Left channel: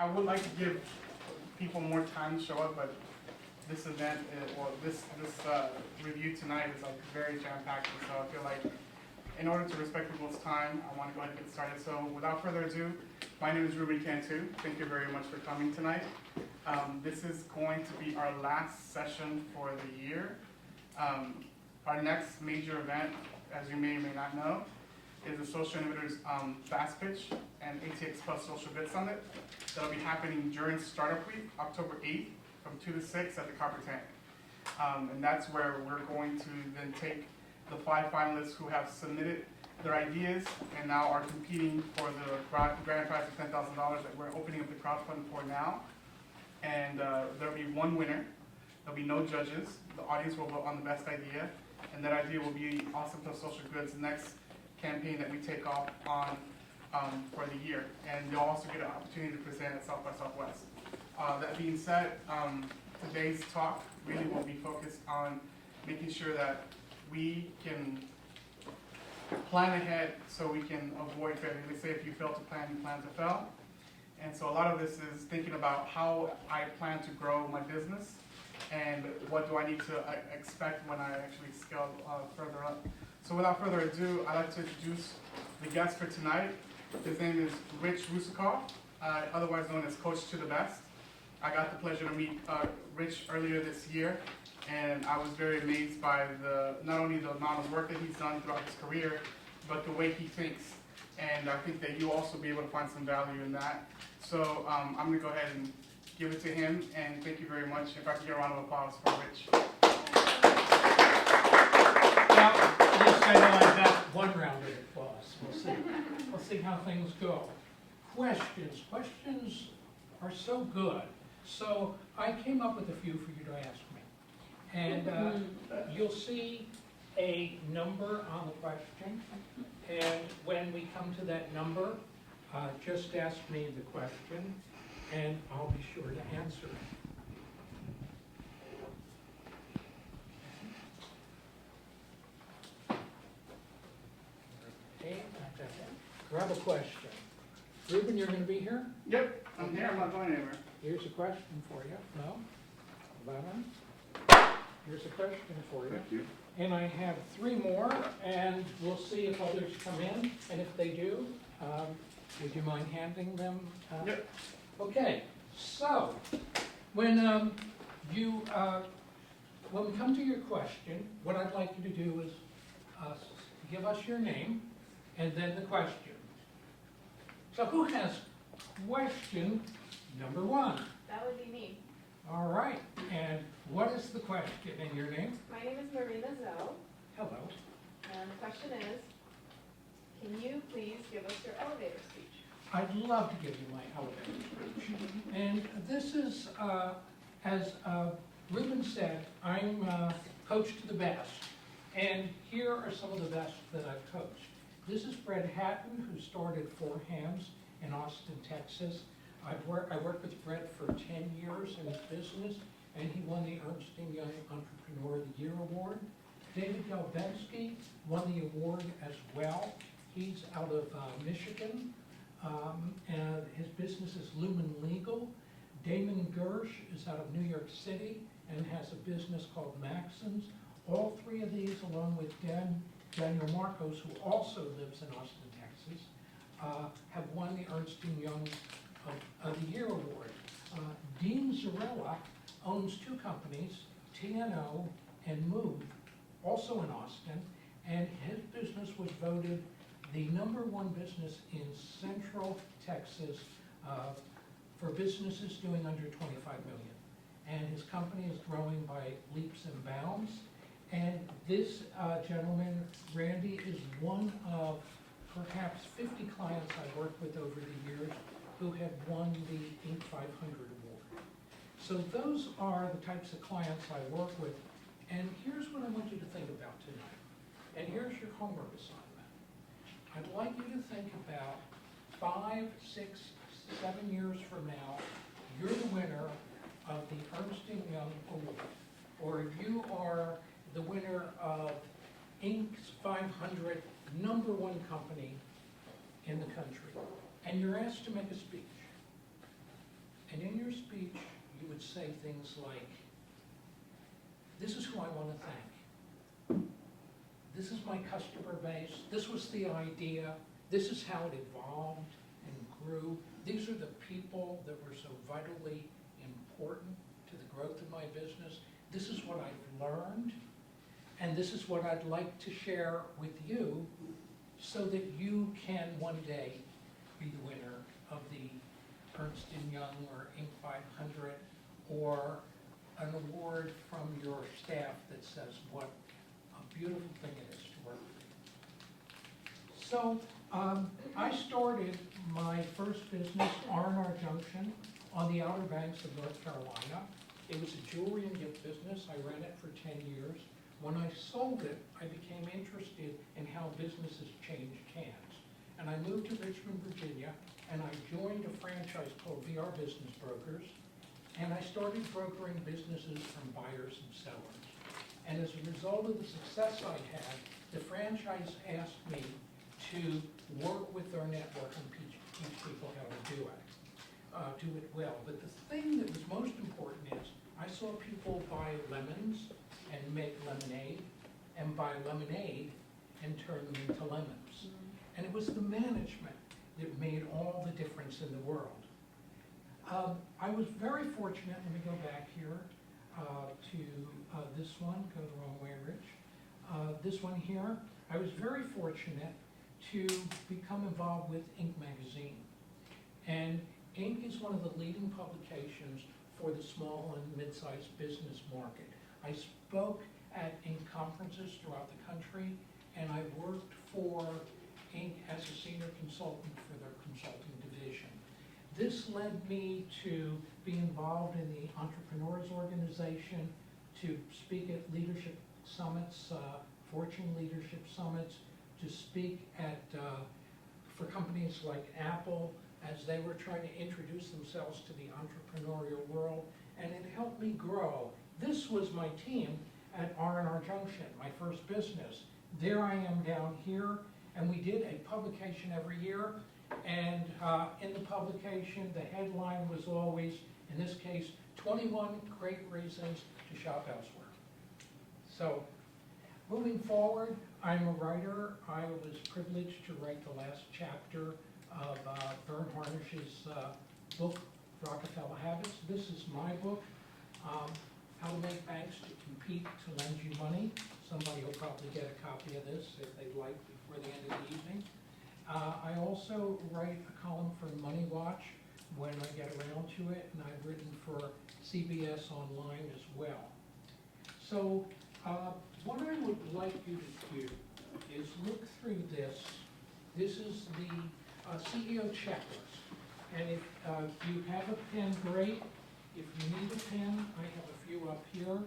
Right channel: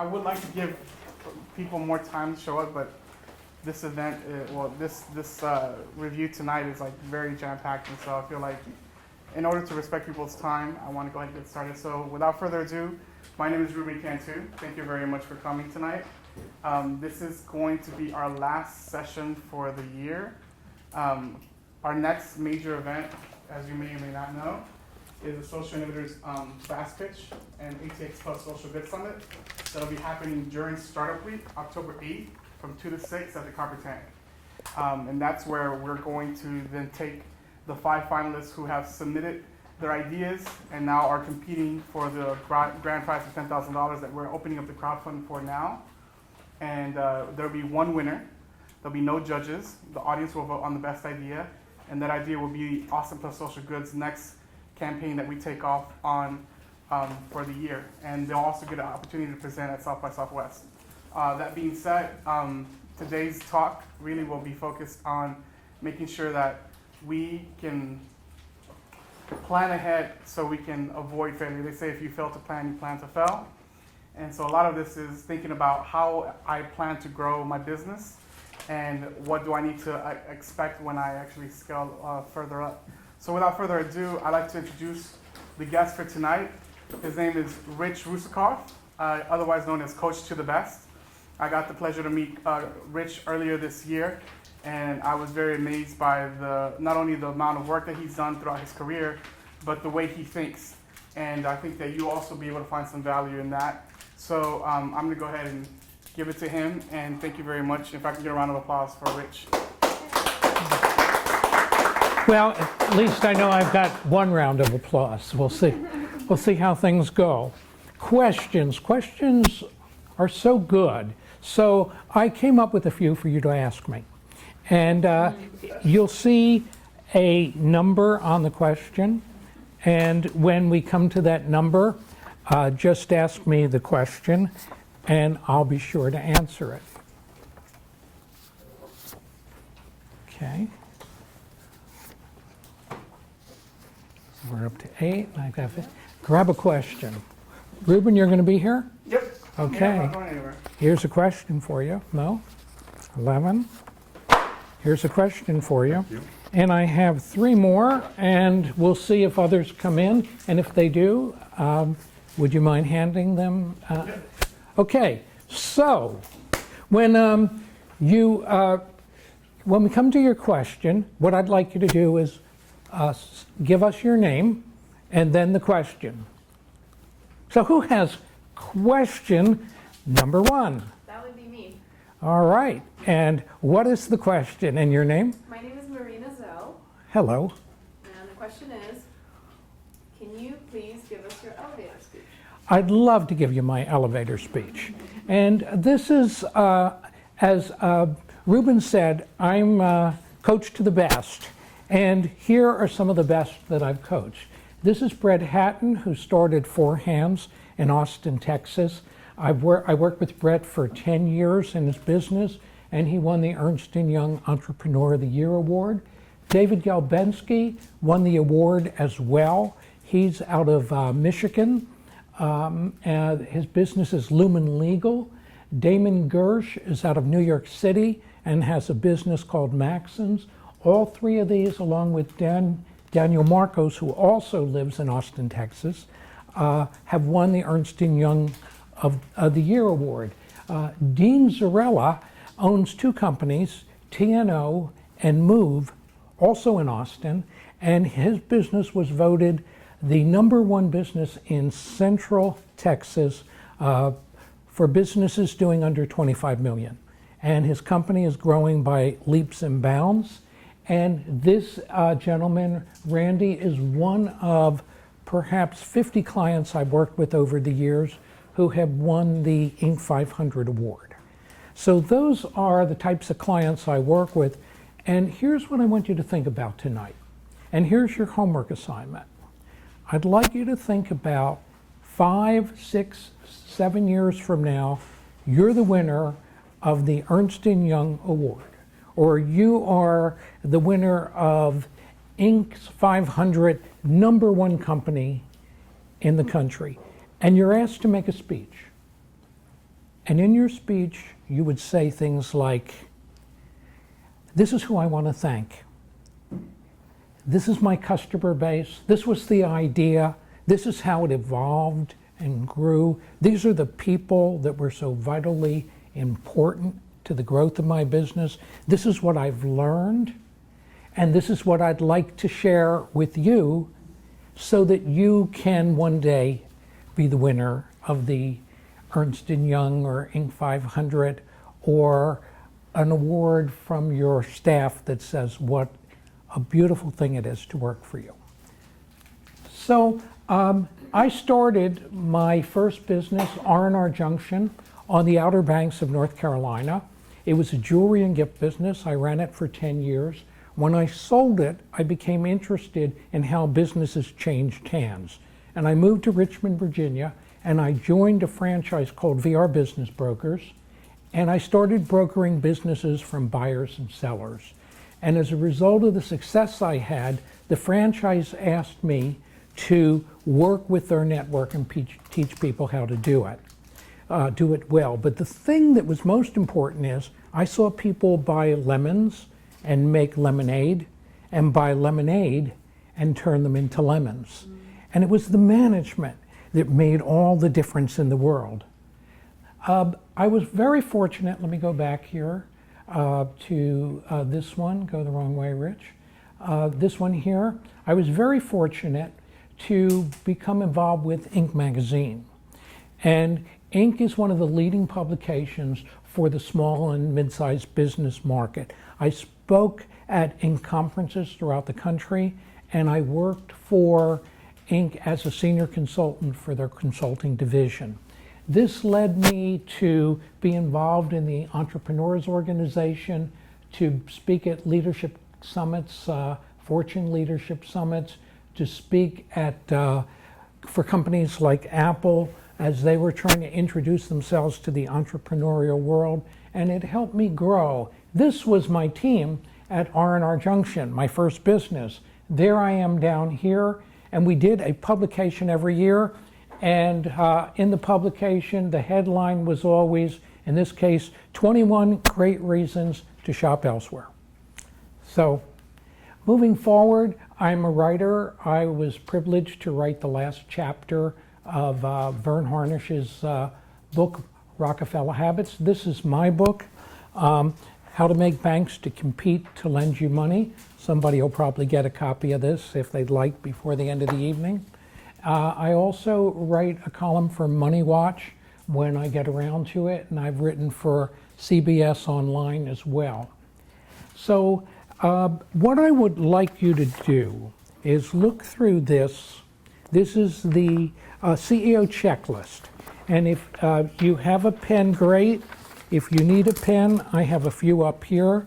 I would like to give people more time to show up, but this event, this review tonight is like very jam-packed, and so I feel like in order to respect people's time, I want to go ahead and get started. So without further ado, my name is Ruben Cantu. Thank you very much for coming tonight. This is going to be our last session for the year. Our next major event, as you may or may not know, is the Social Innovators Fast Pitch and ATX Plus Social Good Summit. That'll be happening during Startup Week, October 8th, from 2 to 6 at the Copper Tank. And that's where we're going to then take the 5 finalists who have submitted their ideas and now are competing for the grand prize of $10,000 that we're opening up the crowdfunding for now. And there'll be one winner. There'll be no judges. The audience will vote on the best idea, and that idea will be Austin Plus Social Goods' next campaign that we take off on for the year. And they'll also get an opportunity to present at South by Southwest. That being said, today's talk really will be focused on making sure that we can plan ahead so we can avoid failure. They say if you fail to plan, you plan to fail. And so a lot of this is thinking about how I plan to grow my business and what do I need to expect when I actually scale further up. So without further ado, I'd like to introduce the guest for tonight. His name is Rich Russakoff, otherwise known as Coach to the Best. I got the pleasure to meet Rich earlier this year, and I was very amazed by not only the amount of work that he's done throughout his career, but the way he thinks. And I think that you also be able to find some value in that. So I'm going to go ahead and give it to him, and thank you very much. If I can get a round of applause for Rich. Well, at least I know I've got one round of applause. We'll see. We'll see how things go. Questions are so good. So I came up with a few for you to ask me. And you'll see a number on the question. And when we come to that number, just ask me the question, and I'll be sure to answer it. Okay. We're up to 8. I've got to grab a question. Ruben, you're going to be here? Yep. Okay. Yeah, I'm not going anywhere. Here's a question for you. No? 11. Here's a question for you. Thank you. And I have 3 more, and we'll see if others come in. And if they do, would you mind handing them? Yep. Okay. So, when we come to your question, what I'd like you to do is give us your name and then the question. So, who has question number 1? That would be me. All right. And what is the question and your name? My name is Marina Zoe, Hello. and the question is, can you please give us your elevator speech? I'd love to give you my elevator speech. And this is, as Ruben said, I'm coach to the best. And here are some of the best that I've coached. This is Brett Hatton, who started 4 Hands in Austin, Texas. I worked with Brett for 10 years in his business, and he won the Ernst & Young Entrepreneur of the Year Award. David Galbensky won the award as well. He's out of Michigan. And his business is Lumen Legal. Damon Gersh is out of New York City and has a business called Maxons. All 3 of these, along with Daniel Marcos, who also lives in Austin, Texas, have won the Ernst & Young of the Year Award. Dean Zarella owns 2 companies, TNO and Move, also in Austin, and his business was voted the #1 business in Central Texas for businesses doing under 25 million. And his company is growing by leaps and bounds. And this gentleman, Randy, is one of perhaps 50 clients I've worked with over the years who have won the Inc. 500 award. So those are the types of clients I work with. And here's what I want you to think about tonight. And here's your homework assignment. I'd like you to think about 5, 6, 7 years from now, you're the winner of the Ernst & Young Award, or you are the winner of Inc.'s 500 #1 company in the country, and you're asked to make a speech. And in your speech, you would say things like, this is who I want to thank. This is my customer base. This was the idea. This is how it evolved and grew. These are the people that were so vitally important to the growth of my business. This is what I've learned, and this is what I'd like to share with you so that you can one day be the winner of the Ernst & Young or Inc. 500 or an award from your staff that says what a beautiful thing it is to work for you. So I started my first business, R&R Junction, on the Outer Banks of North Carolina. It was a jewelry and gift business. I ran it for 10 years. When I sold it, I became interested in how businesses changed hands. And I moved to Richmond, Virginia, and I joined a franchise called VR Business Brokers. And I started brokering businesses from buyers and sellers. And as a result of the success I had, the franchise asked me to work with their network and teach people how to do it well. But the thing that was most important is I saw people buy lemons and make lemonade, and buy lemonade and turn them into lemons. And it was the management that made all the difference in the world. I was very fortunate, let me go back here to this one, go the wrong way, Rich. This one here, I was very fortunate to become involved with Inc. magazine. And Inc. is one of the leading publications for the small and mid-sized business market. I spoke at Inc. conferences throughout the country, and I worked for Inc. as a senior consultant for their consulting division. This led me to be involved in the Entrepreneurs Organization, to speak at leadership summits, Fortune leadership summits, to speak at for companies like Apple as they were trying to introduce themselves to the entrepreneurial world, and it helped me grow. This was my team at R&R Junction, my first business. There I am down here, and we did a publication every year, and in the publication, the headline was always, in this case, 21 great reasons to shop elsewhere. So, moving forward, I'm a writer. I was privileged to write the last chapter of Vern Harnish's book, Rockefeller Habits. This is my book, How to Make Banks to Compete to Lend You Money. Somebody will probably get a copy of this if they'd like before the end of the evening. I also write a column for Money Watch when I get around to it, and I've written for CBS Online as well. So what I would like you to do is look through this. This is the CEO checklist. And if you have a pen, great. If you need a pen, I have a few up here.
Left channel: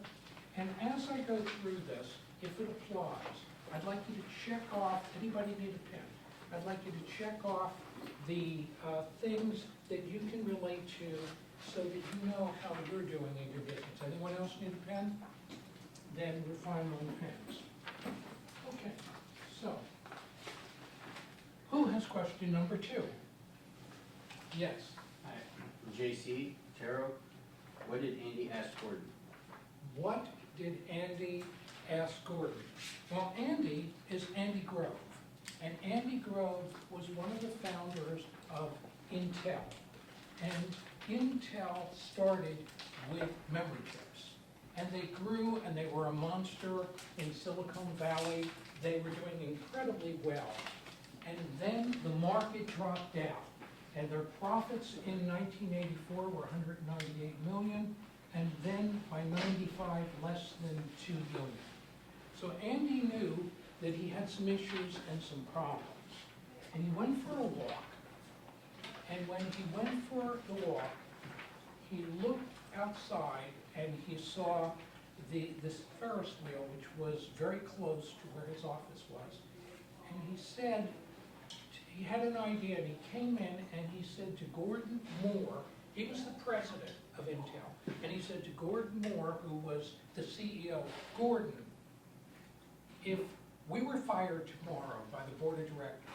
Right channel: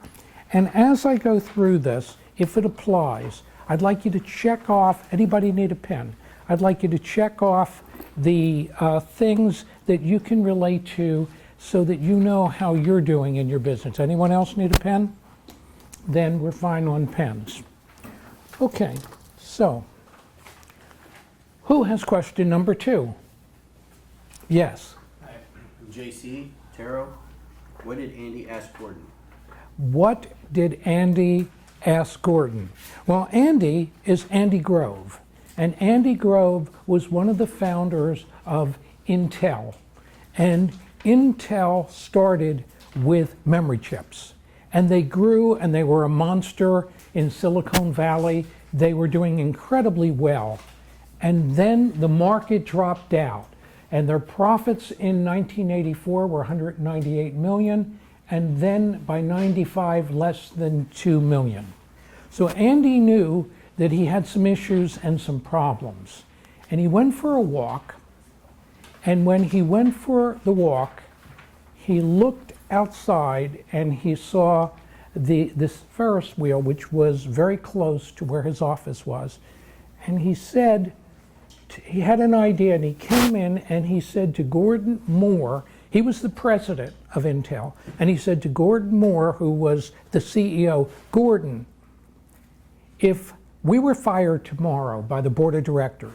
And as I go through this, if it applies, I'd like you to check off, anybody need a pen? I'd like you to check off the things that you can relate to so that you know how you're doing in your business. Anyone else need a pen? Then we're fine on pens. Okay, so who has question number 2? Yes. Hi, JC, Taro. What did Andy ask Gordon? What did Andy ask Gordon? Well, Andy is Andy Grove. And Andy Grove was one of the founders of Intel. And Intel started with memory chips. And they grew, and they were a monster in Silicon Valley. They were doing incredibly well. And then the market dropped out. And their profits in 1984 were 198 million, and then by 95, less than 2 million. So Andy knew that he had some issues and some problems. And he went for a walk, and when he went for the walk, he looked outside and he saw this Ferris wheel, which was very close to where his office was. And he said, he had an idea, and he came in and he said to Gordon Moore, he was the president of Intel, and he said to Gordon Moore, who was the CEO, Gordon, if we were fired tomorrow by the board of directors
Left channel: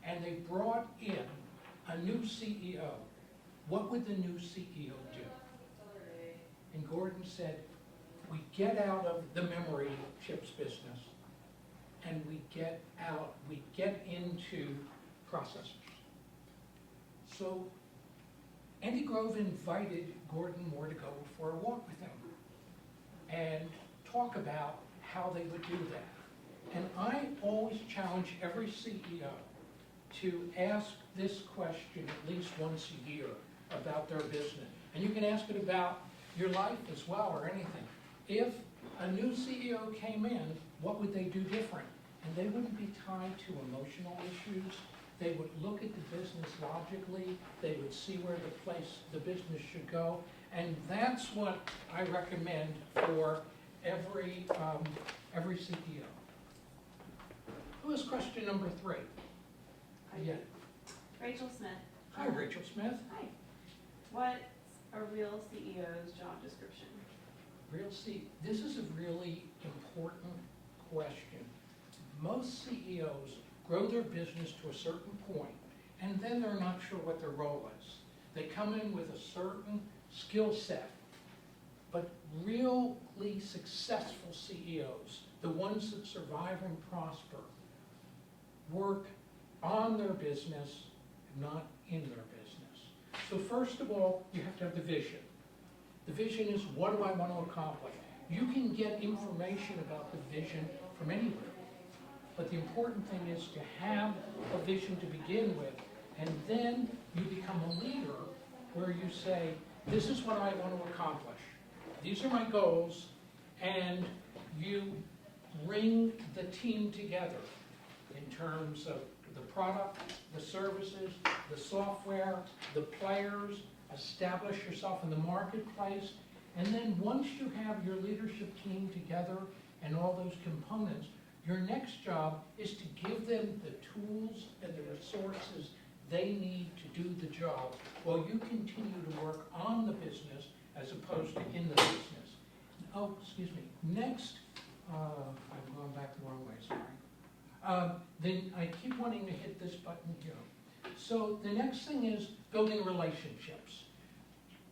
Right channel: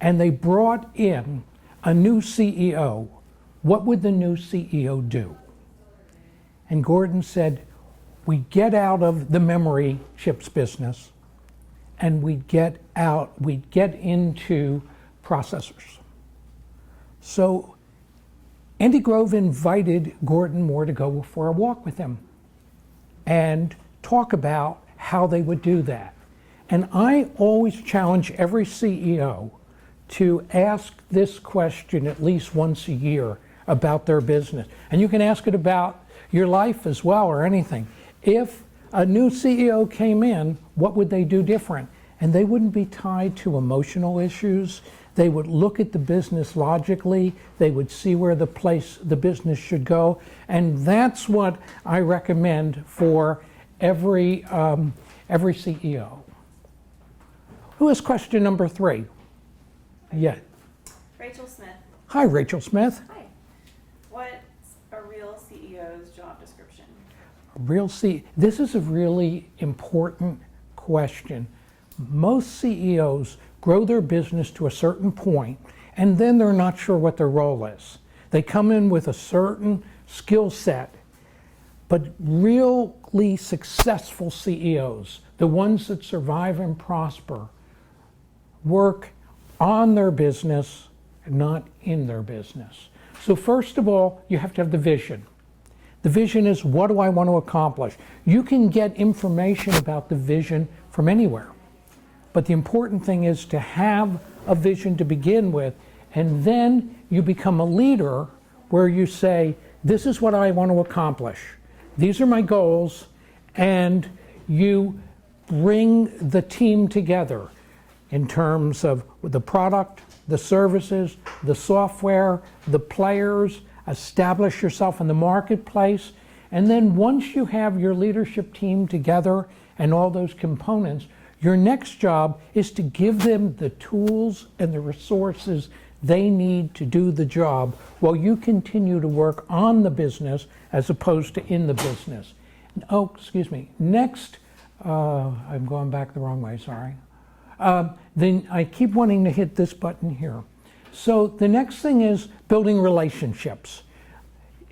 and they brought in a new CEO, what would the new CEO do? And Gordon said, we get out of the memory chips business and we get into processors. So Andy Grove invited Gordon Moore to go for a walk with him and talk about how they would do that. And I always challenge every CEO to ask this question at least once a year about their business. And you can ask it about your life as well or anything. If a new CEO came in, what would they do different? And they wouldn't be tied to emotional issues. They would look at the business logically. They would see where the business should go. And that's what I recommend for every CEO. Who has question number 3? Yeah. Rachel Smith. Hi, Rachel Smith. Hi. What's a real CEO's job description? This is a really important question. Most CEOs grow their business to a certain point, and then they're not sure what their role is. They come in with a certain skill set, but really successful CEOs, the ones that survive and prosper, work on their business, not in their business. So first of all, you have to have the vision. The vision is, what do I want to accomplish? You can get information about the vision from anywhere. But the important thing is to have a vision to begin with, and then you become a leader where you say, this is what I want to accomplish. These are my goals, and you bring the team together in terms of the product, the services, the software, the players, establish yourself in the marketplace, and then once you have your leadership team together and all those components, your next job is to give them the tools and the resources they need to do the job while you continue to work on the business as opposed to in the business. Oh, excuse me. Next, I'm going back the wrong way, sorry. Then I keep wanting to hit this button here. So the next thing is building relationships.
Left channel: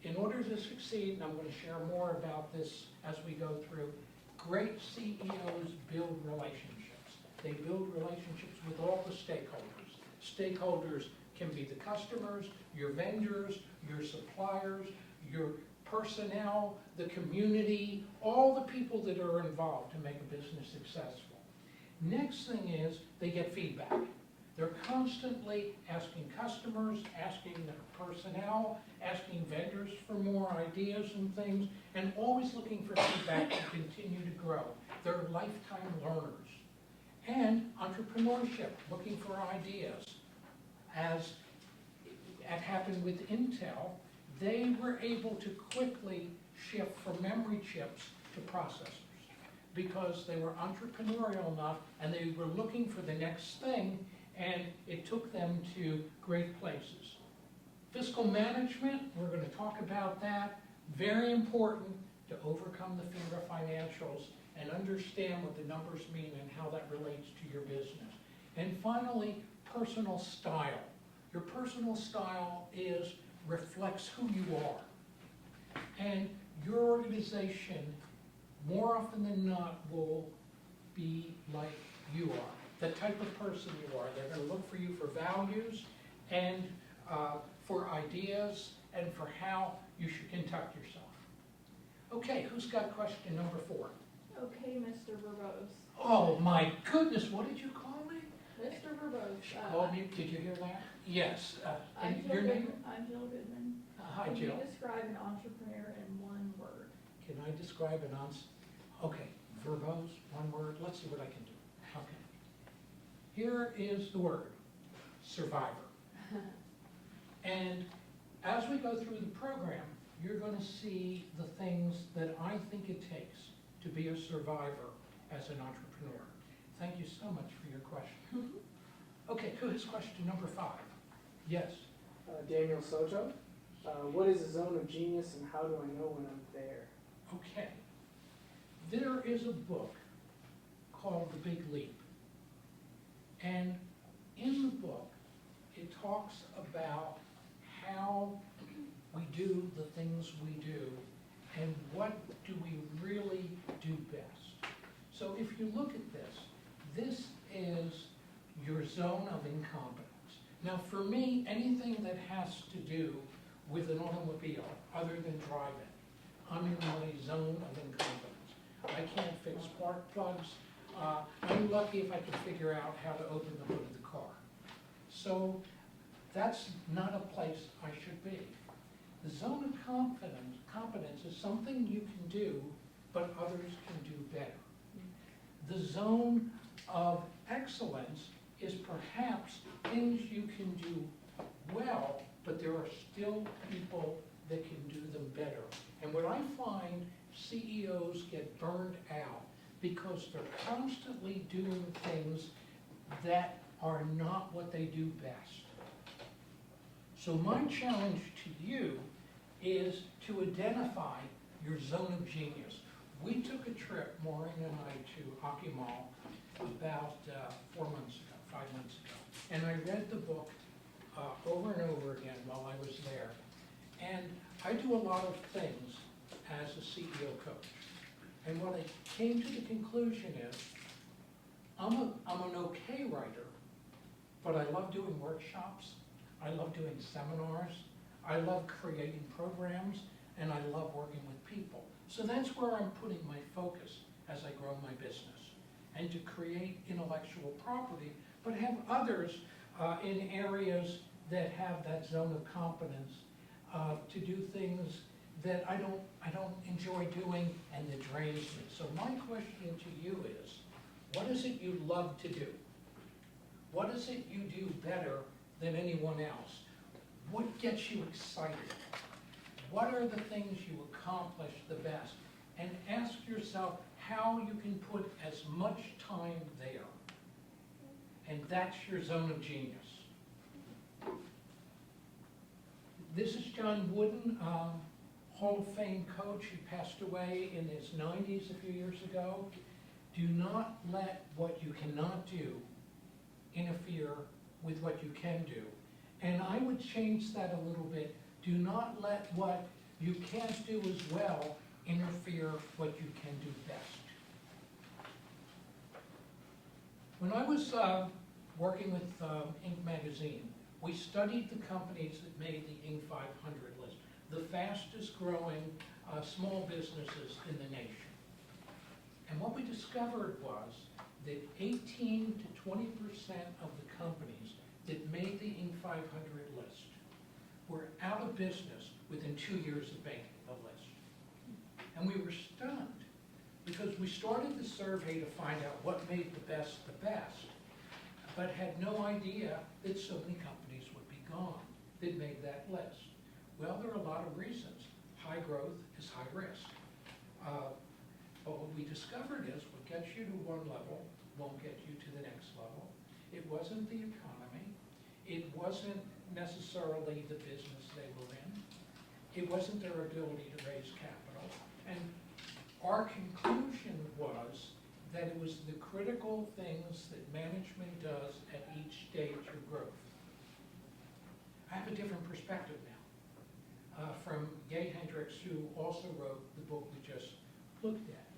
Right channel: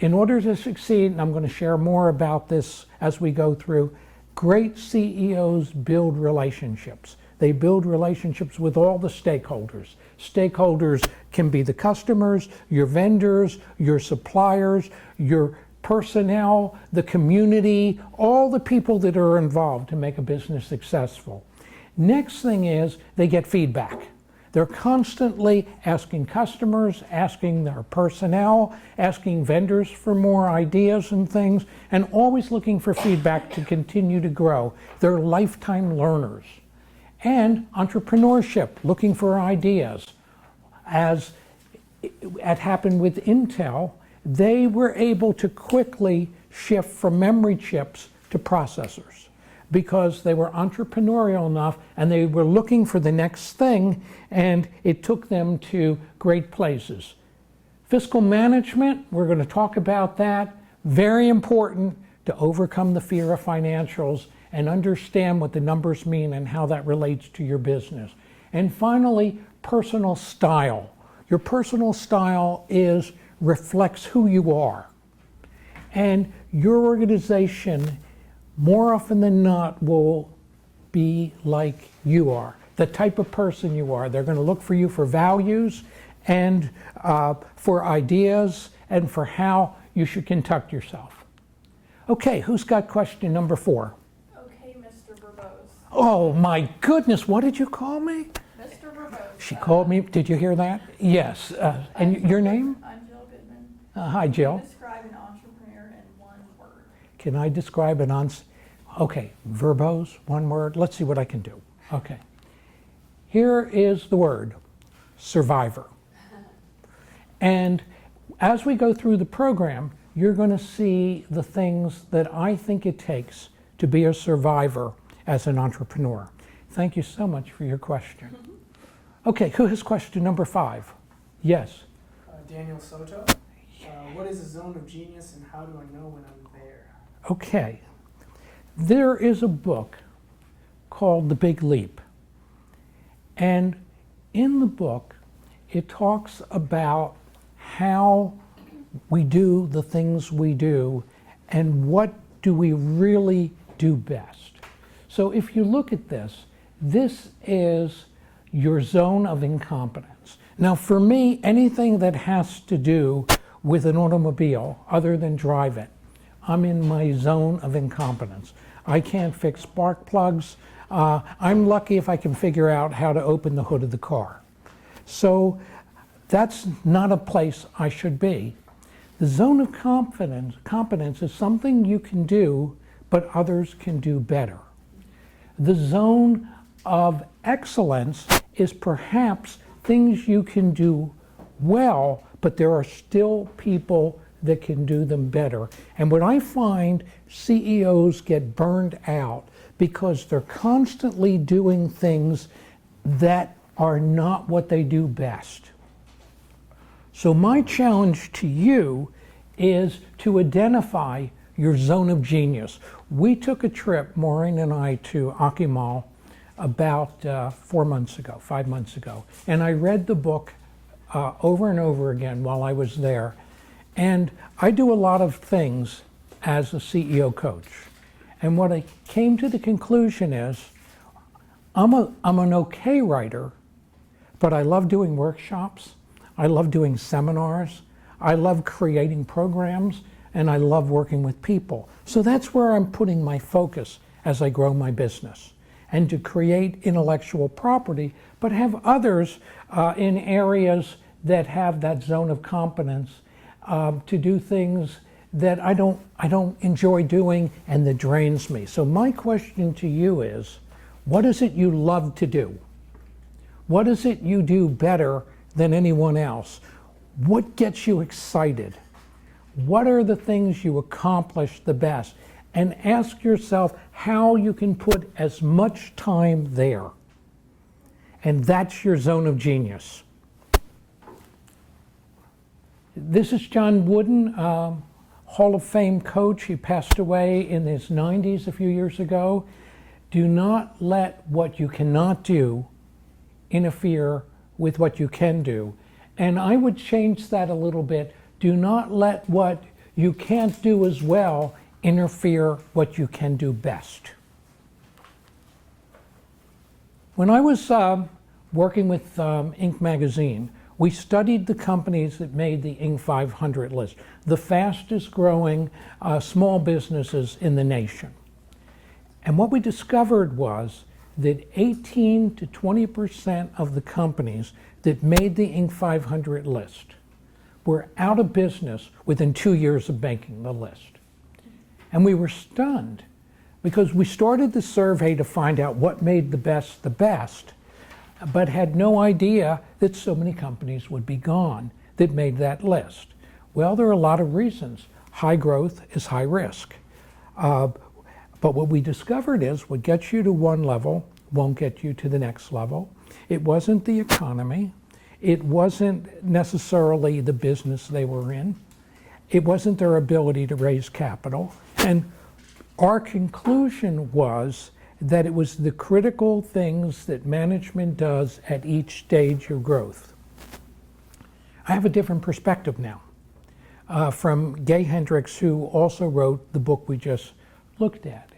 In order to succeed, and I'm going to share more about this as we go through, great CEOs build relationships. They build relationships with all the stakeholders. Stakeholders can be the customers, your vendors, your suppliers, your personnel, the community, all the people that are involved to make a business successful. Next thing is they get feedback. They're constantly asking customers, asking their personnel, asking vendors for more ideas and things, and always looking for feedback to continue to grow. They're lifetime learners. And entrepreneurship, looking for ideas. As it happened with Intel, they were able to quickly shift from memory chips to processors because they were entrepreneurial enough and they were looking for the next thing, and it took them to great places. Fiscal management, we're going to talk about that. Very important to overcome the fear of financials and understand what the numbers mean and how that relates to your business. And finally, personal style. Your personal style reflects who you are. And your organization, more often than not, will be like you are, the type of person you are. They're going to look for you for values and for ideas and for how you should conduct yourself. Okay, who's got question number 4? Okay, Mr. Verbose. Oh my goodness, what did you call me? Mr. Verbose. She called me, did you hear that? Yes, and your name? I'm Jill Goodman. Hi, Jill. Can you describe an entrepreneur in one word? Can I describe okay, verbose, one word. Let's see what I can do. Okay. Here is the word, survivor. And as we go through the program, you're going to see the things that I think it takes to be a survivor as an entrepreneur. Thank you so much for your question. Okay, who has question number 5? Yes. Daniel Soto. What is a zone of genius and how do I know when I'm there? Okay. There is a book called The Big Leap. And in the book, it talks about how we do the things we do, and what do we really do best. So if you look at this, this is your zone of incompetence. Now for me, anything that has to do with an automobile other than drive it, I'm in my zone of incompetence. I can't fix spark plugs. I'm lucky if I can figure out how to open the hood of the car. So that's not a place I should be. The zone of competence is something you can do, but others can do better. The zone of excellence is perhaps things you can do well, but there are still people that can do them better. And what I find, CEOs get burned out because they're constantly doing things that are not what they do best. So my challenge to you is to identify your zone of genius. We took a trip, Maureen and I, to Akimal about 5 months ago, and I read the book over and over again while I was there. And I do a lot of things as a CEO coach. And what I came to the conclusion is, I'm an okay writer, but I love doing workshops, I love doing seminars, I love creating programs, and I love working with people. So that's where I'm putting my focus as I grow my business, and to create intellectual property, but have others in areas that have that zone of competence to do things that I don't enjoy doing and that drains me. So my question to you is, what is it you love to do? What is it you do better than anyone else? What gets you excited? What are the things you accomplish the best? And ask yourself how you can put as much time there. And that's your zone of genius. This is John Wooden, Hall of Fame coach. He passed away in his 90s a few years ago. Do not let what you cannot do interfere with what you can do. And I would change that a little bit. Do not let what you can't do as well interfere what you can do best. When I was working with Inc. magazine, we studied the companies that made the Inc. 500 list, the fastest growing small businesses in the nation. And what we discovered was that 18 to 20% of the companies that made the Inc. 500 list were out of business within 2 years of making the list. And we were stunned because we started the survey to find out what made the best, but had no idea that so many companies would be gone that made that list. Well, there are a lot of reasons. High growth is high risk. But what we discovered is what gets you to one level won't get you to the next level. It wasn't the economy. It wasn't necessarily the business they were in. It wasn't their ability to raise capital. And our conclusion was that it was the critical things that management does at each stage of growth. I have a different perspective now from Gay Hendricks, who also wrote the book we just looked at.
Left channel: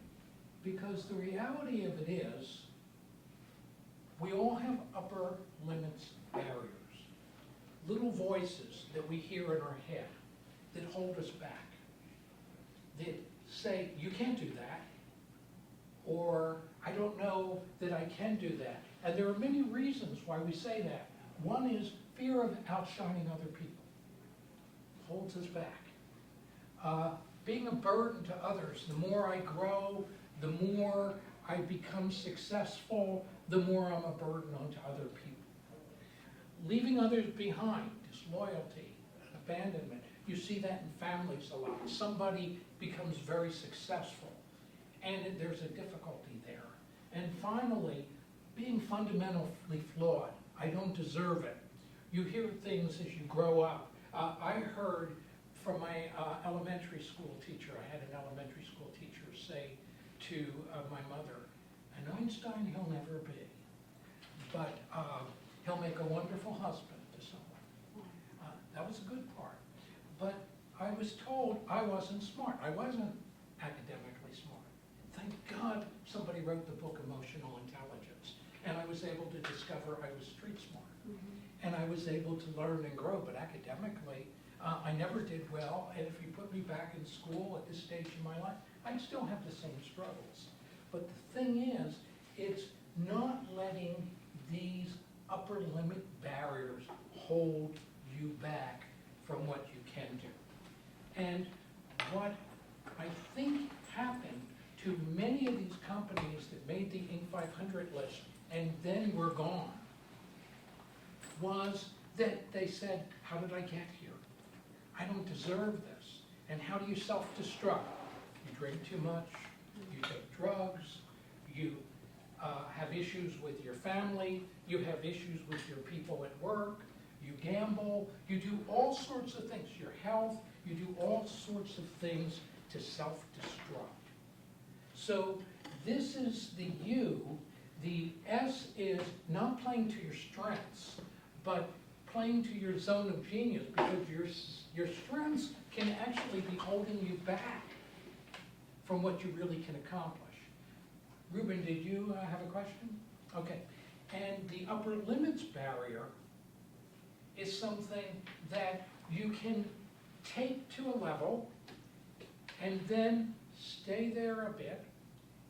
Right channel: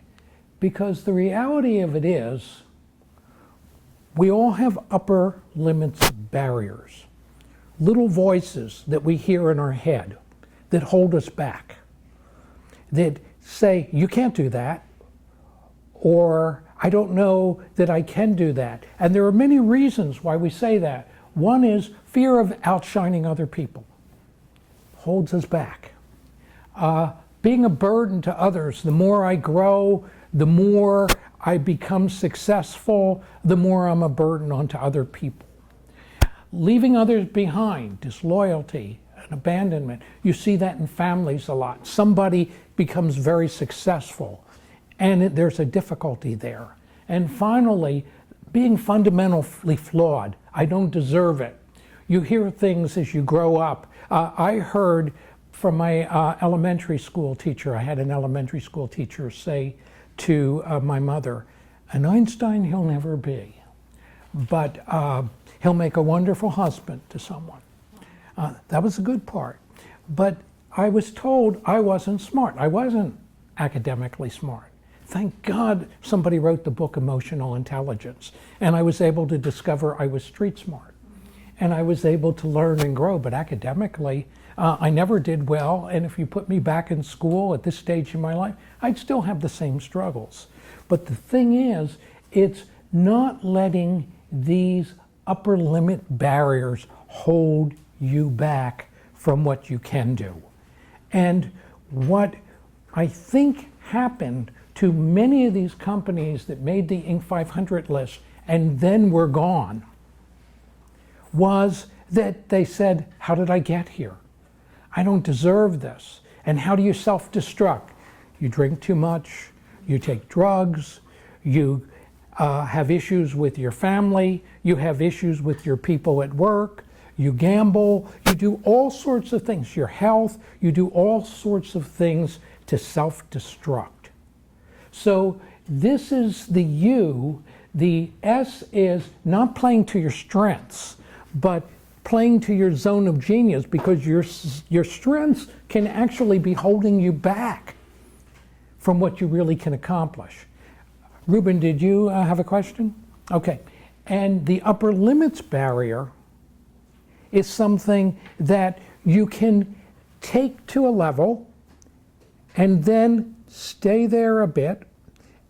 Because the reality of it is, we all have upper limits barriers, little voices that we hear in our head that hold us back, that say, you can't do that, or I don't know that I can do that. And there are many reasons why we say that. One is fear of outshining other people, holds us back. Being a burden to others, the more I grow, the more I become successful, the more I'm a burden onto other people. Leaving others behind, disloyalty and abandonment. You see that in families a lot. Somebody becomes very successful and there's a difficulty there. And finally, being fundamentally flawed. I don't deserve it. You hear things as you grow up. I heard from my elementary school teacher, I had an elementary school teacher say to my mother, an Einstein he'll never be, but he'll make a wonderful husband to someone. That was a good part. But I was told I wasn't smart. I wasn't academically smart. Thank God somebody wrote the book Emotional Intelligence, and I was able to discover I was street smart. And I was able to learn and grow, but academically, I never did well, and if you put me back in school at this stage in my life, I'd still have the same struggles. But the thing is, it's not letting these upper limit barriers hold you back from what you can do. And what I think happened to many of these companies that made the Inc. 500 list and then were gone was that they said, how did I get here? I don't deserve this. And how do you self-destruct? You drink too much, you take drugs, you have issues with your family, you have issues with your people at work, you gamble, you do all sorts of things, your health, you do all sorts of things to self-destruct. So this is the U. The S is not playing to your strengths, but playing to your zone of genius, because your strengths can actually be holding you back from what you really can accomplish. Ruben, did you have a question? Okay. And the upper limits barrier is something that you can take to a level and then stay there a bit,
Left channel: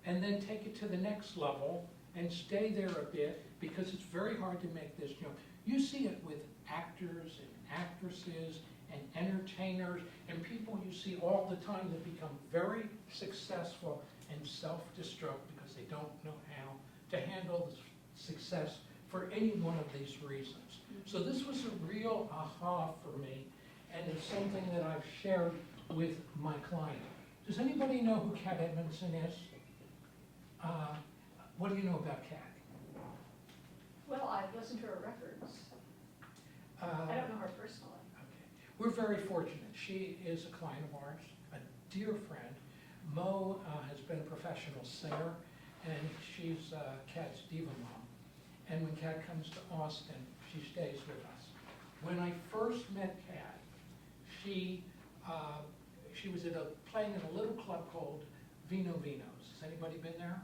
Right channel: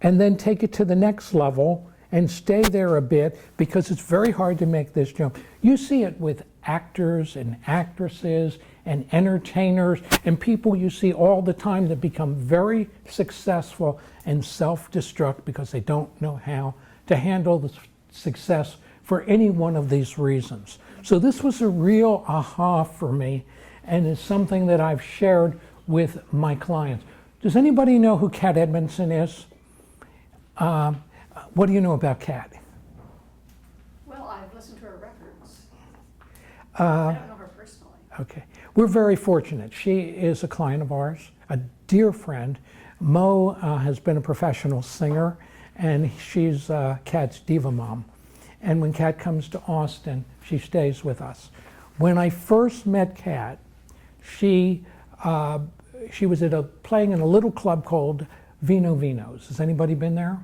and then take it to the next level and stay there a bit, because it's very hard to make this jump. You see it with actors and actresses and entertainers and people you see all the time that become very successful and self-destruct because they don't know how to handle the success for any one of these reasons. So this was a real aha for me, and is something that I've shared with my clients. Does anybody know who Kat Edmondson is? What do you know about Kat? Well, I've listened to her records. I don't know her personally. Okay. We're very fortunate. She is a client of ours, a dear friend. Mo has been a professional singer, and she's Kat's diva mom. And when Kat comes to Austin, she stays with us. When I first met Kat, she was playing in a little club called Vino Vinos. Has anybody been there?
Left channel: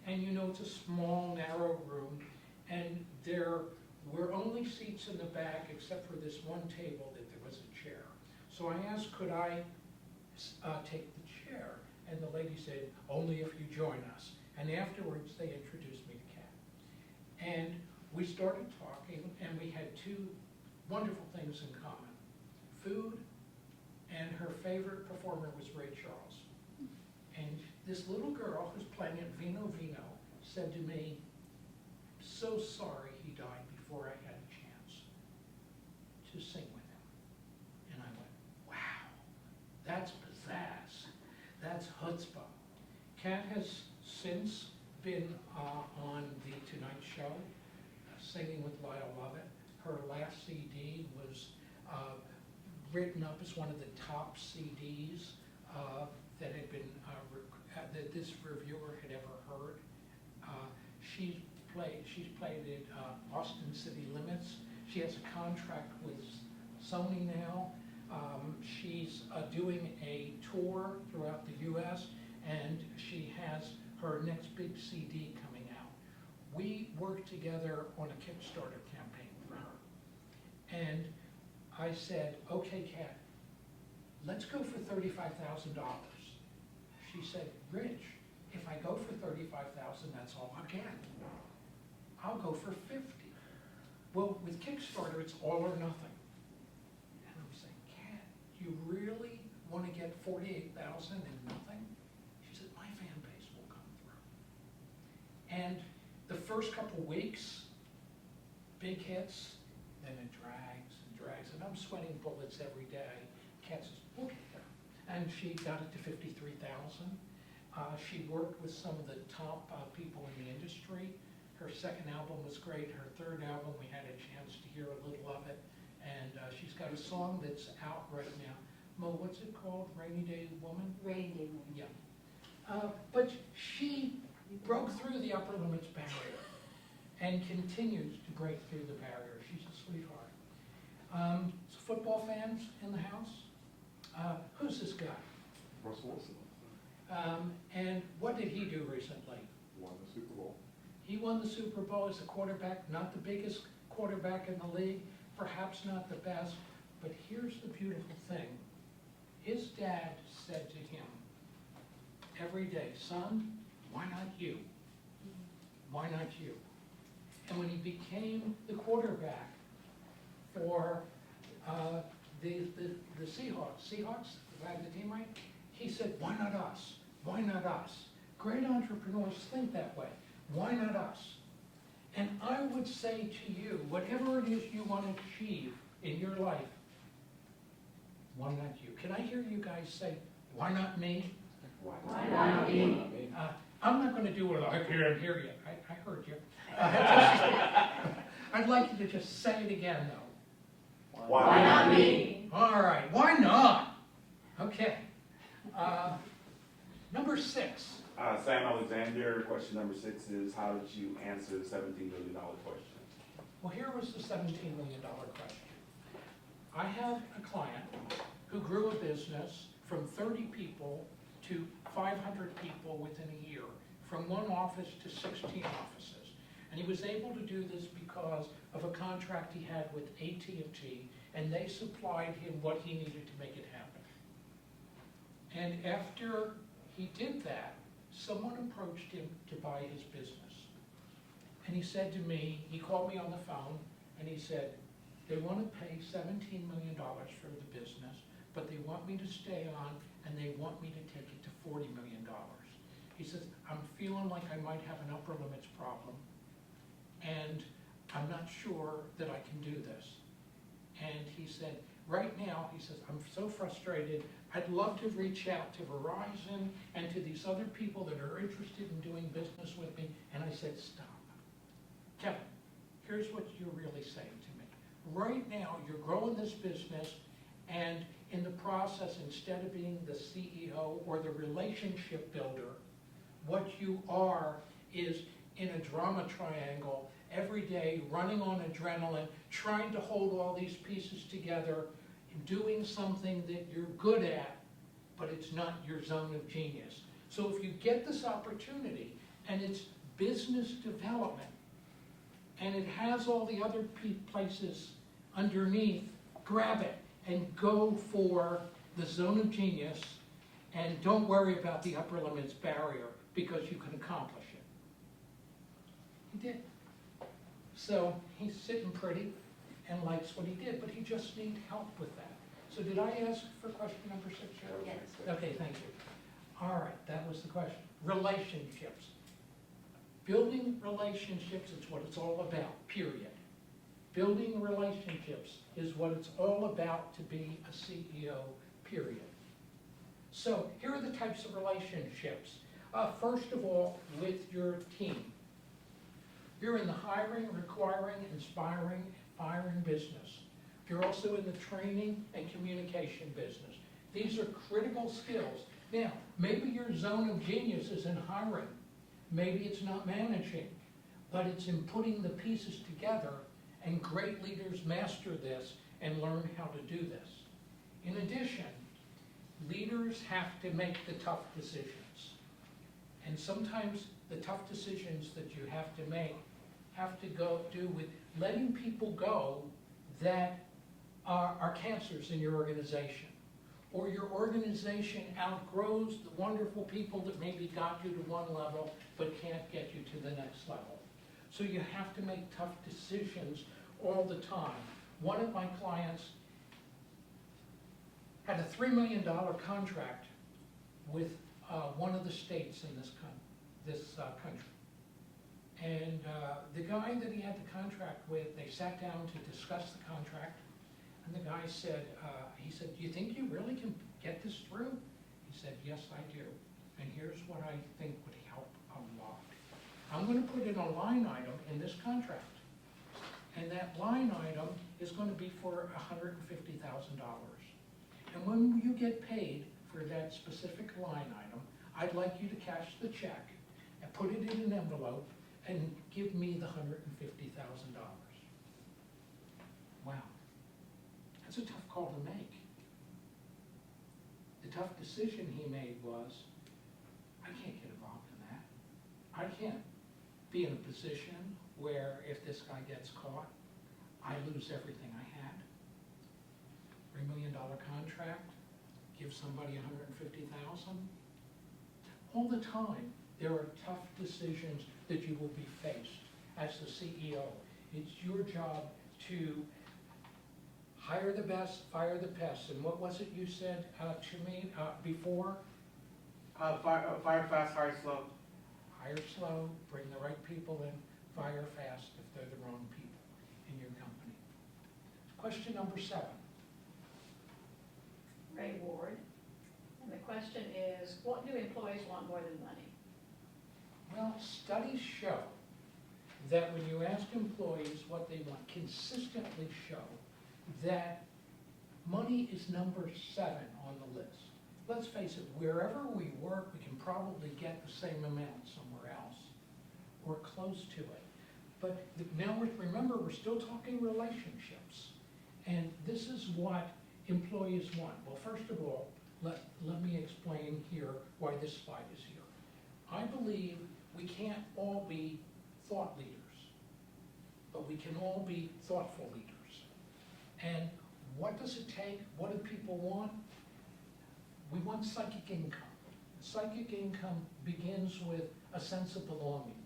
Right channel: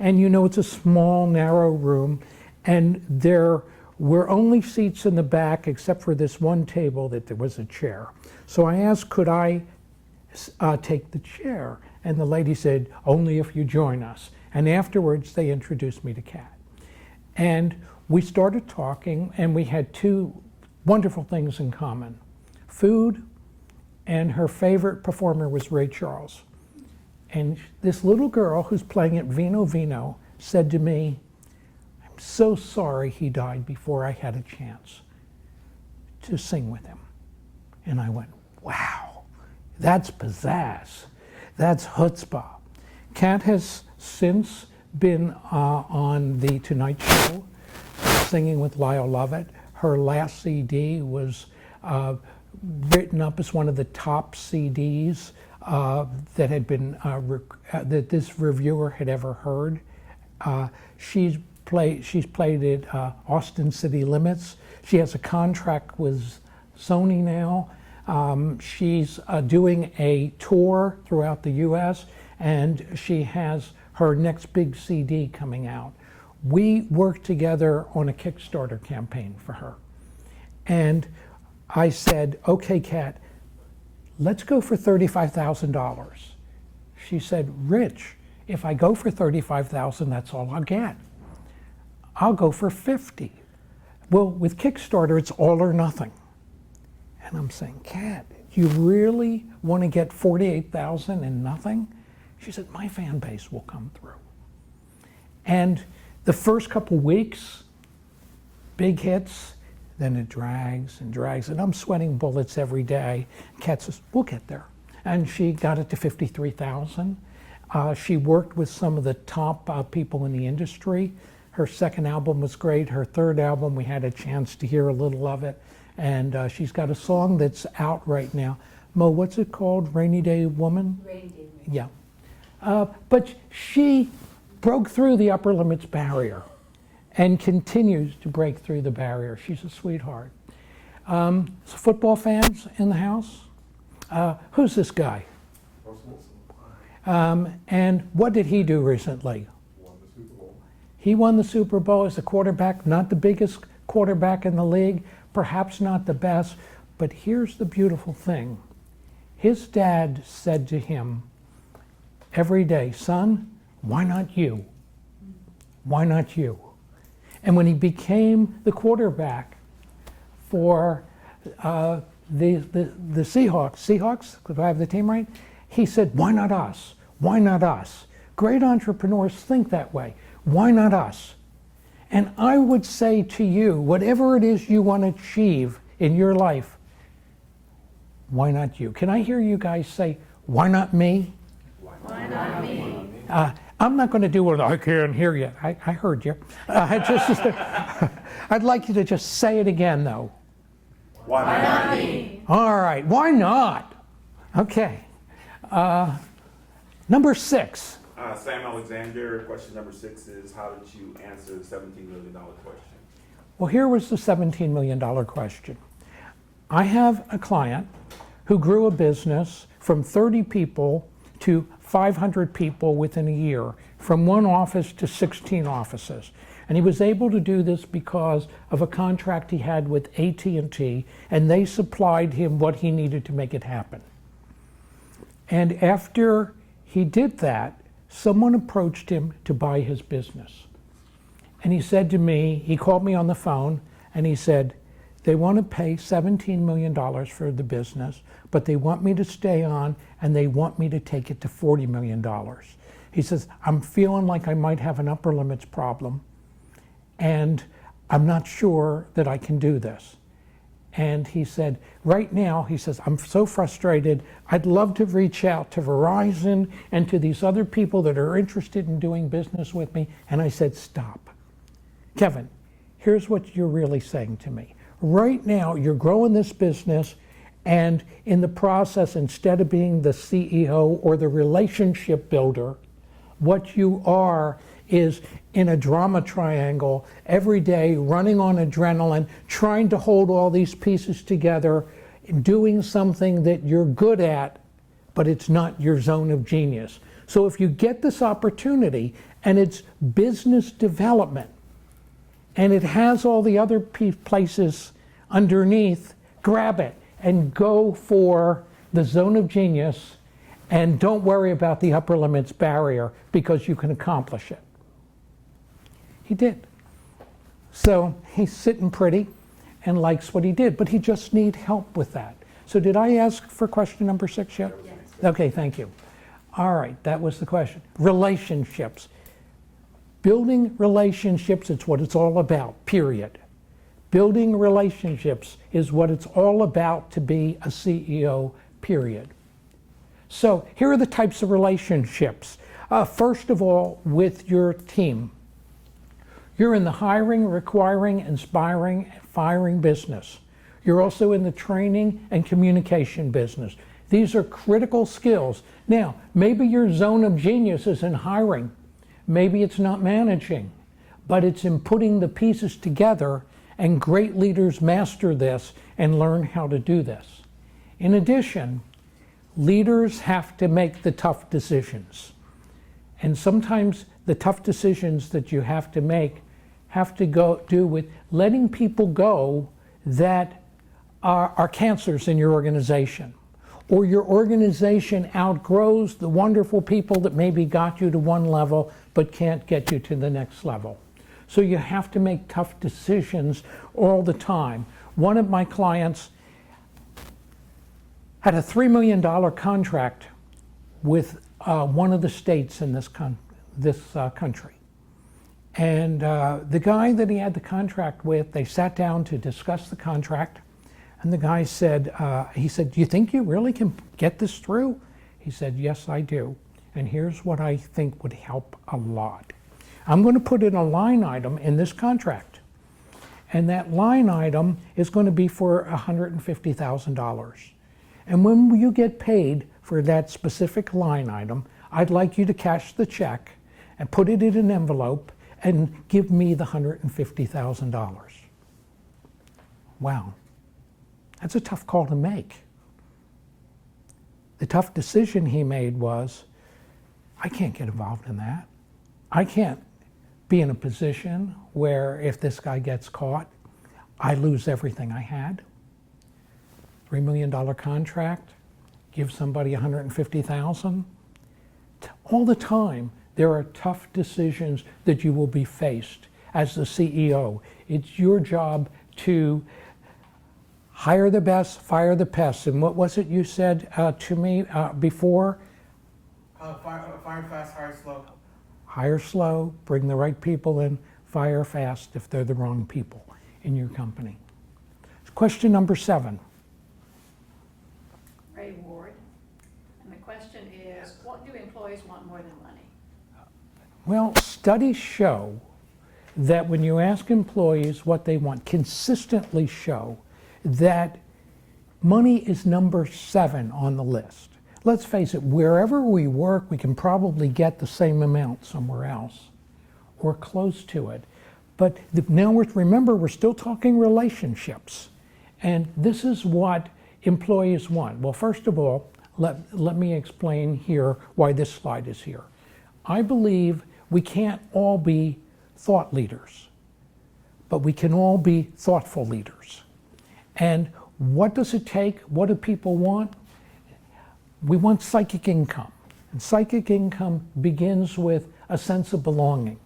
And you know, it's a small, narrow room, and there were only seats in the back except for this one table that there was a chair. So I asked, could I take the chair? And the lady said, only if you join us. And afterwards, they introduced me to Kat. And we started talking, and we had two wonderful things in common: food, and her favorite performer was Ray Charles. And this little girl who's playing at Vino Vino said to me, I'm so sorry he died before I had a chance to sing with him. And I went, wow, that's pizzazz. That's chutzpah. Kat has since been on The Tonight Show, singing with Lyle Lovett. Her last CD was written up as one of the top CDs that had been that this reviewer had ever heard. She's played at Austin City Limits. She has a contract with Sony now. She's doing a tour throughout the U.S., and she has her next big CD coming out. We worked together on a Kickstarter campaign for her. And I said, okay, Kat, let's go for $35,000. She said, Rich, if I go for $35,000, that's all I'll get. I'll go for 50. Well, with Kickstarter, it's all or nothing. And I'm saying, Kat, you really want to get $48,000 and nothing? She said, my fan base will come through. And the first couple weeks, big hits, then it drags and drags, and I'm sweating bullets every day. Kat says, we'll get there. And she got it to 53,000. She worked with some of the top people in the industry. Her second album was great. Her third album, we had a chance to hear a little of it. And she's got a song that's out right now. Mo, what's it called? Rainy Day Woman? Rainy Day. Yeah. But she broke through the upper limits barrier and continues to break through the barrier. She's a sweetheart. So football fans in the house? Who's this guy? And what did he do recently? Won the Super Bowl. He won the Super Bowl as a quarterback, not the biggest quarterback in the league, perhaps not the best, but here's the beautiful thing. His dad said to him every day, son, why not you? Why not you? And when he became the quarterback for the Seahawks, do I have the team right? He said, why not us? Why not us? Great entrepreneurs think that way. Why not us? And I would say to you, whatever it is you want to achieve in your life, why not you? Can I hear you guys say, why not me? Why not me? I'm not going to do what I can't hear you. I heard you. I'd like you to just say it again, though. Why not me? All right, why not? Okay. Number 6. Sam Alexander, question number 6 is, how did you answer the $17 million question? Well, here was the $17 million question. I have a client who grew a business from 30 people to 500 people within a year, from one office to 16 offices. And he was able to do this because of a contract he had with AT&T, and they supplied him what he needed to make it happen. And after he did that, someone approached him to buy his business. And he said to me, he called me on the phone, and he said, they want to pay $17 million for the business, but they want me to stay on, and they want me to take it to $40 million. He says, I'm feeling like I might have an upper limits problem, and I'm not sure that I can do this. And he said, right now, he says, I'm so frustrated. I'd love to reach out to Verizon and to these other people that are interested in doing business with me. And I said, stop. Kevin, here's what you're really saying to me. Right now, you're growing this business, and in the process, instead of being the CEO or the relationship builder, what you are is in a drama triangle every day, running on adrenaline, trying to hold all these pieces together, doing something that you're good at, but it's not your zone of genius. So if you get this opportunity and it's business development and it has all the other places underneath, grab it and go for the zone of genius, and don't worry about the upper limits barrier, because you can accomplish it. He did. So he's sitting pretty and likes what he did, but he just needs help with that. So did I ask for question number 6 yet? Yes. Okay, thank you. All right, that was the question. Relationships. Building relationships, it's what it's all about, period. Building relationships is what it's all about to be a CEO, period. So here are the types of relationships. First of all, with your team. You're in the hiring, requiring, inspiring, firing business. You're also in the training and communication business. These are critical skills. Now, maybe your zone of genius is in hiring. Maybe it's not managing, but it's in putting the pieces together, and great leaders master this and learn how to do this. In addition, leaders have to make the tough decisions. And sometimes the tough decisions that you have to make have to do with letting people go that are cancers in your organization, or your organization outgrows the wonderful people that maybe got you to one level but can't get you to the next level. So you have to make tough decisions all the time. One of my clients had a $3 million contract with one of the states in this country. And the guy that he had the contract with, they sat down to discuss the contract. And the guy said, he said, do you think you really can get this through? He said, yes, I do. And here's what I think would help a lot. I'm going to put in a line item in this contract. And that line item is going to be for $150,000. And when you get paid for that specific line item, I'd like you to cash the check and put it in an envelope and give me the $150,000. Wow, that's a tough call to make. The tough decision he made was, I can't get involved in that. I can't be in a position where if this guy gets caught, I lose everything I had. $3 million contract, give somebody $150,000. All the time, there are tough decisions that you will be faced as the CEO. It's your job to hire the best, fire the pests. And what was it you said to me before? Fire fast, hire slow. Hire slow, bring the right people in, fire fast if they're the wrong people in your company. Question number 7. Ray Ward. And the question is, what do employees want more than money? Well, studies show that when you ask employees what they want, consistently show that money is number 7 on the list. Let's face it, wherever we work, we can probably get the same amount somewhere else or close to it. But now remember, we're still talking relationships. And this is what employees want. Well, first of all, let me explain here why this slide is here. I believe we can't all be thought leaders, but we can all be thoughtful leaders. And what does it take? What do people want? We want psychic income. And psychic income begins with a sense of belonging,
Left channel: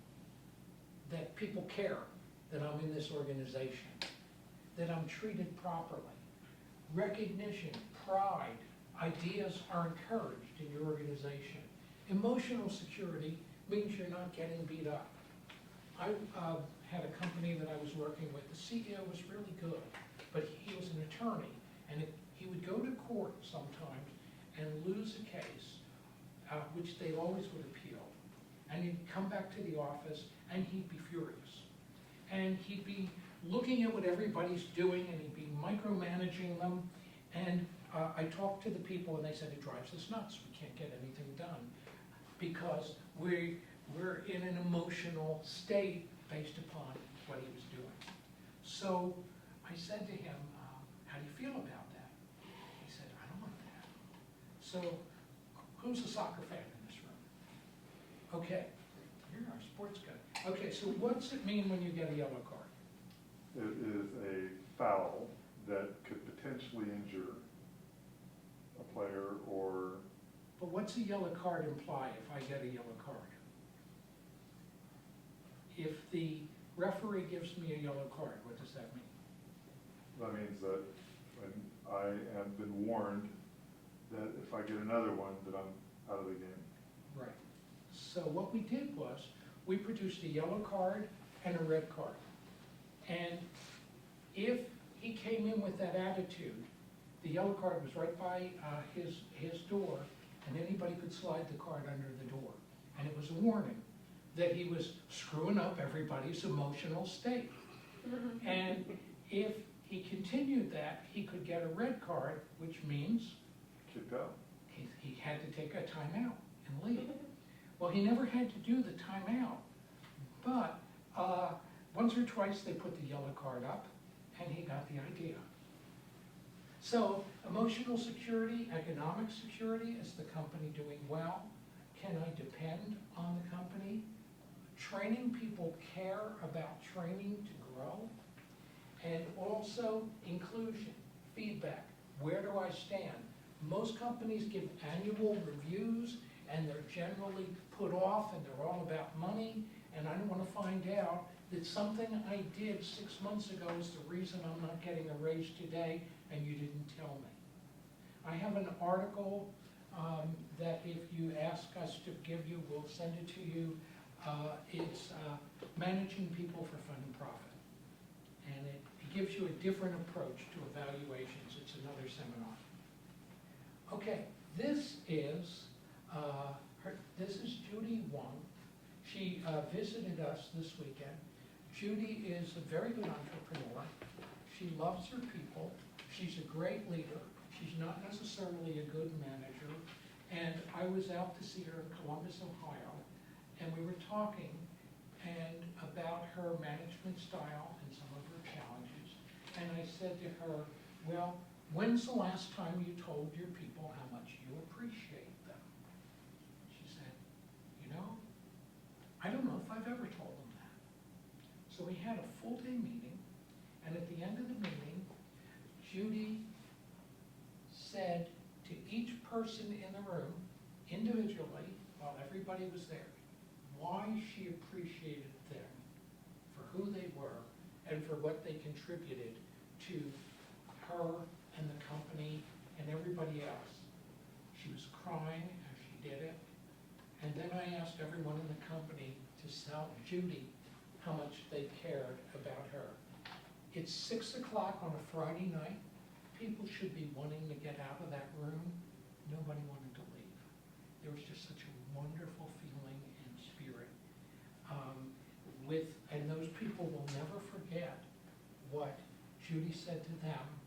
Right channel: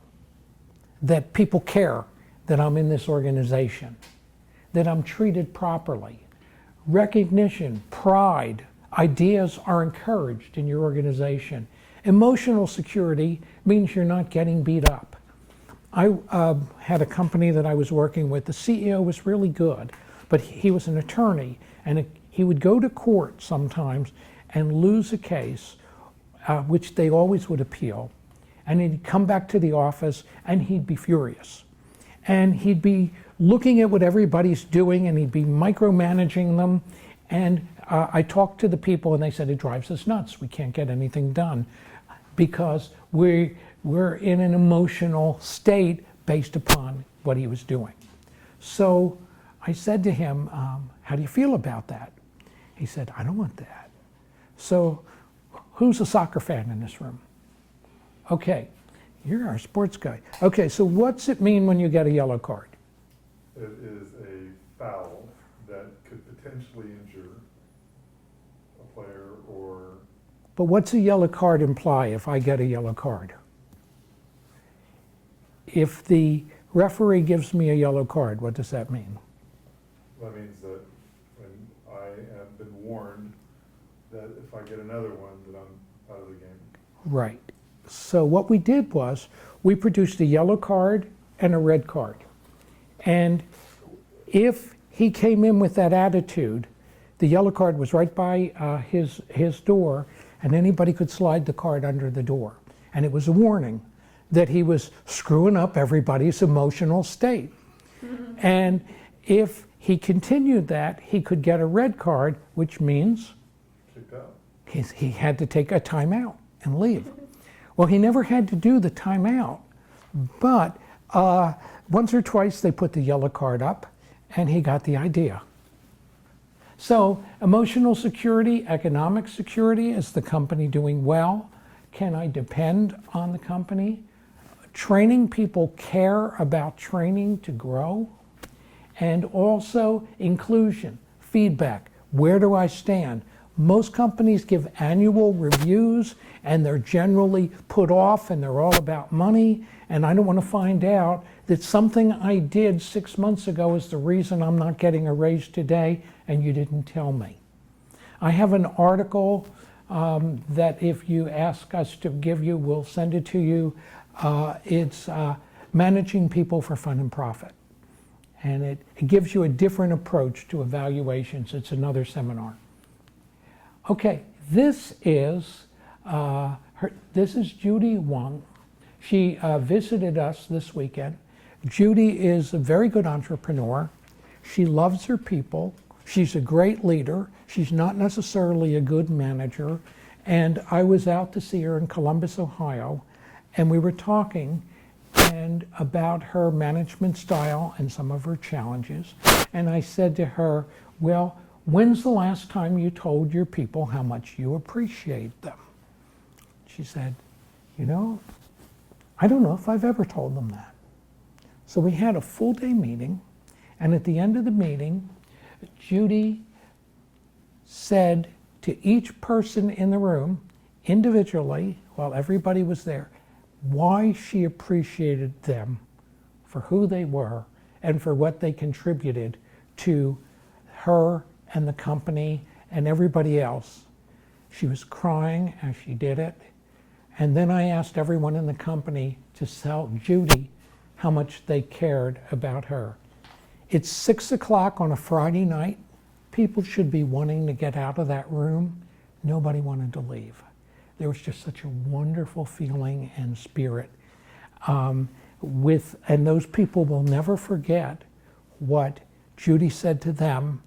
that people care that I'm in this organization, that I'm treated properly. Recognition, pride, ideas are encouraged in your organization. Emotional security means you're not getting beat up. I had a company that I was working with. The CEO was really good, but he was an attorney, and he would go to court sometimes and lose a case, which they always would appeal, and he'd come back to the office and he'd be furious. And he'd be looking at what everybody's doing and he'd be micromanaging them. And I talked to the people and they said, it drives us nuts. We can't get anything done because we're in an emotional state based upon what he was doing. So I said to him, how do you feel about that? He said, I don't want that. So who's a soccer fan in this room? Okay, you're our sports guy. Okay, so what's it mean when you get a yellow card? It is a foul that could potentially injure a player or... But what's a yellow card imply if I get a yellow card? If the referee gives me a yellow card, what does that mean? That means that when I have been warned that if I get another one, then I'm out of the game. Right. So what we did was we produced a yellow card and a red card. And if he came in with that attitude, the yellow card was right by his door, and anybody could slide the card under the door. And it was a warning that he was screwing up everybody's emotional state. And if he continued that, he could get a red card, which means Kicked out. he had to take a timeout and leave. Well, he never had to do the timeout, but once or twice they put the yellow card up and he got the idea. So emotional security, economic security, is the company doing well? Can I depend on the company? Training people care about training to grow. And also inclusion, feedback. Where do I stand? Most companies give annual reviews and they're generally put off and they're all about money. And I don't want to find out that something I did 6 months ago is the reason I'm not getting a raise today and you didn't tell me. I have an article that if you ask us to give you, we'll send it to you. It's Managing People for Fun and Profit. And it gives you a different approach to evaluations. It's another seminar. Okay, this is Judy Wang. She visited us this weekend. Judy is a very good entrepreneur. She loves her people. She's a great leader. She's not necessarily a good manager. And I was out to see her in Columbus, Ohio, and we were talking and about her management style and some of her challenges. And I said to her, well, when's the last time you told your people how much you appreciate them? She said, you know, I don't know if I've ever told them that. So we had a full day meeting, and at the end of the meeting, Judy said to each person in the room, individually, while everybody was there, why she appreciated them for who they were and for what they contributed to her and the company and everybody else. She was crying as she did it. And then I asked everyone in the company to tell Judy how much they cared about her. It's 6 o'clock on a Friday night. People should be wanting to get out of that room. Nobody wanted to leave. There was just such a wonderful feeling and spirit. And those people will never forget what Judy said to them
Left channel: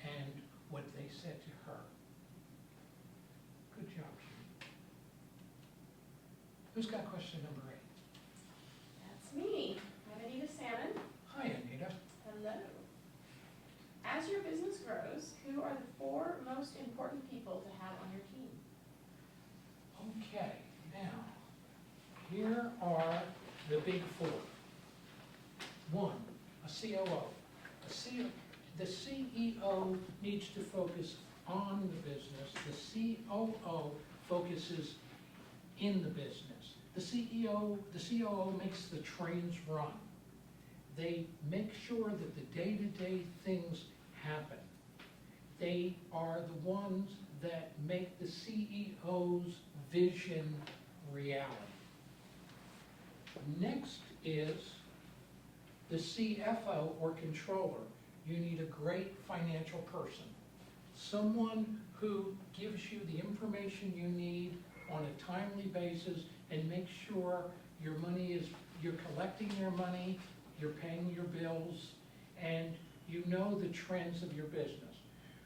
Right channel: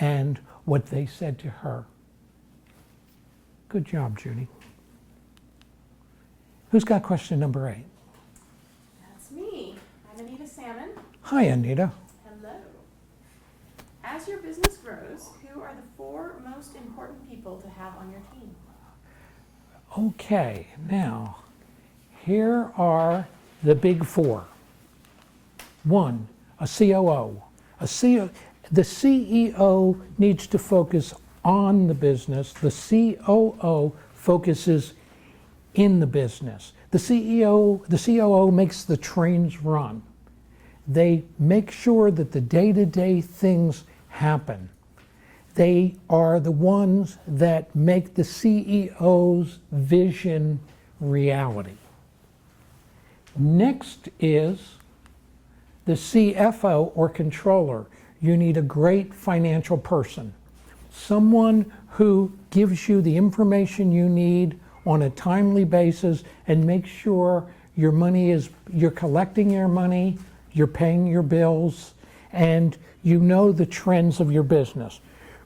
and what they said to her. Good job, Judy. Who's got question number 8? That's me. I'm Anita Salmon. Hi, Anita. Hello. As your business grows, who are the 4 most important people to have on your team? Okay, now, here are the big 4. 1, a COO. The CEO needs to focus on the business. The COO focuses in the business. The COO makes the trains run. They make sure that the day-to-day things happen. They are the ones that make the CEO's vision reality. Next is the CFO or controller. You need a great financial person, someone who gives you the information you need on a timely basis and makes sure your money is, you're collecting your money, you're paying your bills, and you know the trends of your business.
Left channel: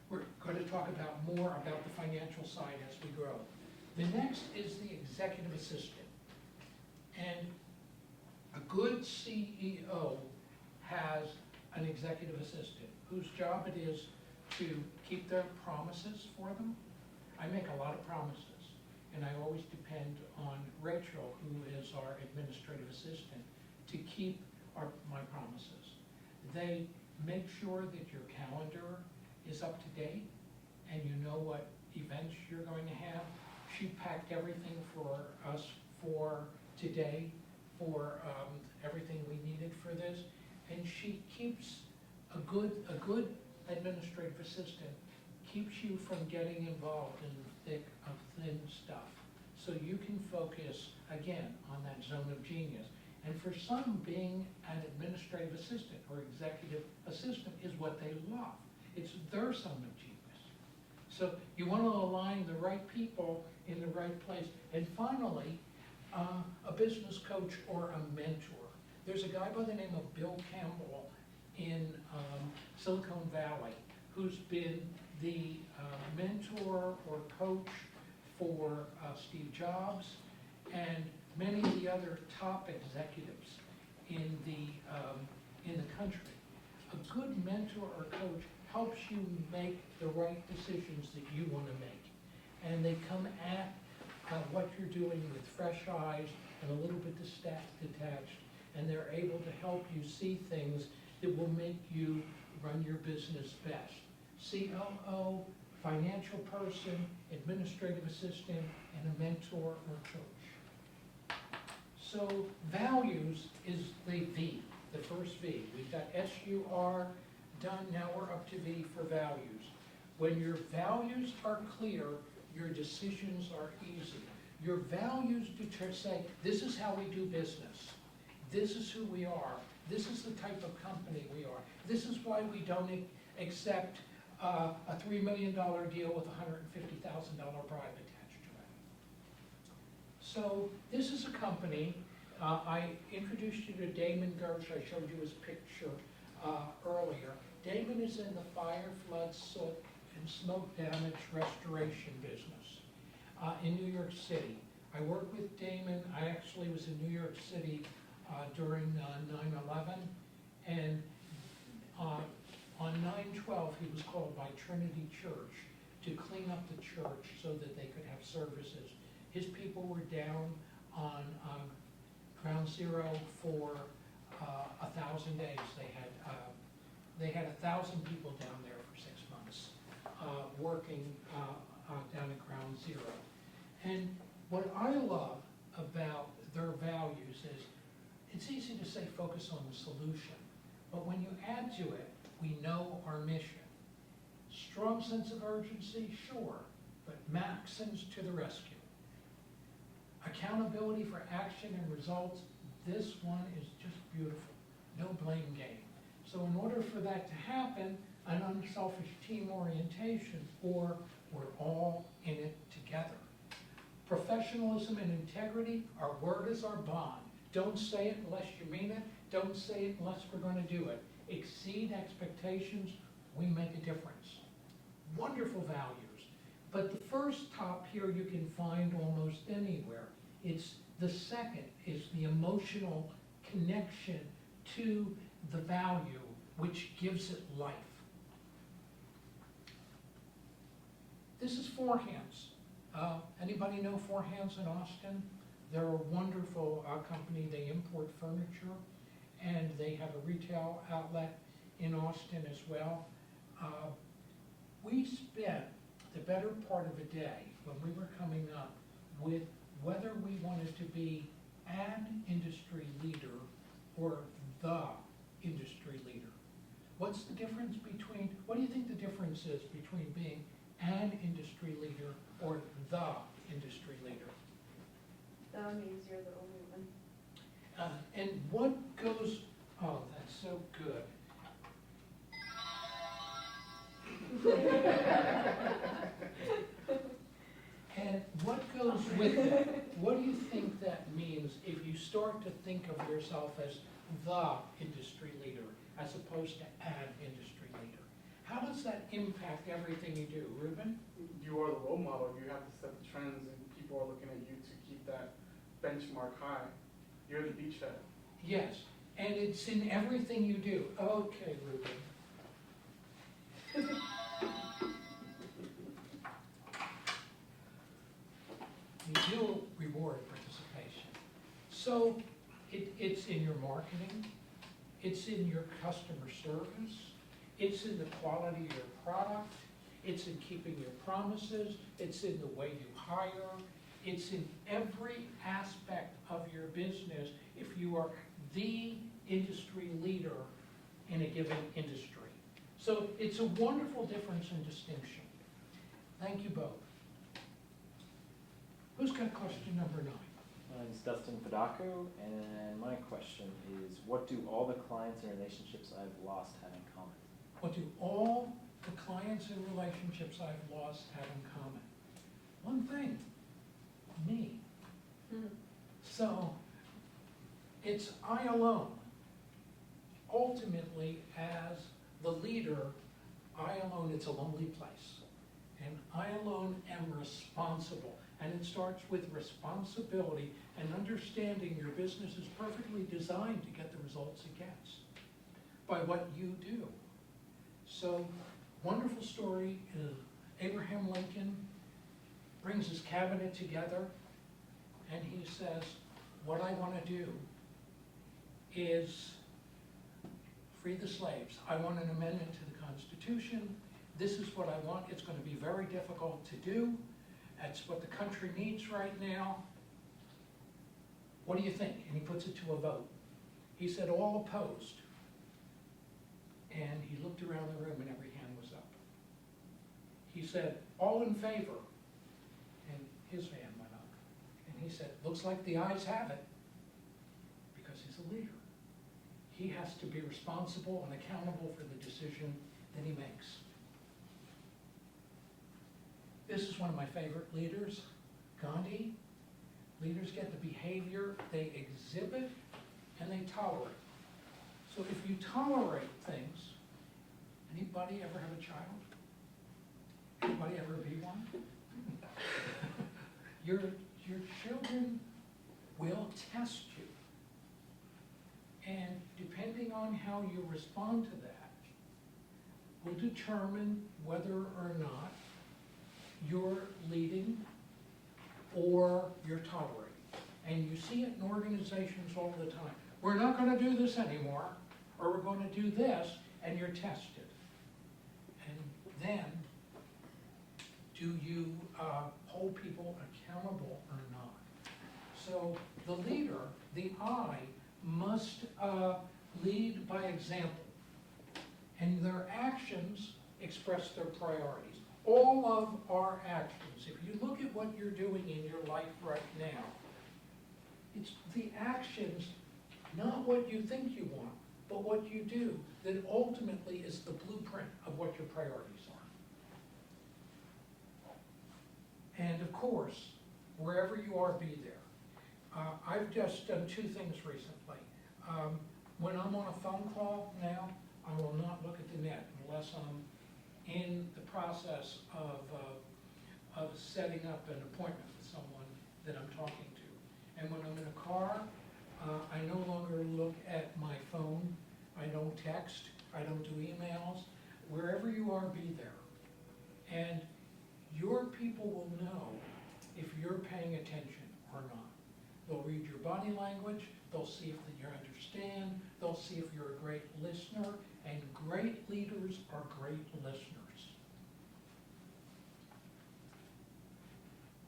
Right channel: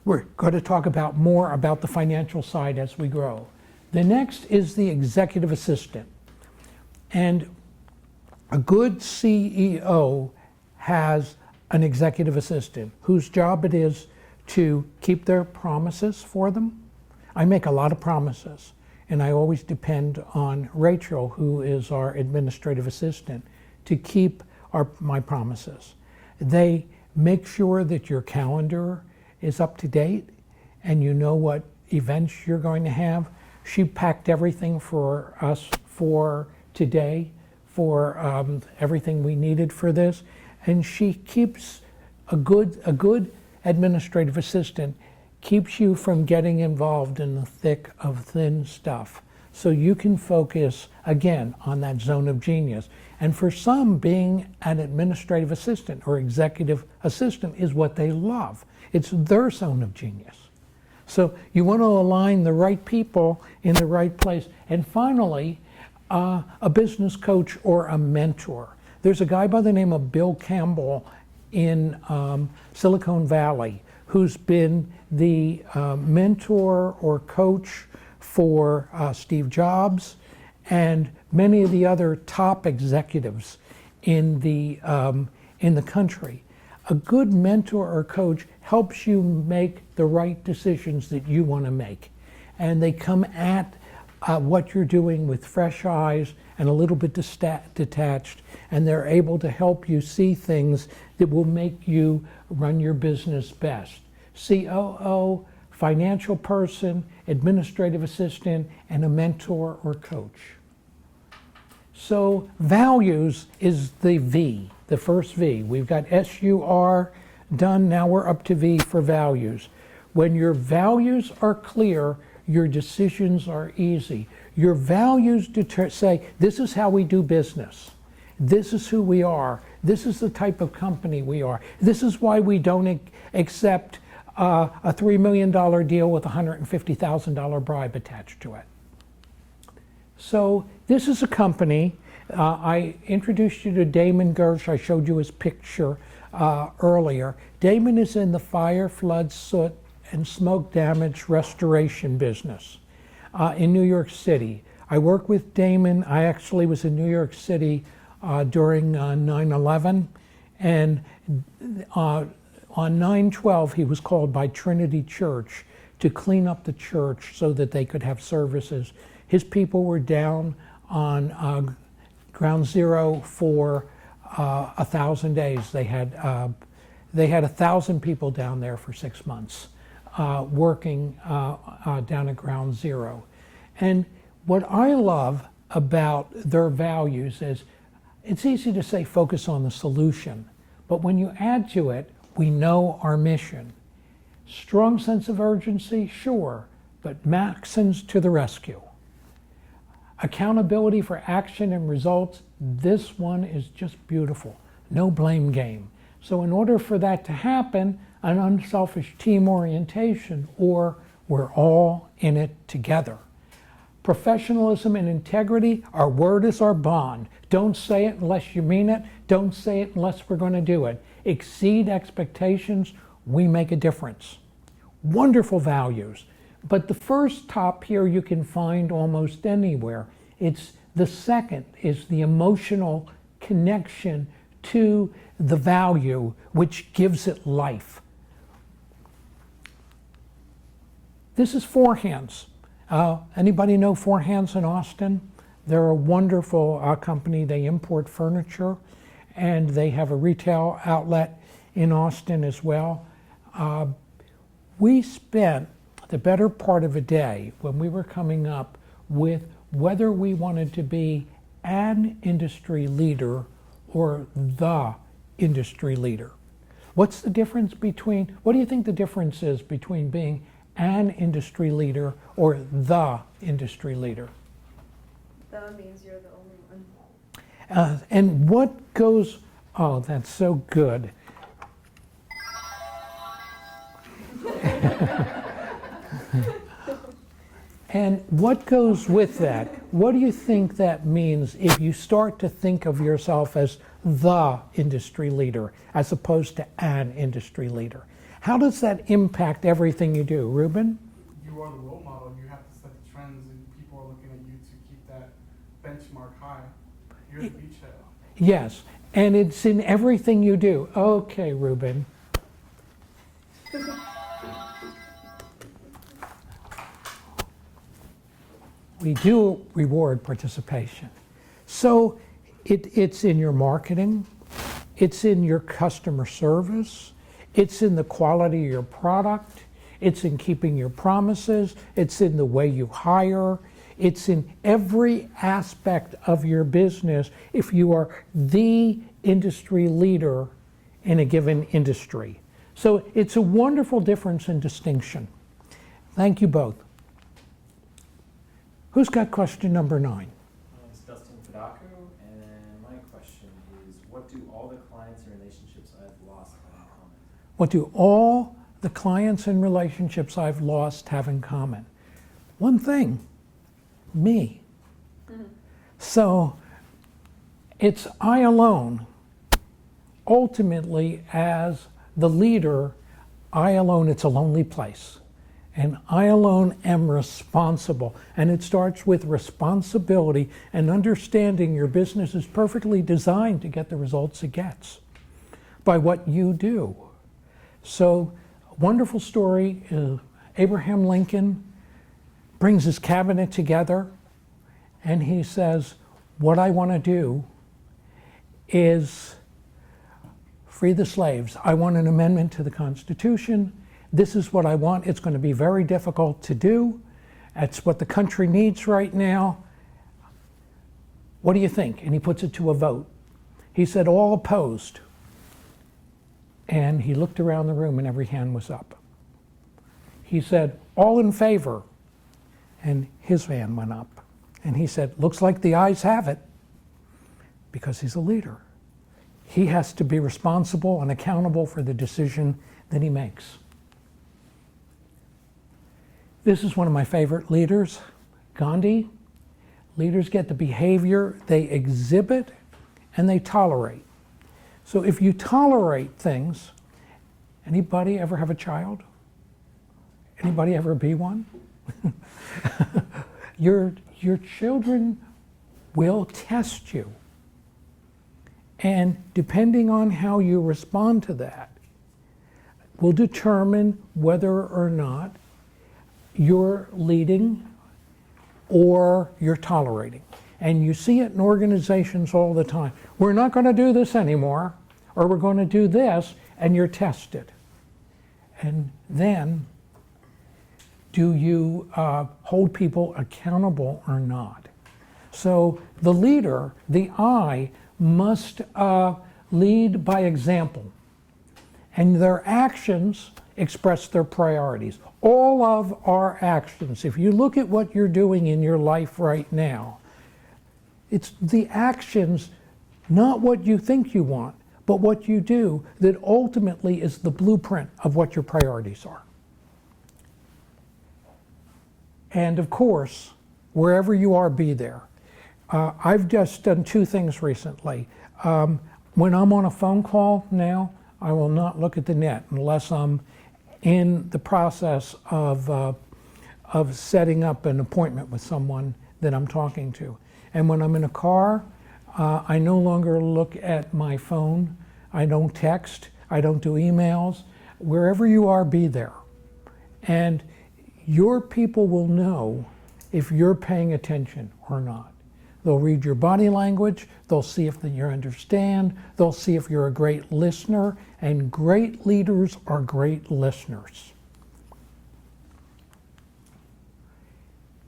We're going to talk about more about the financial side as we grow. The next is the executive assistant. And a good CEO has an executive assistant whose job it is to keep their promises for them. I make a lot of promises, and I always depend on Rachel, who is our administrative assistant, to keep my promises. They make sure that your calendar is up to date and you know what events you're going to have. She packed everything for us for today, for everything we needed for this, and she keeps a good administrative assistant keeps you from getting involved in the thick of thin stuff, so you can focus again on that zone of genius. And for some, being an administrative assistant or executive assistant is what they love. It's their zone of genius. So you want to align the right people in the right place. And finally, a business coach or a mentor. There's a guy by the name of Bill Campbell in Silicon Valley who's been the mentor or coach for Steve Jobs and many of the other top executives in the country. A good mentor or coach helps you make the right decisions that you want to make. And they come at what you're doing with fresh eyes and a little bit detached, and they're able to help you see things that will make you run your business best. COO, financial person, administrative assistant, and a mentor or coach. So values is the V, the first V. We've got SUR done, now we're up to V for values. When your values are clear, your decisions are easy. Your values say, this is how we do business. This is who we are. This is the type of company we are. This is why we don't accept a $3 million deal with a $150,000 bribe attached to it. So this is a company. I introduced you to Damon Gersh. I showed you his picture earlier. Damon is in the fire, flood, soot, and smoke damage restoration business in New York City. I work with Damon. I actually was in New York City during 9/11, and On 9/12, he was called by Trinity Church to clean up the church so that they could have services. His people were down on ground zero for 1,000 days. They had 1,000 people down there for 6 months working down at ground zero. And what I love about their values is it's easy to say focus on the solution, but when you add to it, we know our mission. Strong sense of urgency, sure, but Maxims to the rescue. Accountability for action and results, this one is just beautiful. No blame game. So in order for that to happen, an unselfish team orientation, or we're all in it together. Professionalism and integrity, our word is our bond. Don't say it unless you mean it. Don't say it unless we're going to do it. Exceed expectations, we make a difference. Wonderful values. But the first top here you can find almost anywhere. It's the second is the emotional connection to the value which gives it life. This is Four Hands. Anybody know Four Hands in Austin? They're a wonderful company. They import furniture, and they have a retail outlet in Austin as well. We spent the better part of a day when we were coming up with whether we wanted to be an industry leader or the industry leader. What's the difference between, what do you think the difference is between being an industry leader or the industry leader? The means you're the only one. And what goes, oh, that's so good. And what goes with that? What do you think that means if you start to think of yourself as the industry leader as opposed to an industry leader? How does that impact everything you do? Ruben? You are the role model. You have to set the trends, and people are looking at you to keep that benchmark high. You're the beachhead. Yes, and it's in everything you do. Okay, Ruben. We do reward participation. So it's in your marketing, it's in your customer service, it's in the quality of your product, it's in keeping your promises, it's in the way you hire, it's in every aspect of your business if you are the industry leader in a given industry. So it's a wonderful difference and distinction. Thank you both. Who's got question number 9? My name is Dustin Fedako, and my question is, what do all the clients and relationships I've lost have in common? What do all the clients and relationships I've lost have in common? One thing, me. So it's I alone. Ultimately, as the leader, I alone, it's a lonely place. And I alone am responsible. And it starts with responsibility and understanding your business is perfectly designed to get the results it gets by what you do. So, wonderful story. Abraham Lincoln brings his cabinet together and he says, what I want to do is free the slaves. I want an amendment to the Constitution. This is what I want. It's going to be very difficult to do. That's what the country needs right now. What do you think? And he puts it to a vote. He said, all opposed. And he looked around the room and every hand was up. He said, all in favor. And his hand went up. And he said, looks like the ayes have it, because he's a leader. He has to be responsible and accountable for the decision that he makes. This is one of my favorite leaders, Gandhi. Leaders get the behavior they exhibit and they tolerate. So if you tolerate things, anybody ever have a child? Anybody ever be one? Your children will test you. And depending on how you respond to that, will determine whether or not you're leading or you're tolerating. And you see it in organizations all the time. We're not going to do this anymore, or we're going to do this, and you're tested. And then, do you hold people accountable or not? So the leader, the I, must lead by example. And their actions express their priorities. All of our actions, if you look at what you're doing in your life right now, it's the actions, not what you think you want, but what you do, that ultimately is the blueprint of what your priorities are. And of course, wherever you are, be there. I've just done two things recently. When I'm on a phone call now, I will not look at the net unless I'm in the process of setting up an appointment with someone that I'm talking to. And when I'm in a car, I no longer look at my phone. I don't text. I don't do emails. Wherever you are, be there. And your people will know if you're paying attention or not. They'll read your body language. They'll see if you understand. They'll see if you're a great listener. And great leaders are great listeners.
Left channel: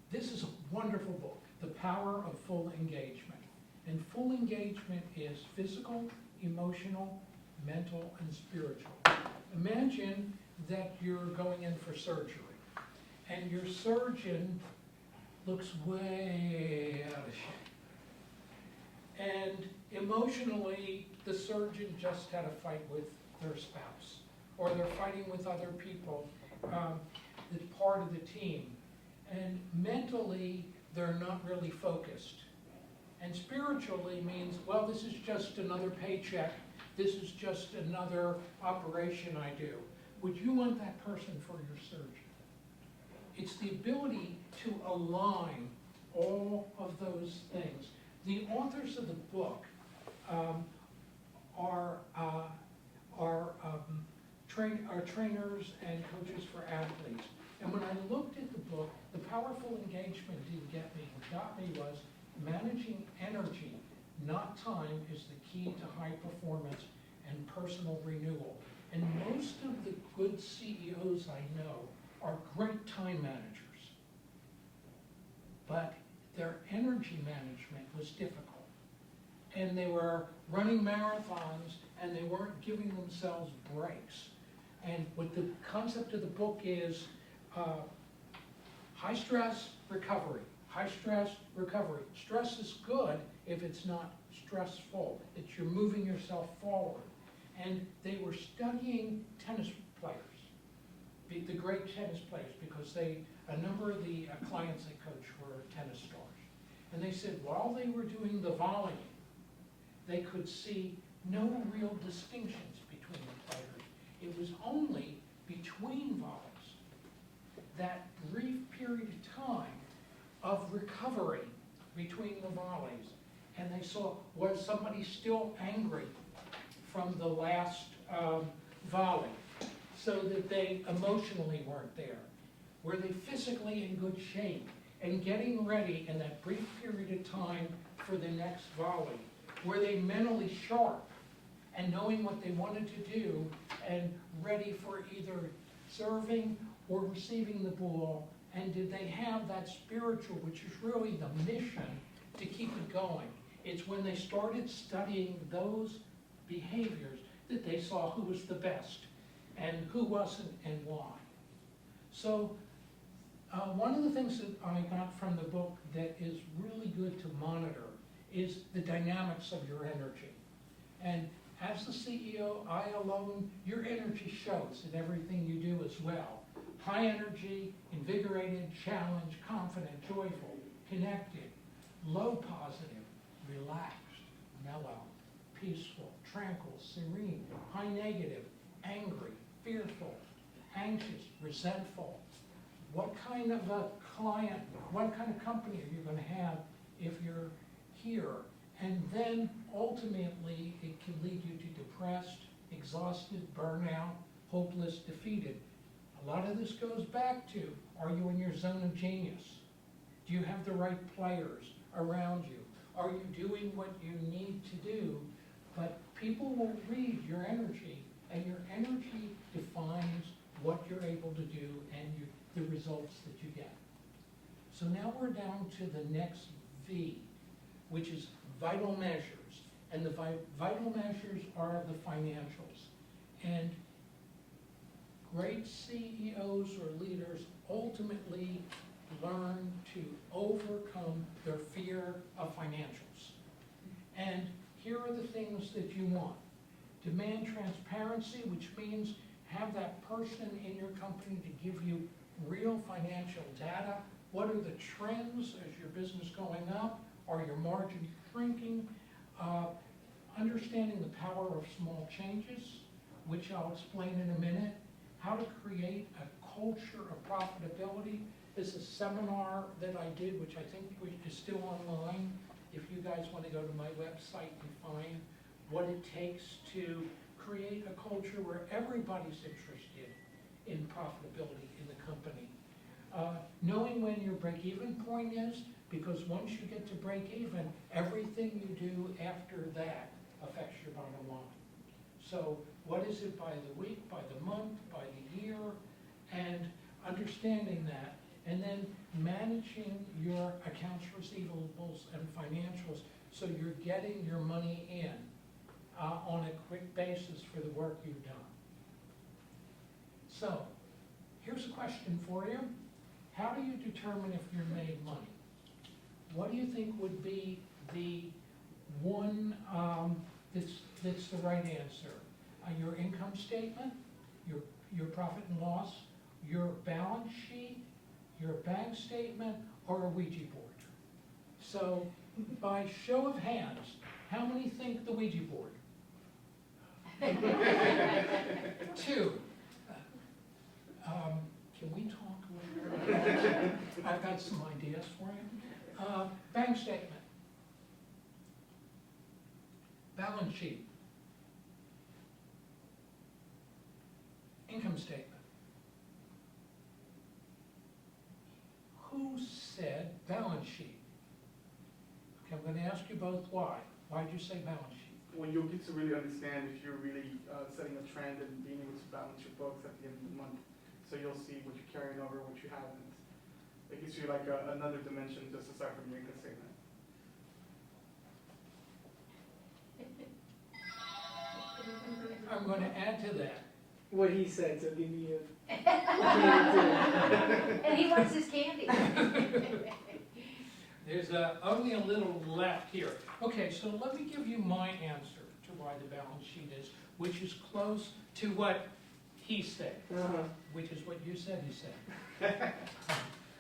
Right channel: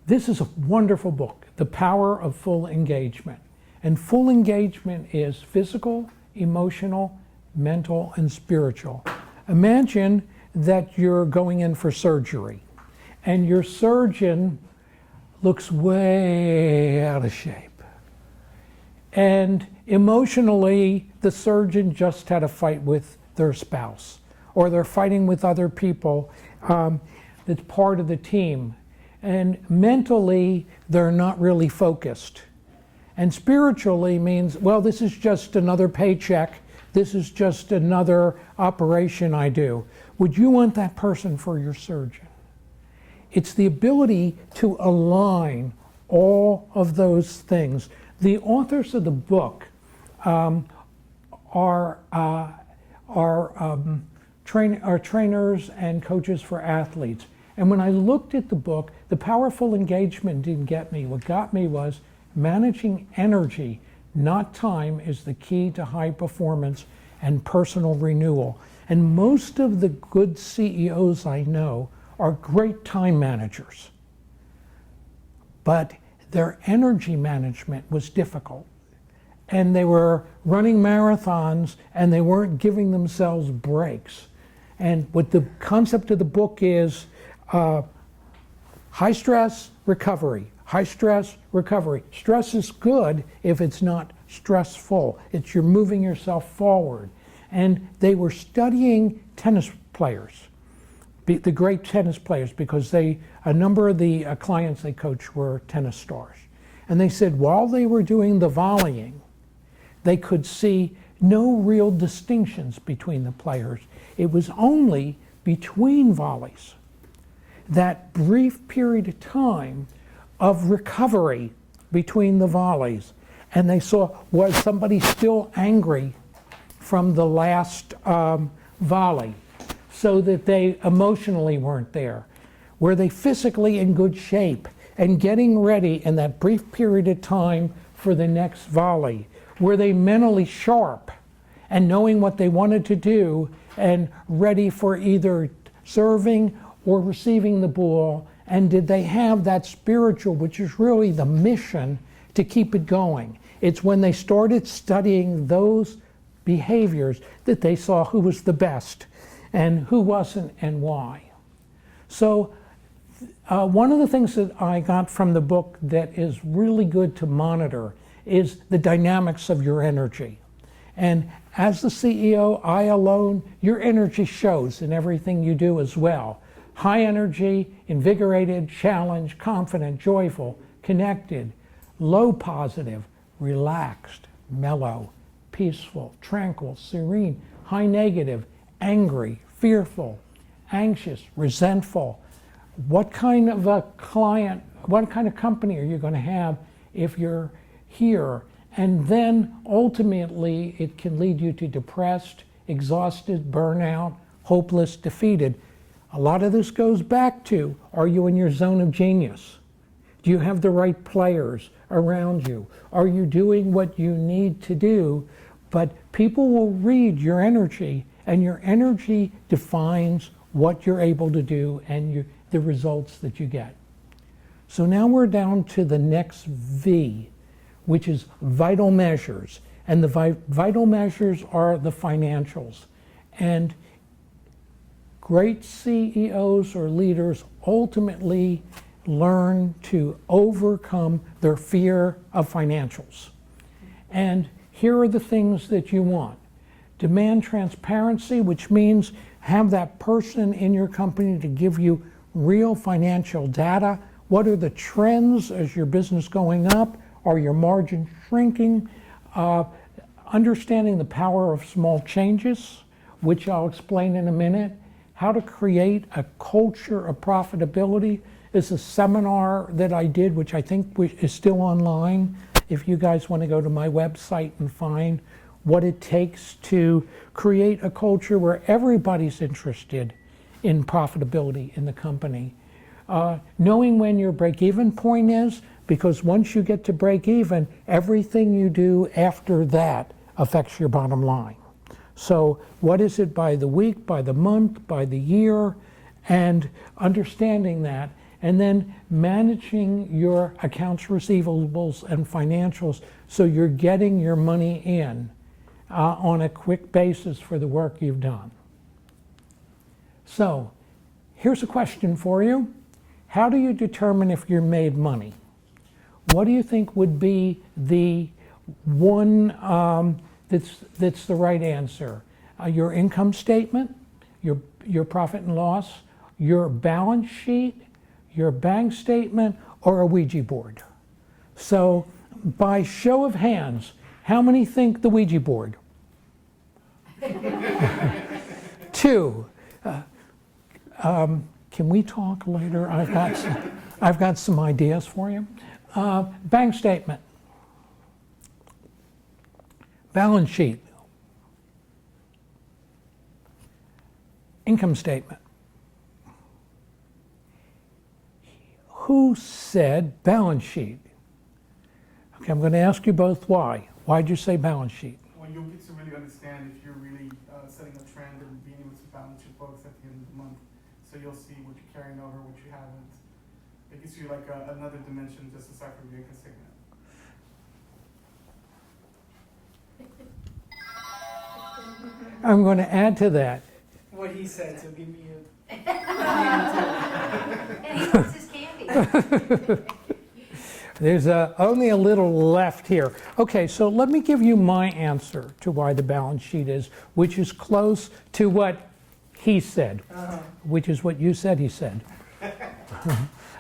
This is a wonderful book, The Power of Full Engagement. And full engagement is physical, emotional, mental, and spiritual. Imagine that you're going in for surgery, and your surgeon looks way out of shape. And emotionally, the surgeon just had a fight with their spouse, or they're fighting with other people that's part of the team. And mentally, they're not really focused. And spiritually means, well, this is just another paycheck. This is just another operation I do. Would you want that person for your surgeon? It's the ability to align all of those things. The authors of the book are trainers and coaches for athletes. And when I looked at the book, the powerful engagement didn't get me. What got me was managing energy, not time, is the key to high performance and personal renewal. And most of the good CEOs I know are great time managers. But their energy management was difficult. And they were running marathons and they weren't giving themselves breaks. And what the concept of the book is, high stress, recovery. High stress, recovery. Stress is good if it's not stressful. It's you're moving yourself forward. And they were studying tennis players, the great tennis players, because a number of the clients they coached were tennis stars. And they said while they were doing the volleying, they could see no real distinctions between the players. It was only between volleys, that brief period of time of recovery between the volleys. And they saw, was somebody still angry from the last volley, so that they emotionally weren't there? Were they physically in good shape and getting ready in that brief period of time for the next volley? Were they mentally sharp and knowing what they wanted to do and ready for either serving or receiving the ball? And did they have that spiritual, which is really the mission, to keep it going? It's when they started studying those behaviors that they saw who was the best and who wasn't and why. So one of the things that I got from the book that is really good to monitor is the dynamics of your energy. And as the CEO, I alone, your energy shows in everything you do as well. High energy, invigorated, challenged, confident, joyful, connected. Low positive, relaxed, mellow, peaceful, tranquil, serene. High negative, angry, fearful, anxious, resentful. What kind of a client, what kind of company are you going to have if you're here? And then ultimately it can lead you to depressed, exhausted, burnout, hopeless, defeated. A lot of this goes back to, are you in your zone of genius? Do you have the right players around you? Are you doing what you need to do? But people will read your energy, and your energy defines what you're able to do and the results that you get. So now we're down to the next V, which is vital measures. And the vital measures are the financials. And great CEOs or leaders ultimately learn to overcome their fear of financials. And here are the things that you want. Demand transparency, which means have that person in your company to give you real financial data. What are the trends as your business going up? Are your margins shrinking? Understanding the power of small changes, which I'll explain in a minute. How to create a culture of profitability is a seminar that I did, which I think is still online. If you guys want to go to my website and find what it takes to create a culture where everybody's interested in profitability in the company. Knowing when your break-even point is, because once you get to break even, everything you do after that affects your bottom line. So what is it by the week, by the month, by the year, and understanding that, and then managing your accounts receivables and financials so you're getting your money in on a quick basis for the work you've done. So here's a question for you. How do you determine if you're made money? What do you think would be the one that's the right answer? Your income statement, your profit and loss, your balance sheet, your bank statement, or a Ouija board? So by show of hands, how many think the Ouija board? 2. Can we talk later? I've got some ideas for you. Bank statement, balance sheet, income statement. Who said balance sheet? Okay, I'm going to ask you both why. Why'd you say balance sheet? Well, you'll get to really understand if you're really setting a trend and being able to balance your books at the end of the month. So you'll see what you're carrying over, what you haven't. It gives you like another dimension just aside from your income statement. I'm going to add to that. What he said, so give me a And he wants his candy. There's only a little left here. Okay, so let me give you my answer to why the balance sheet is, which is close to what he said, which is what you said he said.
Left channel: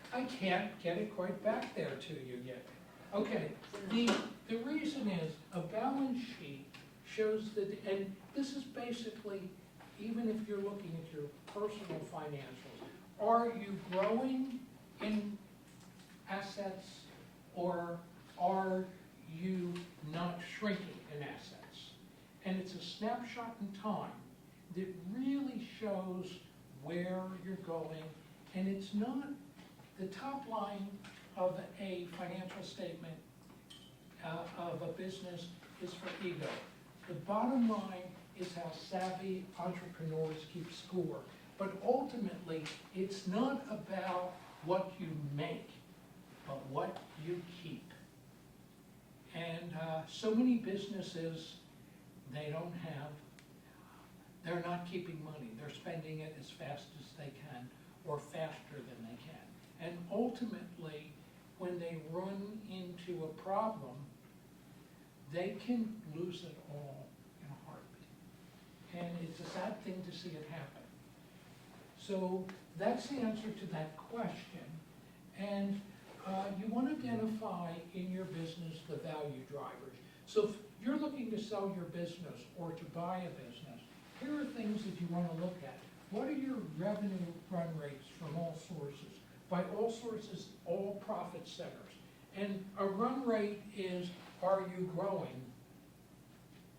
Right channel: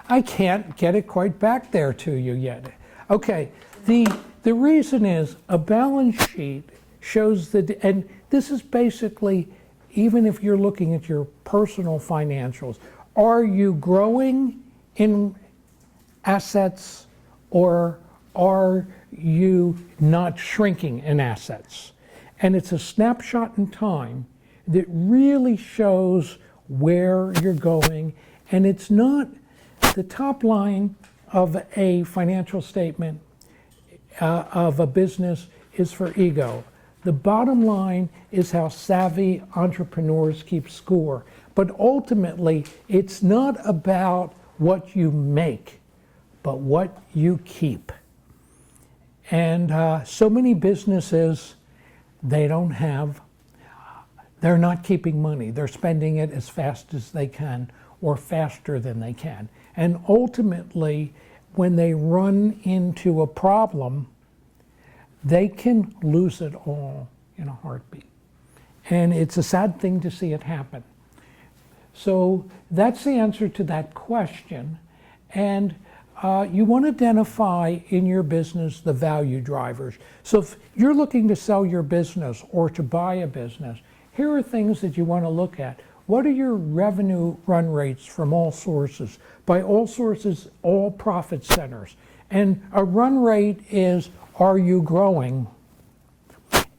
I can't get it quite back there to you yet. Okay, the reason is a balance sheet shows that, and this is basically, even if you're looking at your personal financials, are you growing in assets or are you not shrinking in assets? And it's a snapshot in time that really shows where you're going, and it's not the top line of a financial statement of a business is for ego. The bottom line is how savvy entrepreneurs keep score. But ultimately, it's not about what you make, but what you keep. And so many businesses, they're not keeping money. They're spending it as fast as they can or faster than they can. And ultimately, when they run into a problem, they can lose it all in a heartbeat. And it's a sad thing to see it happen. So that's the answer to that question. And you want to identify in your business the value drivers. So if you're looking to sell your business or to buy a business, here are things that you want to look at. What are your revenue run rates from all sources? By all sources, all profit centers. And a run rate is, are you growing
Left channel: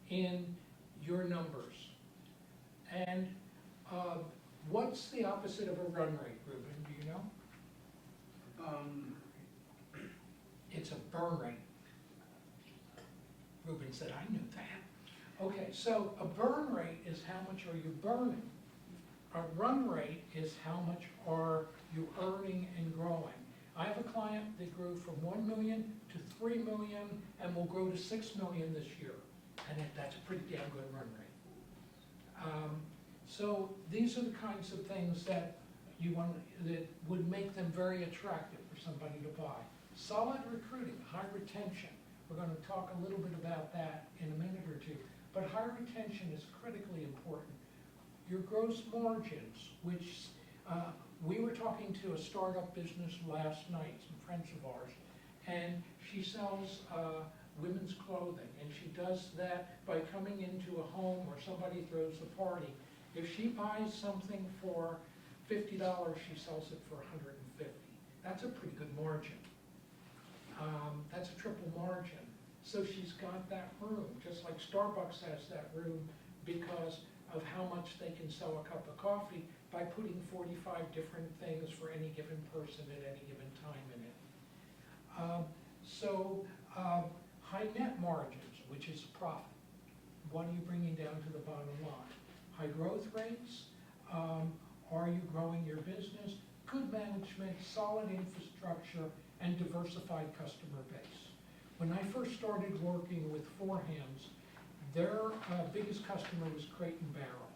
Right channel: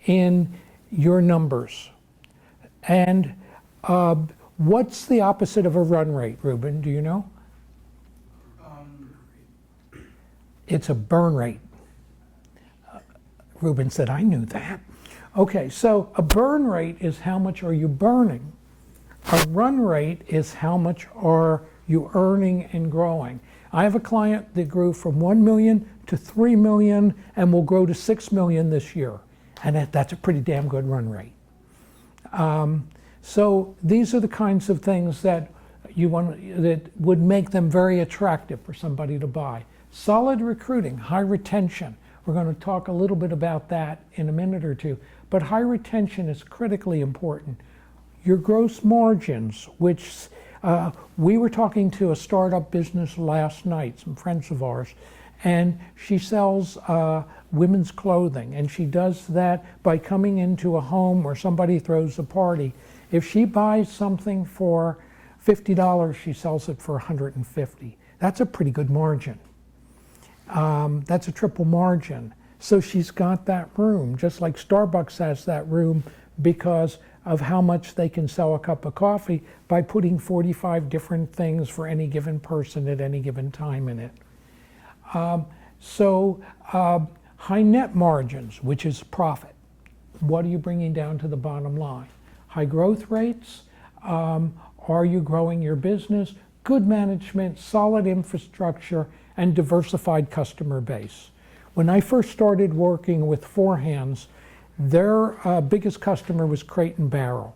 in your numbers? And What's the opposite of a run rate, Ruben? Do you know? It's a burn rate. Ruben said, I knew that. Okay, so a burn rate is how much are you burning. A run rate is how much are you earning and growing. I have a client that grew from 1 million to 3 million and will grow to 6 million this year. And that's a pretty damn good run rate. So these are the kinds of things that that would make them very attractive for somebody to buy. Solid recruiting, high retention. We're going to talk a little bit about that in a minute or two. But high retention is critically important. Your gross margins, which we were talking to a startup business last night, some friends of ours, and she sells women's clothing, and she does that by coming into a home where somebody throws a party. If she buys something for $50, she sells it for $150. That's a pretty good margin. That's a triple margin. So she's got that room, just like Starbucks has that room because of how much they can sell a cup of coffee by putting 45 different things for any given person at any given time in it. High net margins, which is profit. What are you bringing down to the bottom line? High growth rates. Are you growing your business? Good management, solid infrastructure, and diversified customer base. When I first started working with Four Hands, their biggest customer was Crate and Barrel,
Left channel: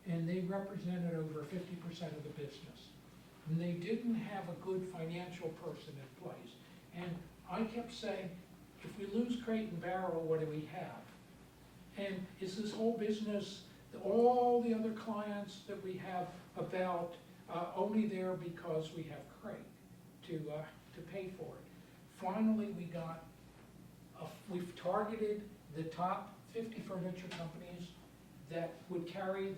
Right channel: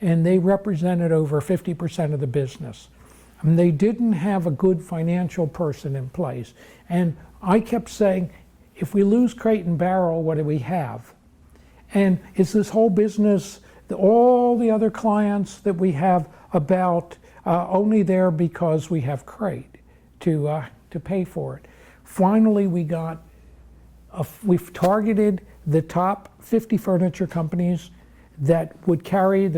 and they represented over 50% of the business. And they didn't have a good financial person in place. And I kept saying, if we lose Crate and Barrel, what do we have? And is this whole business, all the other clients that we have about only there because we have Crate to pay for it? Finally, we've targeted the top 50 furniture companies that would carry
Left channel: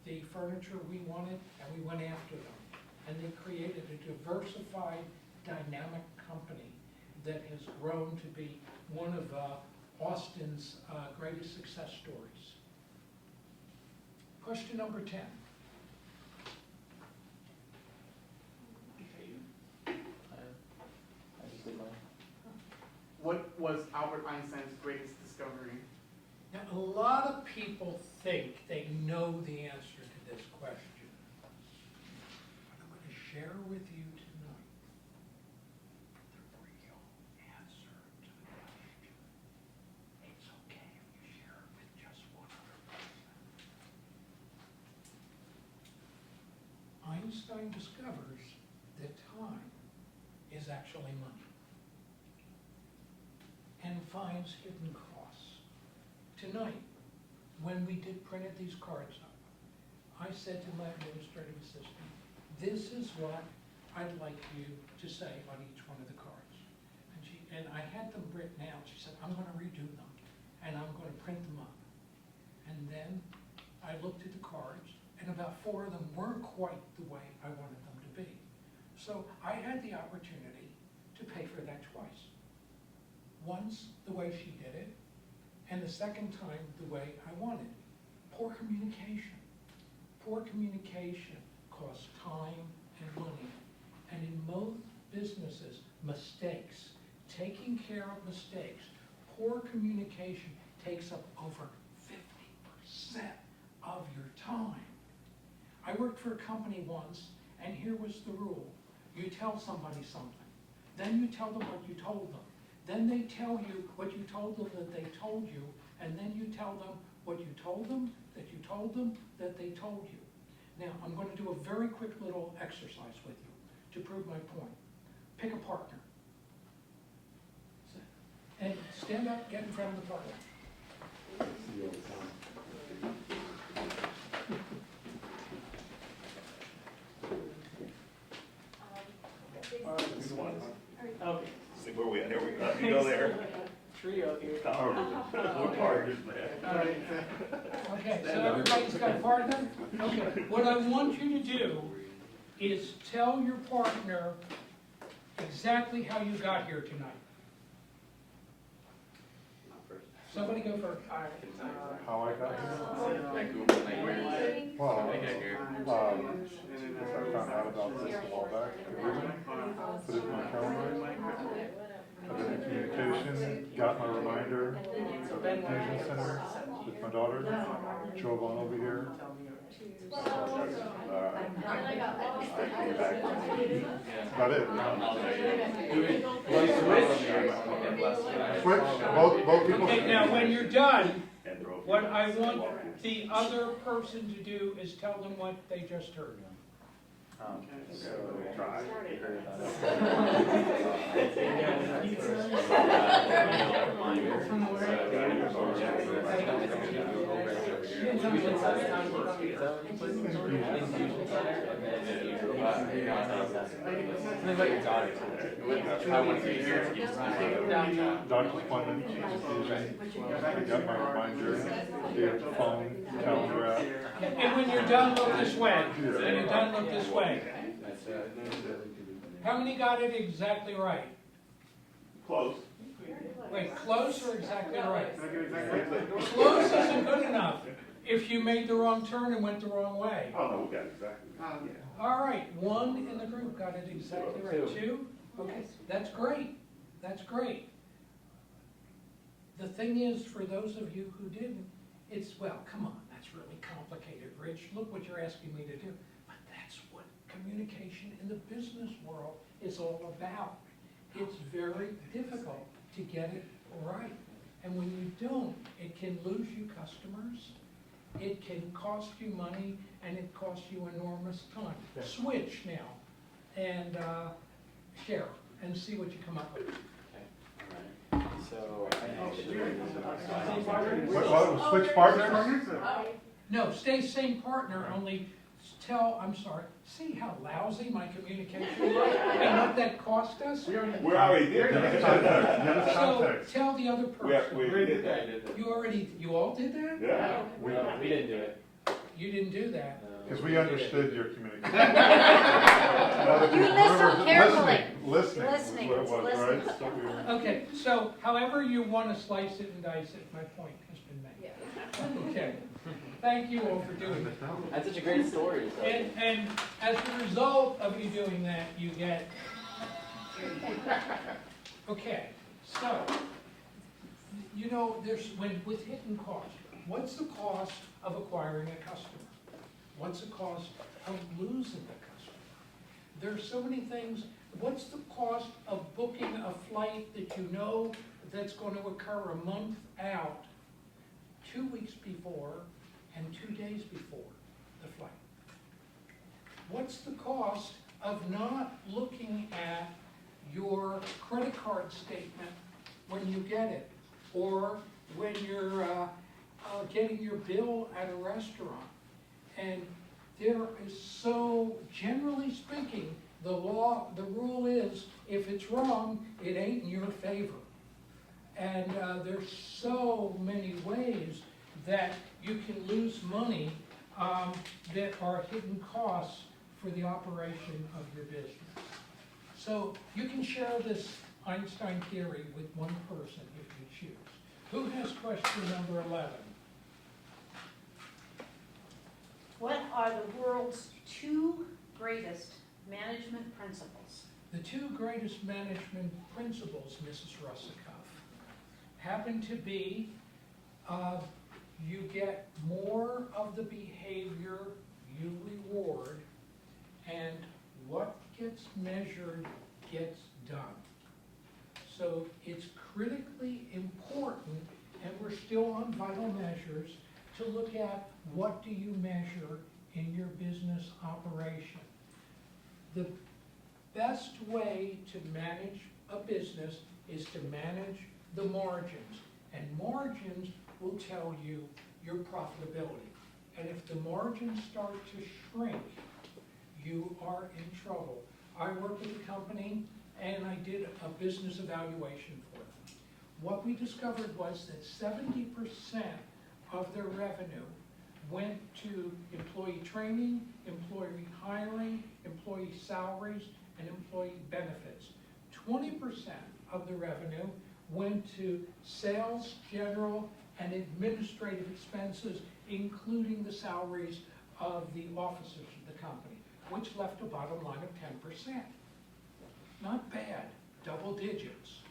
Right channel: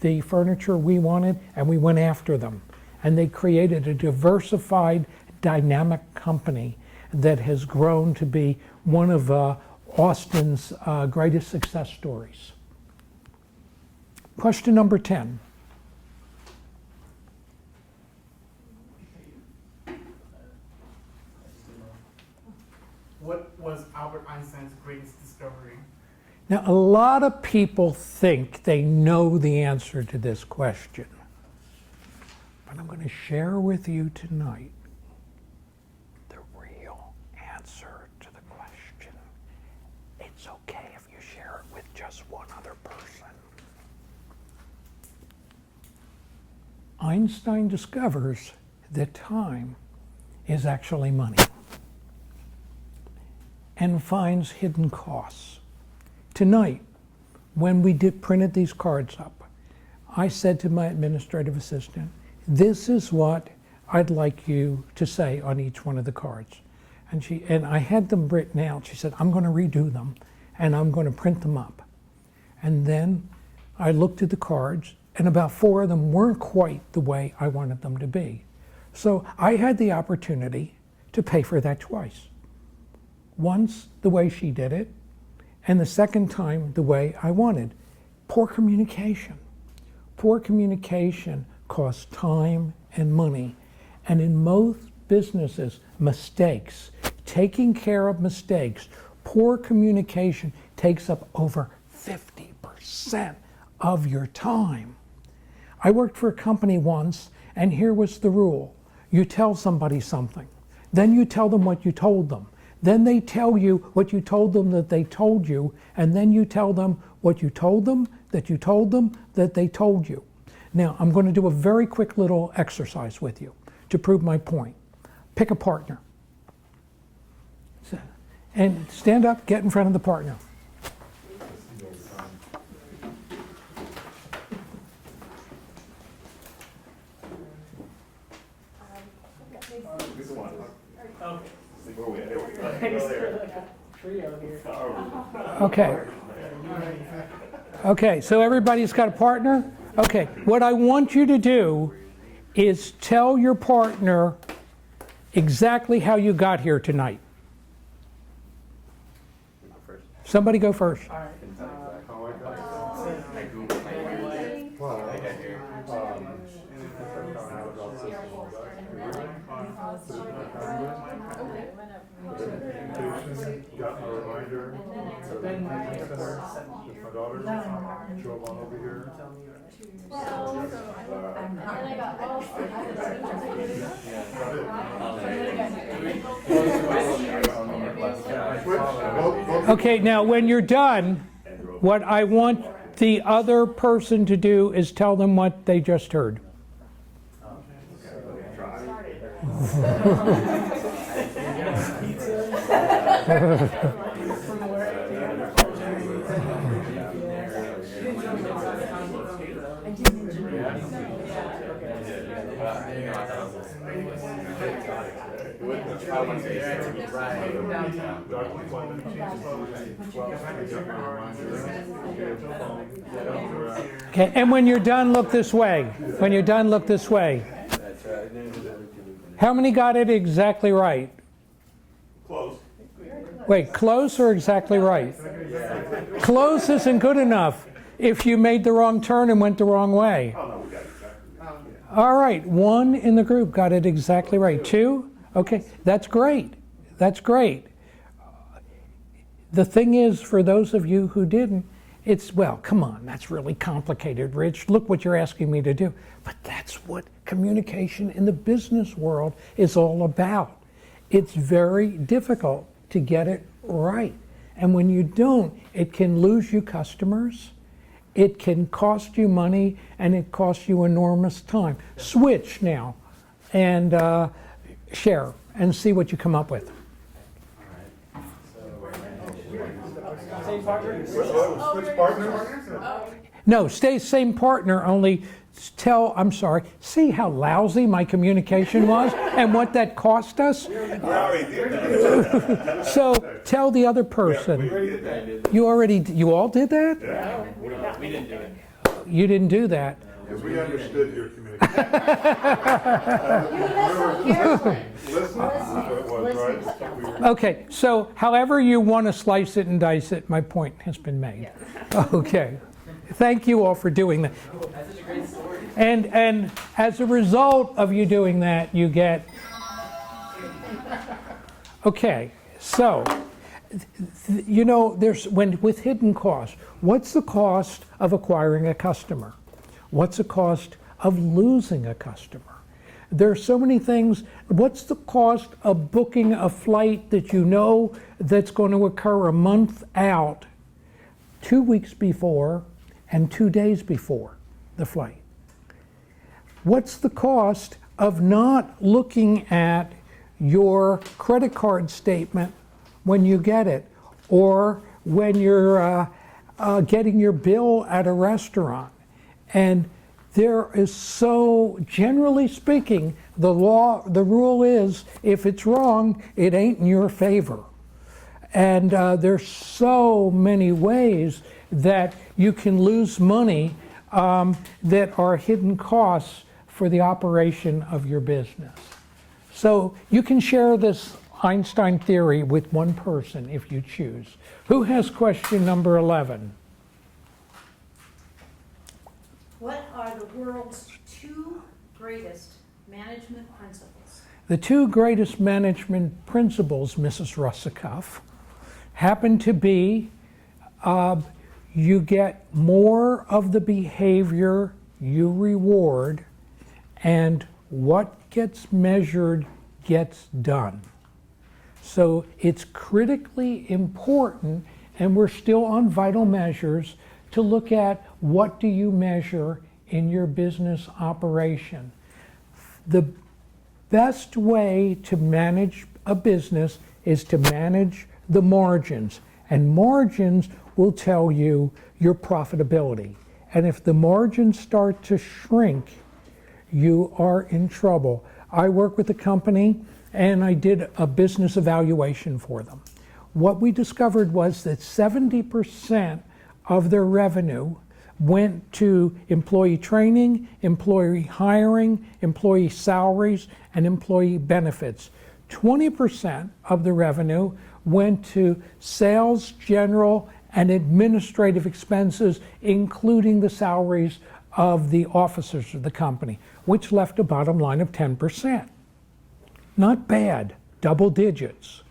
the furniture we wanted, and we went after them. And they created a diversified, dynamic company that has grown to be one of Austin's greatest success stories. Question number 10. What was Albert Einstein's greatest discovery? Now, a lot of people think they know the answer to this question. But I'm going to share with you tonight the real answer to the question. It's okay if you share it with just one other person. Einstein discovers that time is actually money and finds hidden costs. Tonight, when we printed these cards up, I said to my administrative assistant, this is what I'd like you to say on each one of the cards. And I had them written out. She said, I'm going to redo them, and I'm going to print them up. And then I looked at the cards, and about 4 of them weren't quite the way I wanted them to be. So I had the opportunity to pay for that twice. Once the way she did it, and the second time the way I wanted. Poor communication. Poor communication costs time and money. And in most businesses, mistakes, taking care of mistakes, poor communication takes up over 50% of your time. I worked for a company once, and here was the rule. You tell somebody something, then you tell them what you told them. Then they tell you what you told them that they told you, and then you tell them what you told them, that you told them, that they told you. Now, I'm going to do a very quick little exercise with you to prove my point. Pick a partner. And stand up, get in front of the partner. Where we at? There we go. You go there. Trio here. Okay. Okay, so everybody's got a partner? Okay, what I want you to do is tell your partner exactly how you got here tonight. Somebody go first. How I got here? got my reminder for the information center with my daughter, drove on over here. Got it? Switch, both Okay, now when you're done, what I want the other person to do is tell them what they just heard. Doctor's appointment. I got my reminder, phone, calendar. Okay, and when you're done, look this way. When you're done, look this way. How many got it exactly right? Close. Wait, close or exactly right? Close isn't good enough if you made the wrong turn and went the wrong way. Oh, no, we got it exactly. All right, one in the group got it exactly right. Two? Okay, that's great. That's great. The thing is, for those of you who didn't, it's, well, come on, that's really complicated, Rich. Look what you're asking me to do. But that's what communication in the business world is all about. It's very difficult to get it right. And when you don't, it can lose you customers, it can cost you money, and it costs you enormous time. Switch now and share and see what you come up with. Switch partners? No, stay same partner, only tell, I'm sorry, see how lousy my communication was and what that cost us? We already did that. So tell the other person. You all did that? Yeah. We didn't do it. You didn't do that. Because we understood your communication. You listen carefully. Listen, that's what it was, right? Okay, so however you want to slice it and dice it, my point has been made. Okay. Thank you all for doing that. That's such a great story. And as a result of you doing that, you get. Okay, so you know, with hidden costs, what's the cost of acquiring a customer? What's the cost of losing a customer? There are so many things. What's the cost of booking a flight that you know that's going to occur a month out, 2 weeks before, and 2 days before the flight? What's the cost of not looking at your credit card statement when you get it, or when you're getting your bill at a restaurant? And there is so, generally speaking, the rule is, if it's wrong, it ain't in your favor. And there's so many ways that you can lose money that are hidden costs for the operation of your business. So you can share this Einstein theory with one person if you choose. Who has question number 11? What are the world's 2 greatest management principles? The 2 greatest management principles, Mrs. Russakoff, happen to be you get more of the behavior you reward, and what gets measured gets done. So it's critically important, and we're still on vital measures, to look at what do you measure in your business operation. The best way to manage a business is to manage the margins, and margins will tell you your profitability. And if the margins start to shrink, you are in trouble. I work with a company and I did a business evaluation for them. What we discovered was that 70% of their revenue went to employee training, employee hiring, employee salaries, and employee benefits. 20% of the revenue went to sales, general, and administrative expenses, including the salaries of the officers of the company, which left a bottom line of 10%. Not bad, double digits.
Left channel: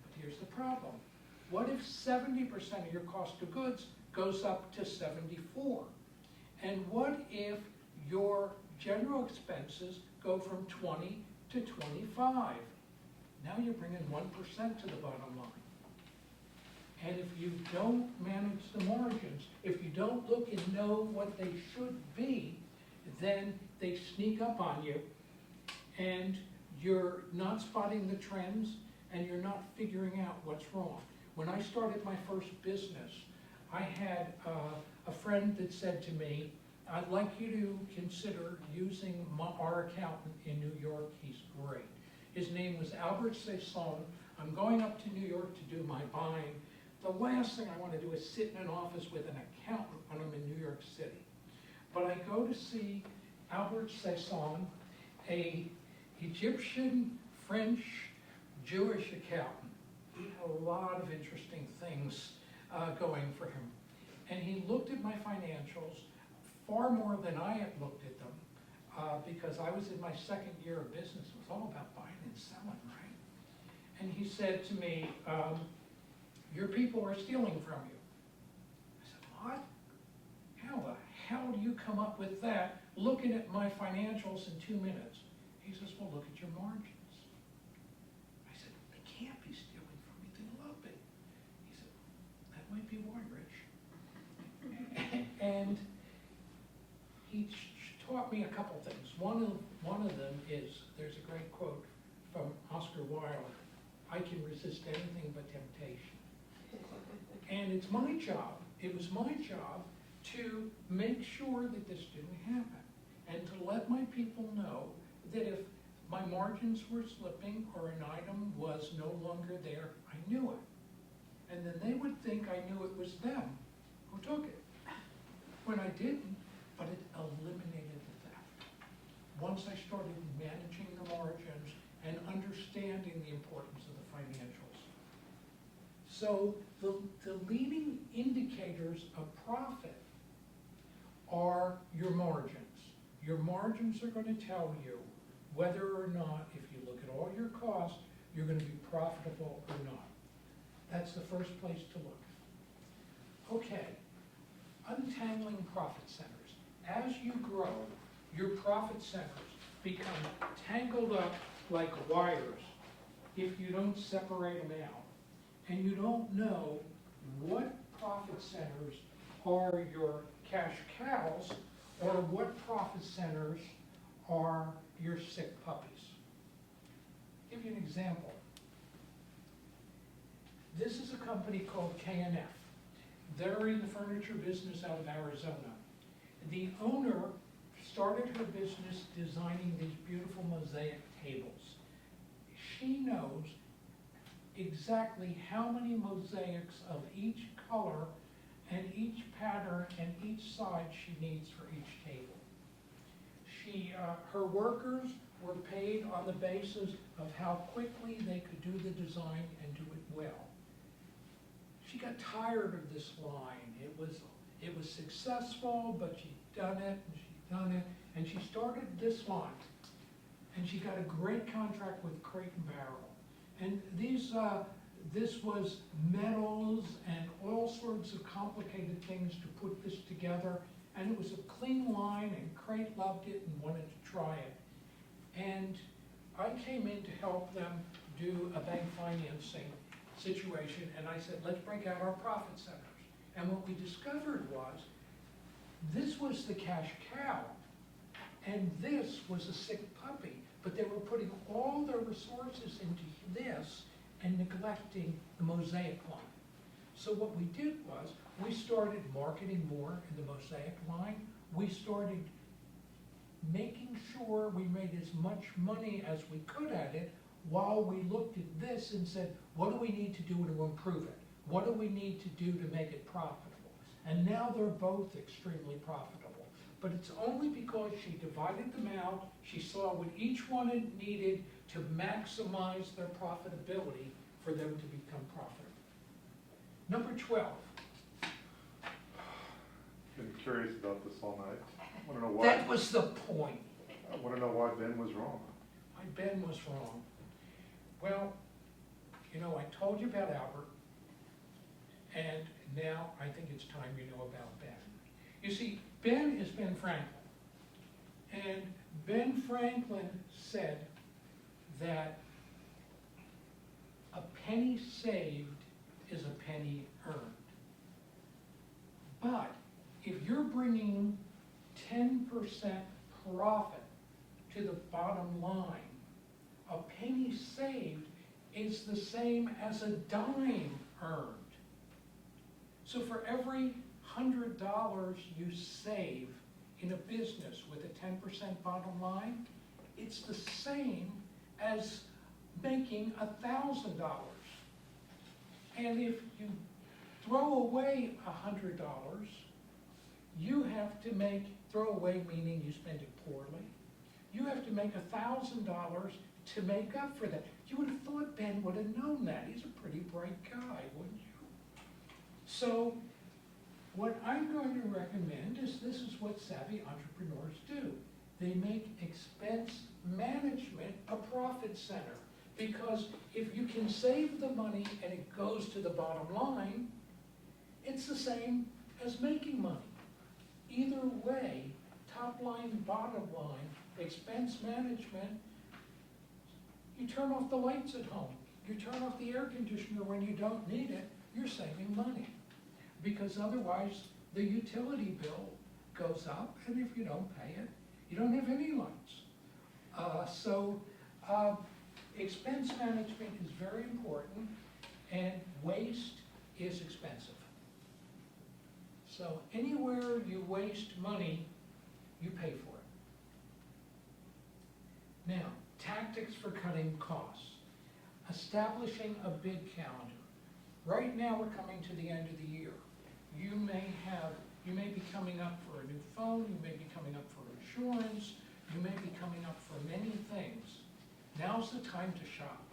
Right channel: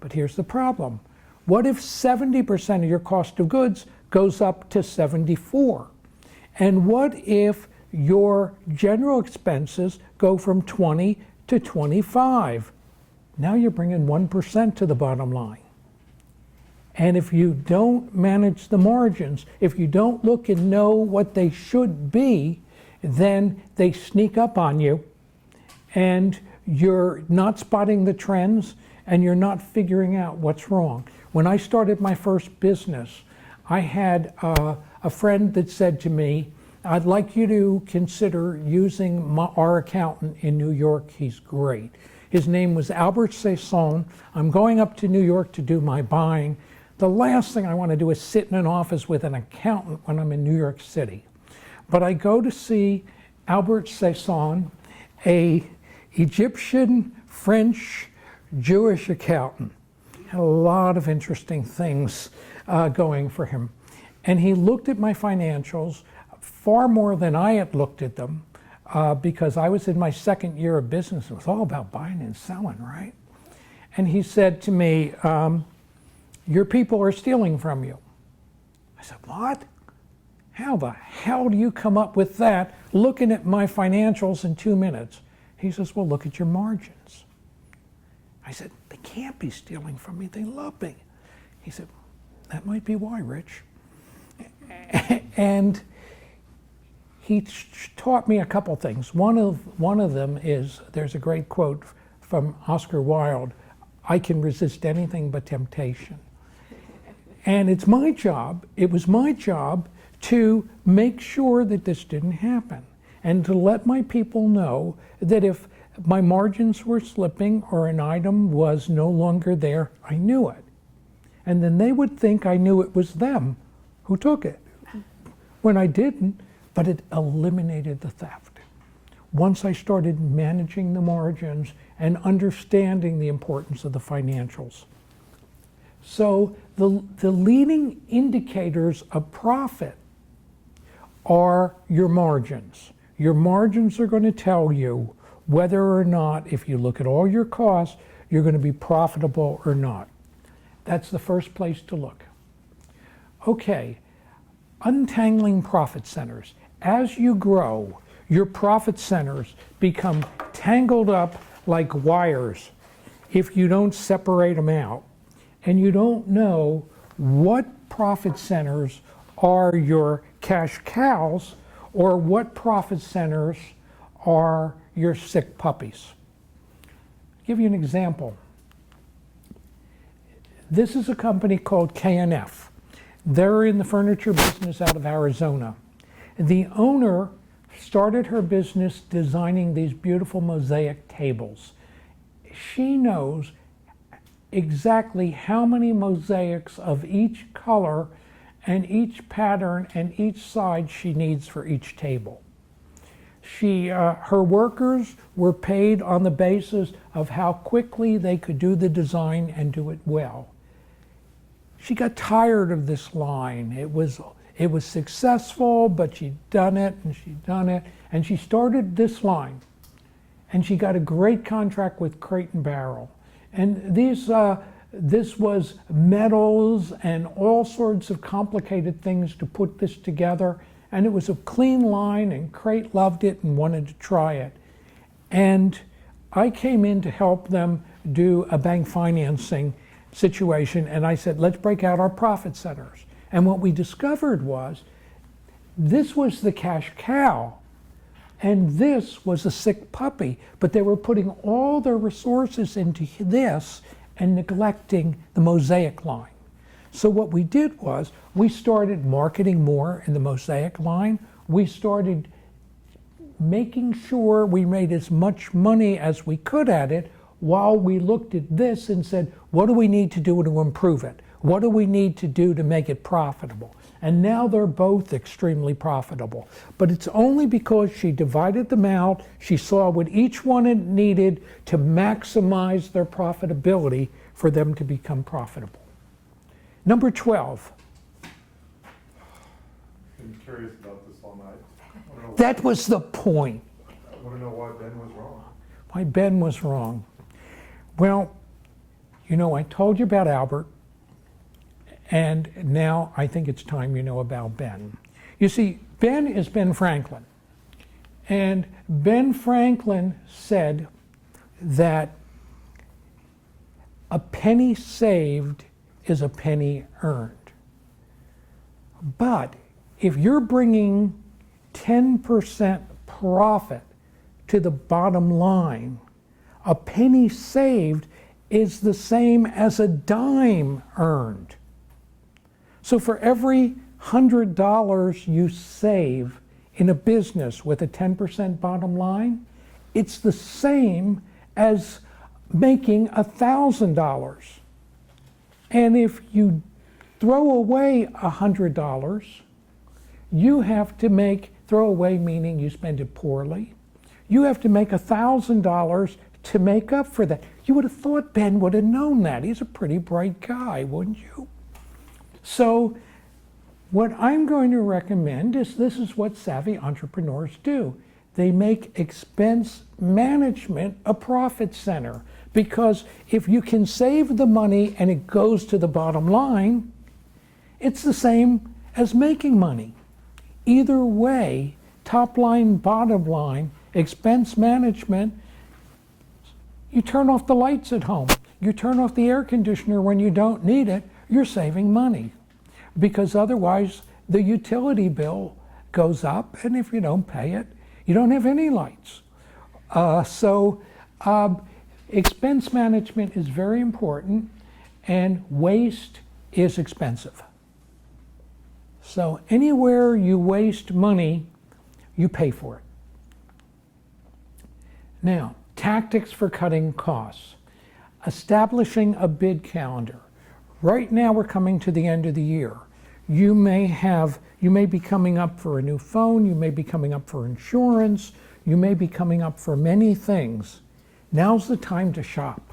But here's the problem. What if 70% of your cost of goods goes up to 74? And what if your general expenses go from 20 to 25? Now you're bringing 1% to the bottom line. And if you don't manage the margins, if you don't look and know what they should be, then they sneak up on you and you're not spotting the trends and you're not figuring out what's wrong. When I started my first business, I had a friend that said to me, I'd like you to consider using our accountant in New York. He's great. His name was Albert Sasson. I'm going up to New York to do my buying. The last thing I want to do is sit in an office with an accountant when I'm in New York City. But I go to see Albert Sasson, a Egyptian, French, Jewish accountant. Had a lot of interesting things going for him. And he looked at my financials far more than I had looked at them because I was in my second year of business. It was all about buying and selling, right? And he said to me, your people are stealing from you. I said, what? How the hell do you come up with that looking at my financials in 2 minutes? He says, well, look at your margins. I said, they can't be stealing from me. They love me. He said, that might be why, Rich. And he taught me a couple things. One of them is, there's a great quote from Oscar Wilde, I can resist anything but temptation. And it's my job, it was my job to make sure that this didn't happen and to let my people know that if my margins were slipping or an item was no longer there, I knew it. And then they would think I knew it was them who took it, when I didn't, but it eliminated the theft. Once I started managing the margins and understanding the importance of the financials. So the leading indicators of profit are your margins. Your margins are going to tell you whether or not, if you look at all your costs, you're going to be profitable or not. That's the first place to look. Okay, untangling profit centers. As you grow, your profit centers become tangled up like wires if you don't separate them out. And you don't know what profit centers are your cash cows or what profit centers are your sick puppies. I'll give you an example. This is a company called K&F. They're in the furniture business out of Arizona. The owner started her business designing these beautiful mosaic tables. She knows exactly how many mosaics of each color and each pattern and each side she needs for each table. Her workers were paid on the basis of how quickly they could do the design and do it well. She got tired of this line. It was successful, but she'd done it and she'd done it, and she started this line. And she got a great contract with Crate and Barrel. And this was metals and all sorts of complicated things to put this together. And it was a clean line, and Crate loved it and wanted to try it. And I came in to help them do a bank financing situation, and I said, let's break out our profit centers. And what we discovered was, this was the cash cow, and this was a sick puppy, but they were putting all their resources into this and neglecting the mosaic line. So what we did was, we started marketing more in the mosaic line. We started making sure we made as much money as we could at it while we looked at this and said, what do we need to do to improve it? What do we need to do to make it profitable? And now they're both extremely profitable. But it's only because she divided them out, she saw what each one had needed to maximize their profitability for them to become profitable. Number 12. Been curious about this all night. I wanna know That was the point. I want to know why Ben was wrong. Why Ben was wrong. Well, you know, I told you about Albert. And now I think it's time you know about Ben. You see, Ben is Ben Franklin. And Ben Franklin said that a penny saved is a penny earned. But if you're bringing 10% profit to the bottom line, a penny saved is the same as a dime earned. So for every $100 you save in a business with a 10% bottom line, it's the same as making $1,000. And if you throw away $100, you have to throw away meaning you spend it poorly. You have to make $1,000 to make up for that. You would have thought Ben would have known that. He's a pretty bright guy, wouldn't you? So what I'm going to recommend is this is what savvy entrepreneurs do. They make expense management a profit center, because if you can save the money and it goes to the bottom line, it's the same as making money. Either way, top line, bottom line, expense management, you turn off the lights at home, you turn off the air conditioner when you don't need it, you're saving money. Because otherwise the utility bill goes up, and if you don't pay it, you don't have any lights. Expense management is very important, and waste is expensive. So anywhere you waste money, you pay for it. Now, tactics for cutting costs. Establishing a bid calendar. Right now we're coming to the end of the year. You may be coming up for a new phone, you may be coming up for insurance, you may be coming up for many things. Now's the time to shop.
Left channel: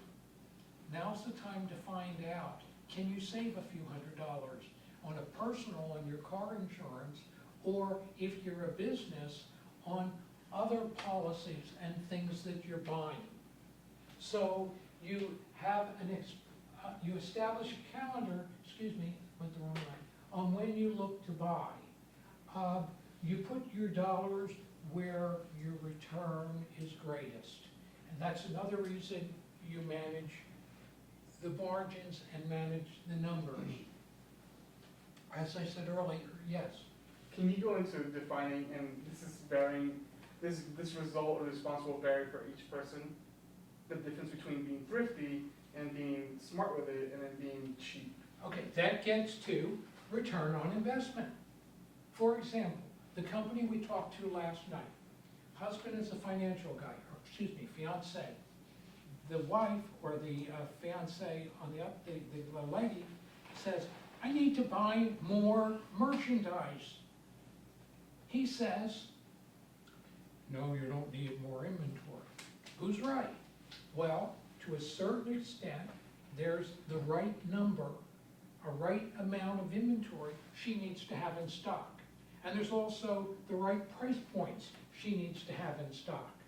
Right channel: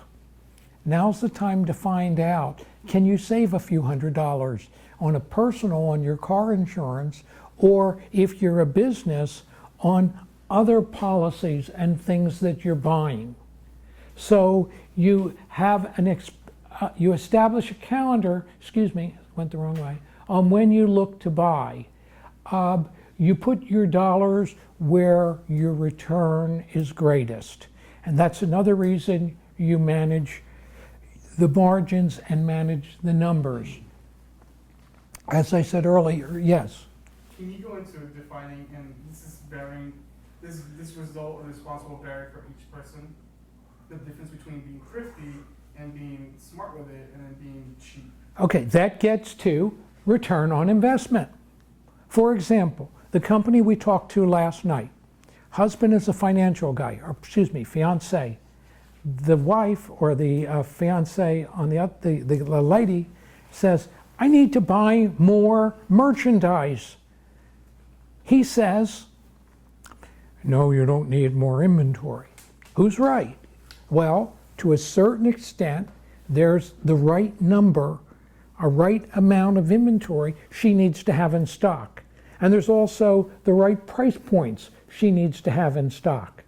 Now's the time to find out, can you save a few $100s on a personal, on your car insurance, or if you're a business, on other policies and things that you're buying. So you have you establish a calendar, went the wrong way, on when you look to buy. You put your dollars where your return is greatest. And that's another reason you manage the margins and manage the numbers. As I said earlier, yes. Can you go into defining, and this is varying, this result or response will vary for each person, the difference between being thrifty and being smart with it and then being cheap? Okay, that gets to return on investment. For example, the company we talked to last night, husband is a financial guy, or fiance. The wife or the fiance on the lady says, I need to buy more merchandise. He says, no, you don't need more inventory. Who's right? Well, to a certain extent, there's the right number, a right amount of inventory she needs to have in stock. And there's also the right price points she needs to have in stock.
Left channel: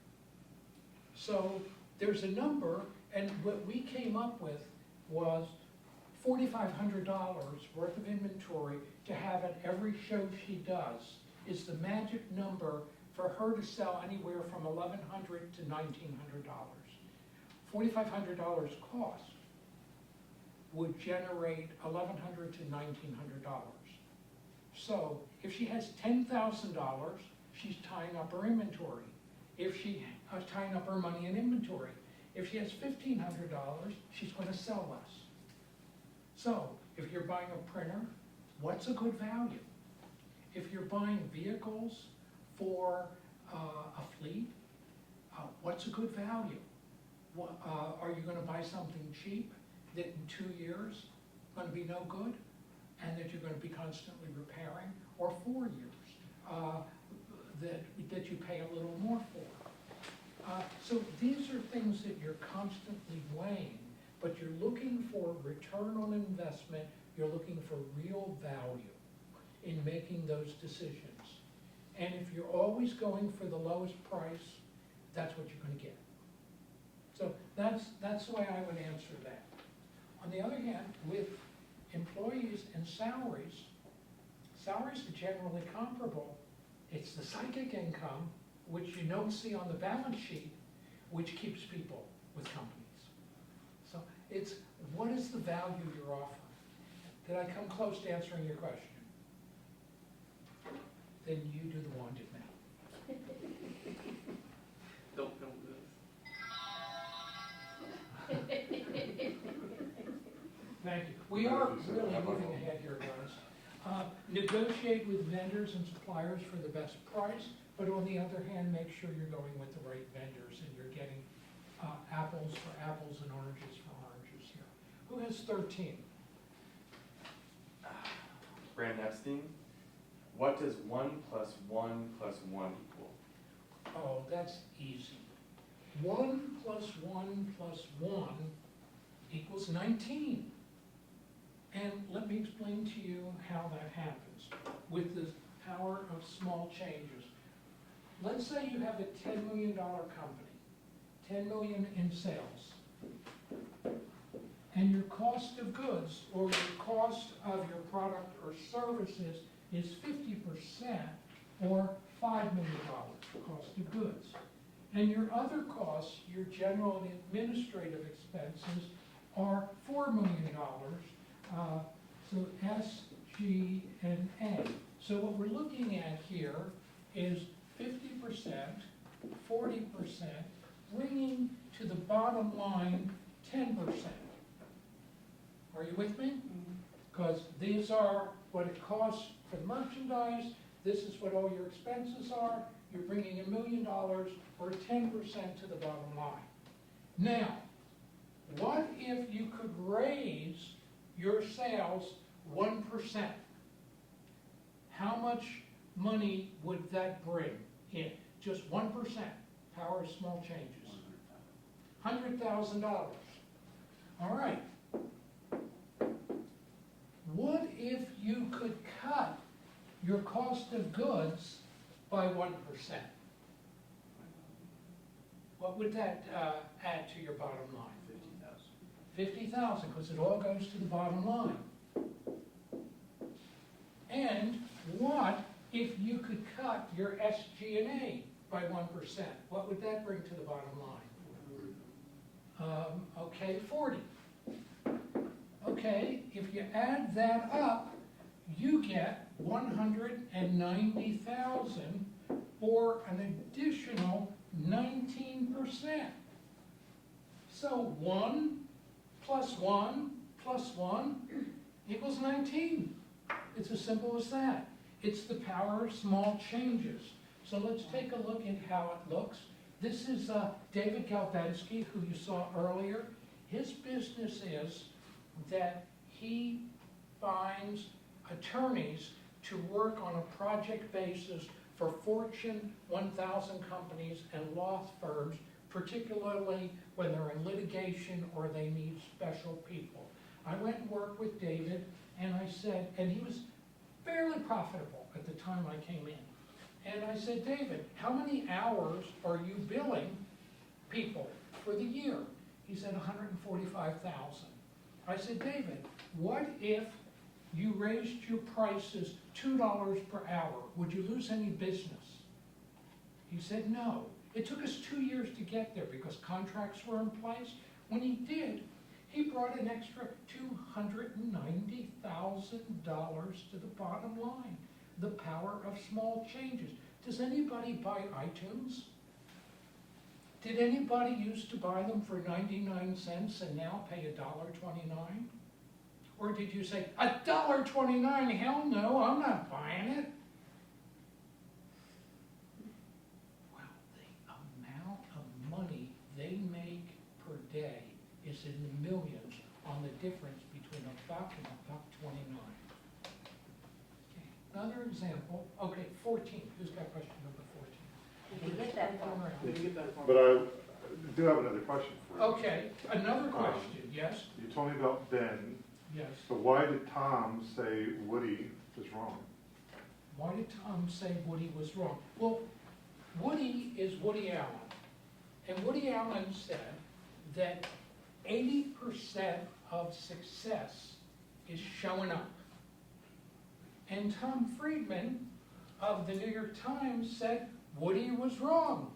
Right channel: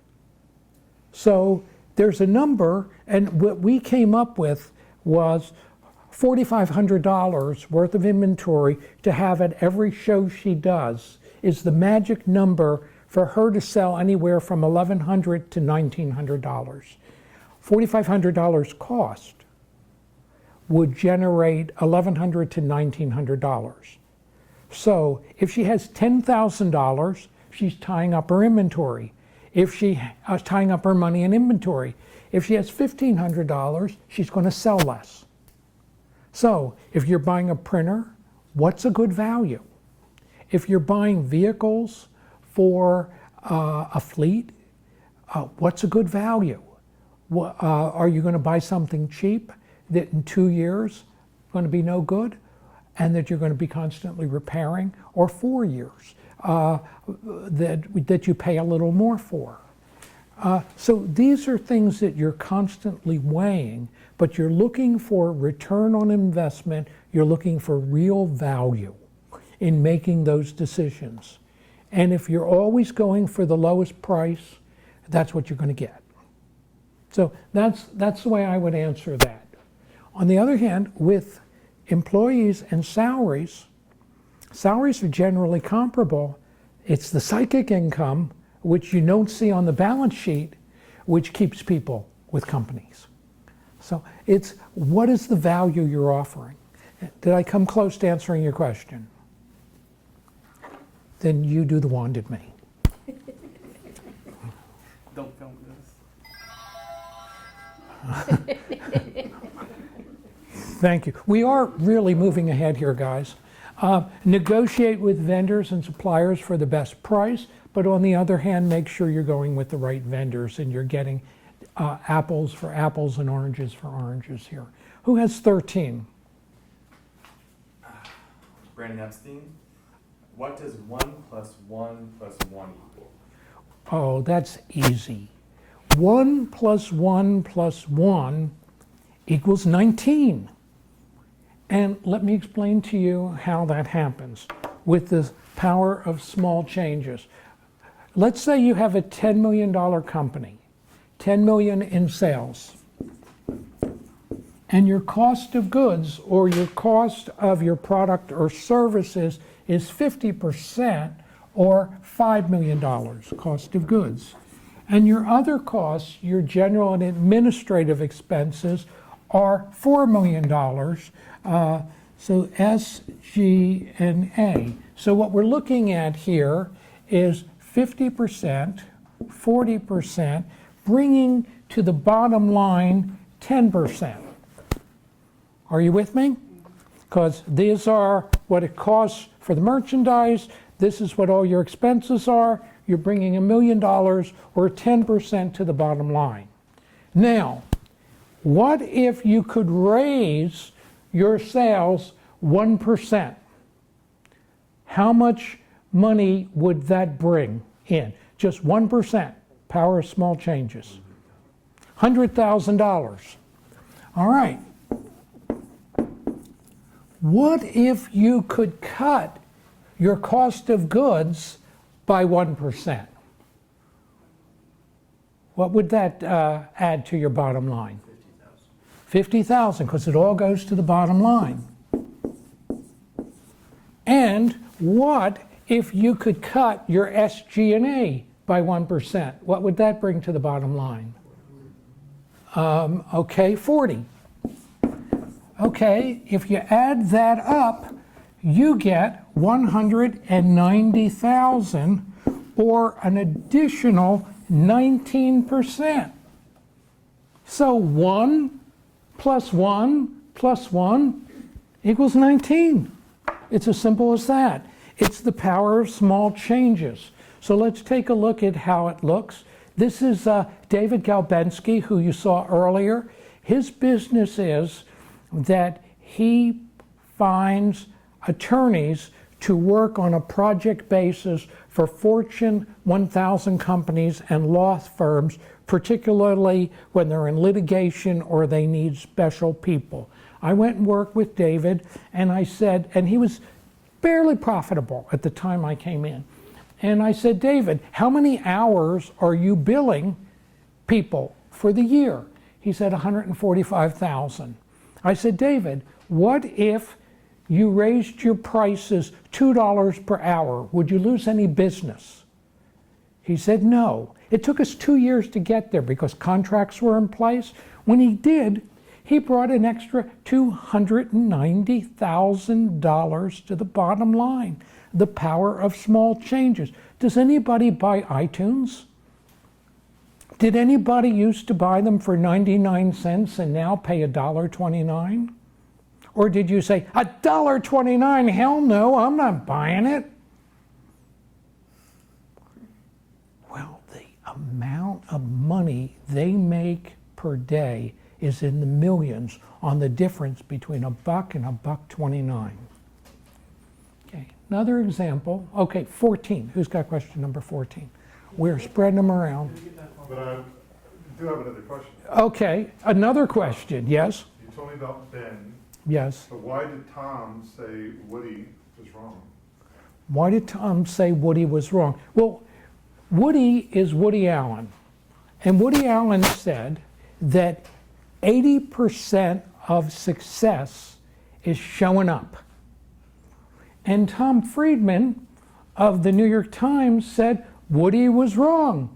So there's a number, and what we came up with was $4,500 worth of inventory to have at every show she does is the magic number for her to sell anywhere from $1,100 to $1,900. $4,500 cost would generate $1,100 to $1,900. So if she has $10,000, she's tying up her inventory. If she is tying up her money in inventory, if she has $1,500, she's going to sell less. So if you're buying a printer, what's a good value? If you're buying vehicles for a fleet, what's a good value? Are you going to buy something cheap that in 2 years is going to be no good and that you're going to be constantly repairing, or 4 years that you pay a little more for? So these are things that you're constantly weighing, but you're looking for return on investment, you're looking for real value in making those decisions. And if you're always going for the lowest price, that's what you're going to get. So that's the way I would answer that. On the other hand, with employees and salaries are generally comparable. It's the psychic income, which you don't see on the balance sheet, which keeps people with companies. So it's what is the value you're offering? Did I come close to answering your question? Then you do the Wounded Me. Don't film this. Thank you. We are really moving ahead here, guys. Negotiate with vendors and suppliers for the best price, but on the other hand, make sure you're going with the right vendors and you're getting apples for apples and oranges for oranges here. Who has 13? Brandon Epstein. What does 1 + 1 + 1 equal? Oh, that's easy. 1 + 1 + 1 equals 19. And let me explain to you how that happens with the power of small changes. Let's say you have a $10 million company, 10 million in sales, and your cost of goods or your cost of your product or services is 50% or $5 million cost of goods. And your other costs, your general and administrative expenses, are $4 million. So S, G, and A. So what we're looking at here is 50%, 40%, bringing to the bottom line 10%. Are you with me? Because these are what it costs for the merchandise. This is what all your expenses are. You're bringing $1 million or 10% to the bottom line. Now, what if you could raise your sales 1%? How much money would that bring in? Just 1%, power of small changes. $100,000. All right. What if you could cut your cost of goods by 1%? What would that add to your bottom line? 50,000, because it all goes to the bottom line. And what if you could cut your SG&A by 1%? What would that bring to the bottom line? Okay, 40. Okay, if you add that up, you get 190,000 or an additional 19%. So 1 + 1 + 1 equals 19. It's as simple as that. It's the power of small changes. So let's take a look at how it looks. This is David Galbensky, who you saw earlier. His business is that he finds attorneys to work on a project basis for Fortune 1000 companies and law firms, particularly when they're in litigation or they need special people. I went and worked with David, and I said, and he was barely profitable at the time I came in. And I said, David, how many hours are you billing people for the year? He said 145,000. I said, David, what if you raised your prices $2 per hour? Would you lose any business? He said, no. It took us 2 years to get there because contracts were in place. When he did, he brought an extra $290,000 to the bottom line. The power of small changes. Does anybody buy iTunes? Did anybody used to buy them for 99 cents and now pay $1.29? Or did you say, $1.29? Hell no, I'm not buying it. Well, the amount of money they make per day is in the millions on the difference between $1 and $1.29. Okay, another example. Okay, 14. Who's got question number 14? We're spreading them around. But I do have another question. Okay, another question. Yes? You told me about Ben, Yes. but why did Tom say Woody is wrong? Why did Tom say Woody was wrong? Well, Woody is Woody Allen. And Woody Allen said that 80% of success is showing up. And Tom Friedman of the New York Times said Woody was wrong.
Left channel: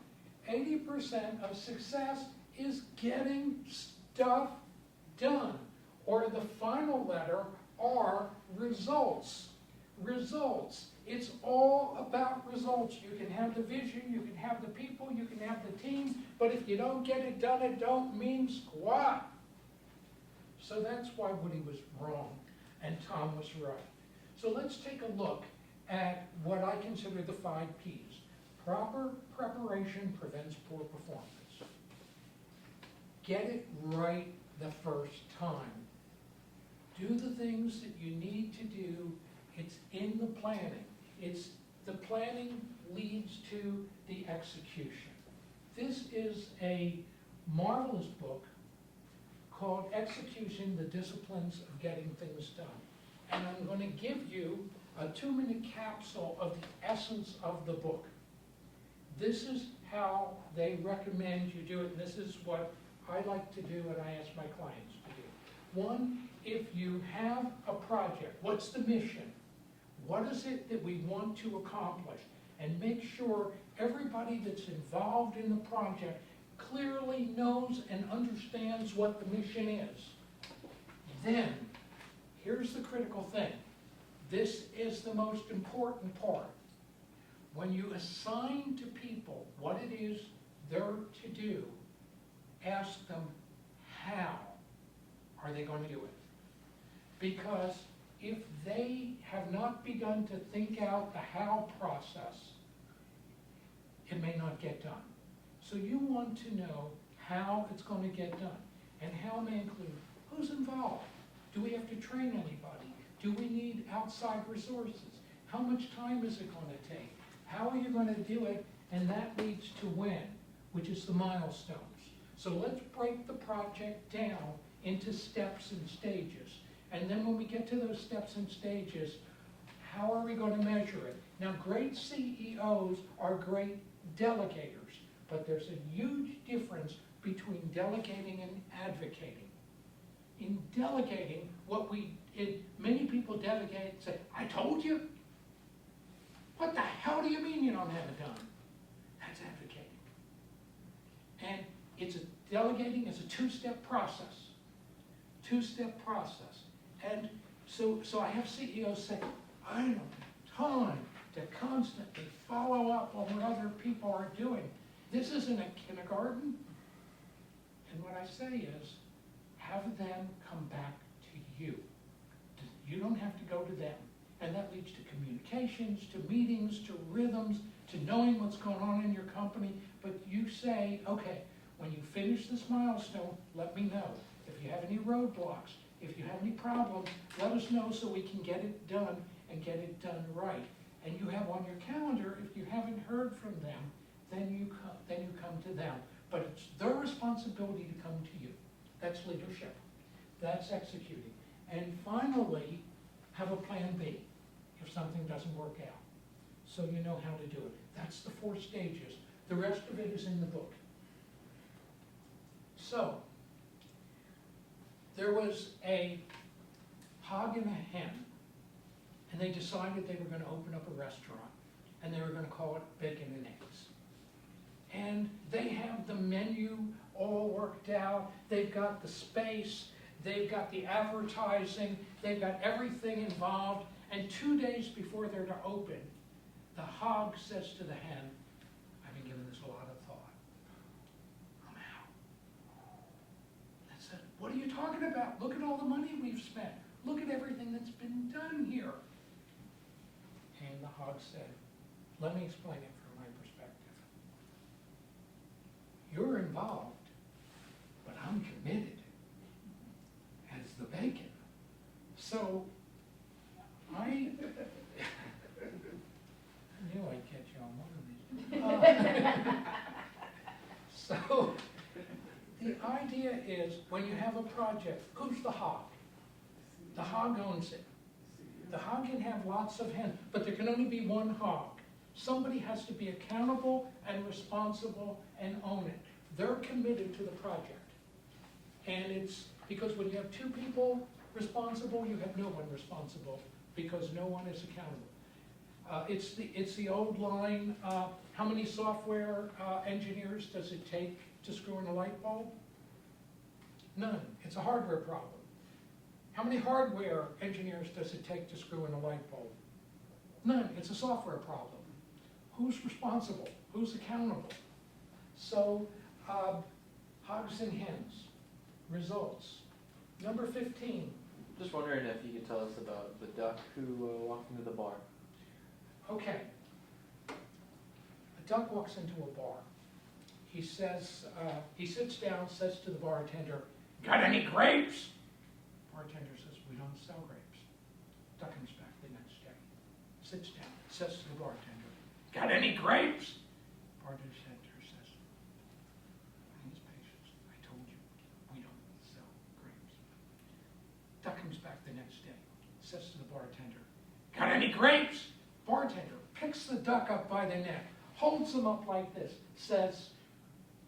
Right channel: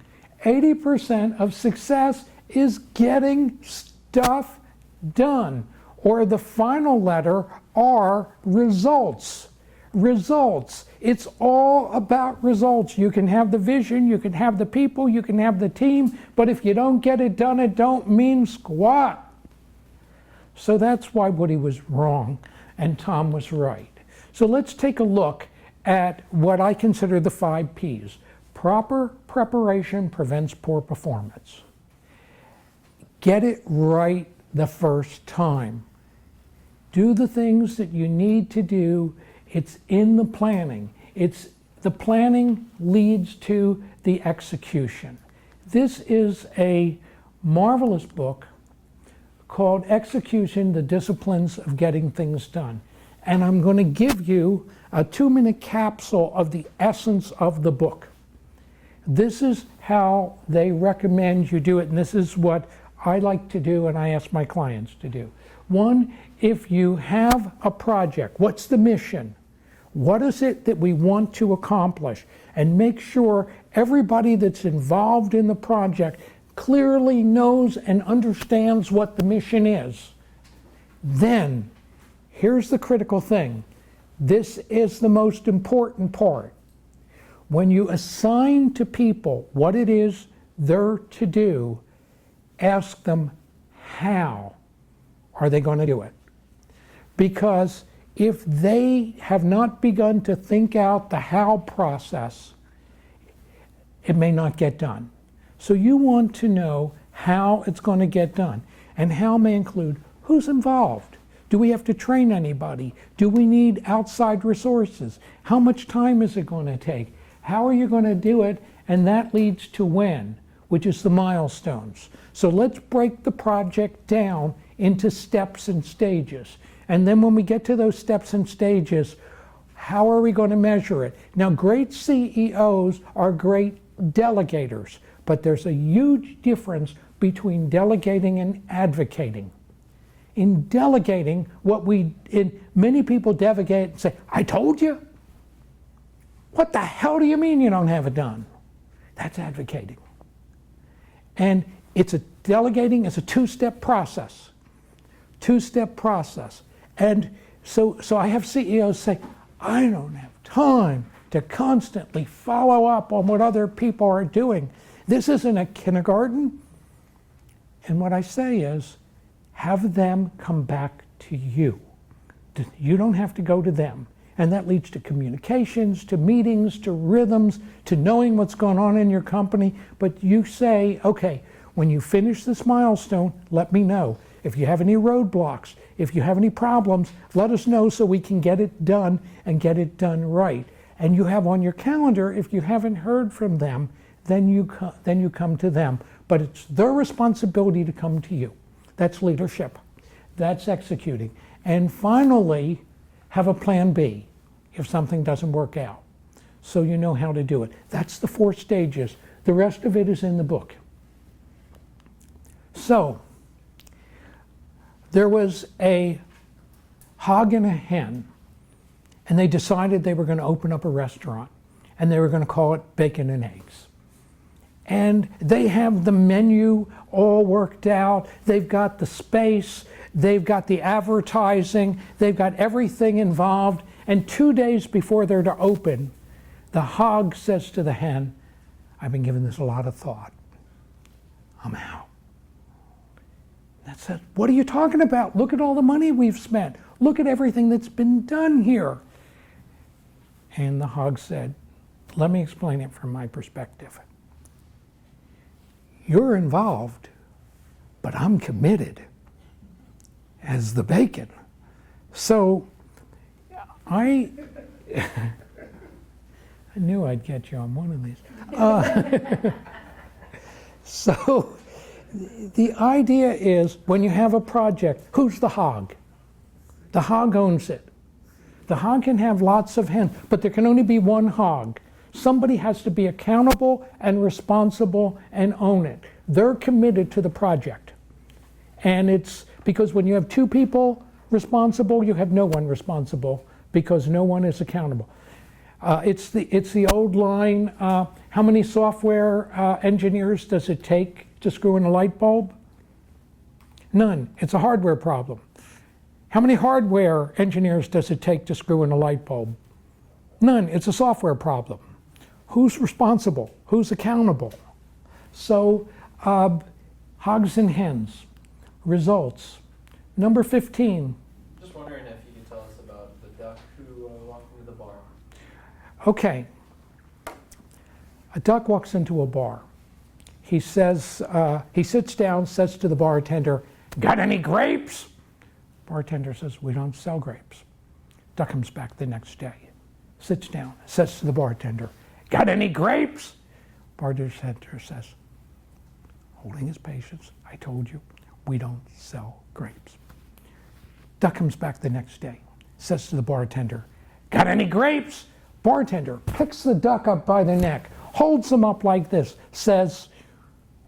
80% of success is getting stuff done. Or the final letter R, results. Results. It's all about results. You can have the vision, you can have the people, you can have the team, but if you don't get it done, it don't mean squat. So that's why Woody was wrong and Tom was right. So let's take a look at what I consider the 5 Ps. Proper preparation prevents poor performance. Get it right the first time. Do the things that you need to do. It's in the planning. The planning leads to the execution. This is a marvelous book called Execution, the Disciplines of Getting Things Done. And I'm going to give you a 2-minute capsule of the essence of the book. This is how they recommend you do it, and this is what I like to do and I ask my clients to do. 1, if you have a project, what's the mission? What is it that we want to accomplish? And make sure everybody that's involved in the project clearly knows and understands what the mission is. Then, here's the critical thing. This is the most important part. When you assign to people what it is they're to do, ask them how are they going to do it. Because if they have not begun to think out the how process, it may not get done. So you want to know how it's going to get done. And how may include who's involved. Do we have to train anybody? Do we need outside resources? How much time is it going to take? How are you going to do it? And that leads to when, which is the milestones. So let's break the project down into steps and stages. And then when we get to those steps and stages, how are we going to measure it? Now, great CEOs are great delegators, but there's a huge difference between delegating and advocating. In delegating, many people delegate and say, I told you. What the hell do you mean you don't have it done? That's advocating. And delegating is a 2-step process. 2-step process. And so I have CEOs say, I don't have time to constantly follow up on what other people are doing. This isn't a kindergarten. And what I say is, have them come back to you. You don't have to go to them. And that leads to communications, to meetings, to rhythms, to knowing what's going on in your company. But you say, okay, when you finish this milestone, let me know. If you have any roadblocks, if you have any problems, let us know so we can get it done and get it done right. And you have on your calendar, if you haven't heard from them, then you come to them. But it's their responsibility to come to you. That's leadership. That's executing. And finally, have a plan B if something doesn't work out, so you know how to do it. That's the 4 stages. The rest of it is in the book. So, there was a hog and a hen, and they decided they were going to open up a restaurant, and they were going to call it Bacon and Eggs. And they have the menu all worked out. They've got the space. They've got the advertising. They've got everything involved. And 2 days before they're to open, the hog says to the hen, I've been giving this a lot of thought. I'm out. That said, what are you talking about? Look at all the money we've spent. Look at everything that's been done here. And the hog said, let me explain it from my perspective. You're involved, but I'm committed as the bacon. So I knew I'd get you on one of these. So the idea is when you have a project, who's the hog? The hog owns it. The hog can have lots of hens, but there can only be one hog. Somebody has to be accountable and responsible and own it. They're committed to the project. And it's because when you have 2 people responsible, you have no one responsible because no one is accountable. It's the old line, how many software engineers does it take to screw in a light bulb? None. It's a hardware problem. How many hardware engineers does it take to screw in a light bulb? None. It's a software problem. Who's responsible? Who's accountable? So, hogs and hens. Results. Number 15. Just wondering if you could tell us about the duck who walked into the bar. Okay. A duck walks into a bar. He says, he sits down, says to the bartender, "Got any grapes?" Bartender says, "We don't sell grapes." Duck comes back the next day, sits down, says to the bartender, "Got any grapes?" Bartender says, holding his patience, "I told you, we don't sell grapes." Duck comes back the next day, says to the bartender, "Got any grapes?" Bartender picks the duck up by the neck, holds him up like this, says,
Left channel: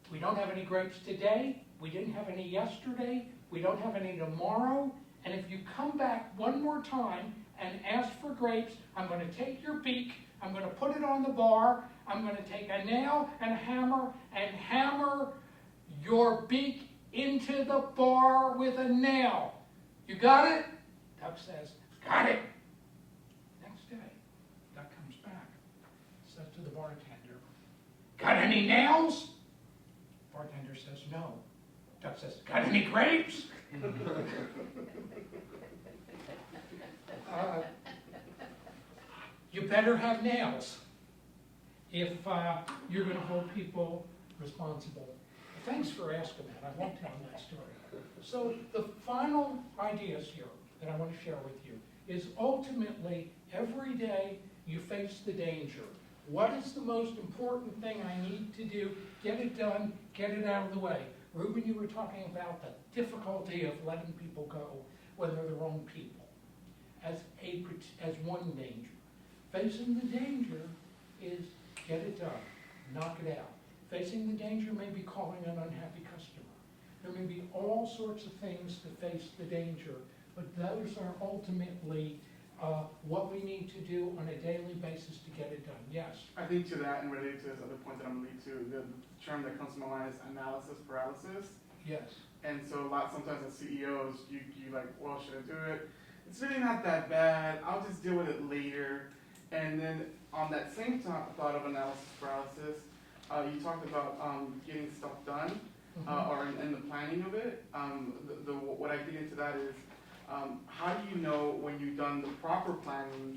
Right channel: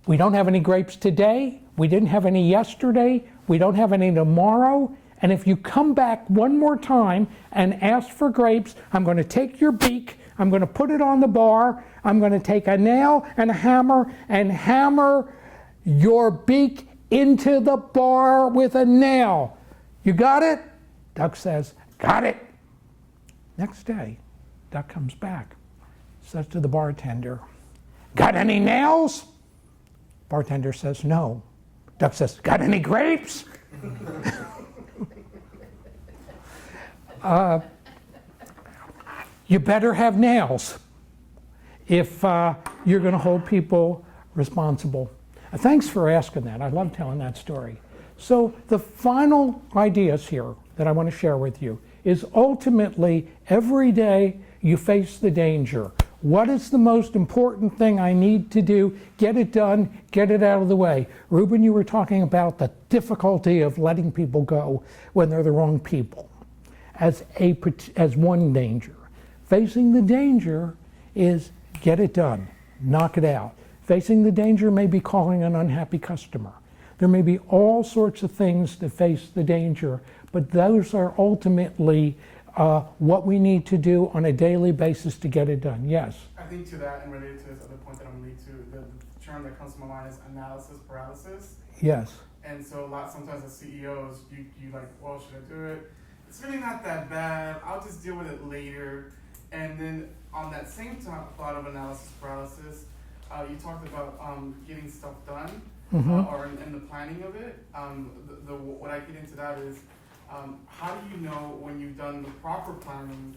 "We don't have any grapes today, we didn't have any yesterday, we don't have any tomorrow, and if you come back one more time and ask for grapes, I'm going to take your beak, I'm going to put it on the bar, I'm going to take a nail and a hammer and hammer your beak into the bar with a nail. You got it?" Duck says, "Got it." Next day, Duck comes back, says to the bartender, "Got any nails?" Bartender says, "No." Duck says, "Got any grapes?" You better have nails if you're going to hold people responsible. Thanks for asking that. I love telling that story. So the final ideas here that I want to share with you is ultimately every day you face the danger. What is the most important thing I need to do? Get it done, get it out of the way. Ruben, you were talking about the difficulty of letting people go when they're the wrong people as one danger. Facing the danger is get it done, knock it out. Facing the danger may be calling an unhappy customer. There may be all sorts of things to face the danger, but those are ultimately what we need to do on a daily basis to get it done. Yes? I think to that, and related to this other point that I'm going to lead to, the term that comes to my mind is analysis paralysis. Yes. And so sometimes as CEOs, you like, well, should I do it? It's really not that bad. I'll just deal with it later. And then on that same thought of analysis paralysis, you talked about getting stuff done, or in the planning of it. What I get into that is, how do you know when you've done the proper planning,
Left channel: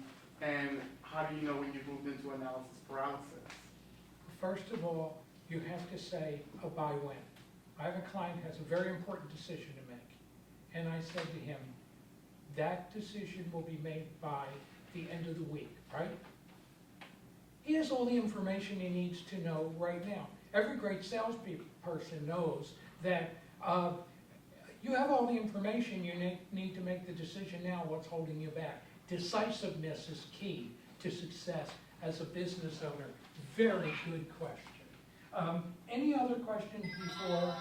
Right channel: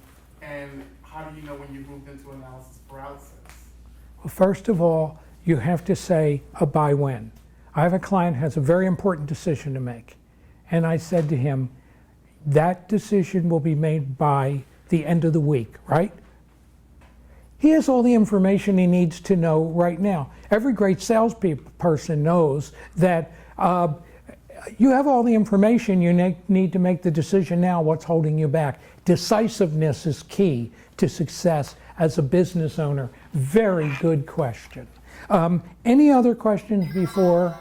and how do you know when you've moved into analysis paralysis? Well, first of all, you have to say a by when. I have a client who has a very important decision to make, and I said to him, that decision will be made by the end of the week, right? He has all the information he needs to know right now. Every great salesperson knows that you have all the information you need to make the decision now. What's holding you back? Decisiveness is key to success as a business owner. Very good question. Any other questions before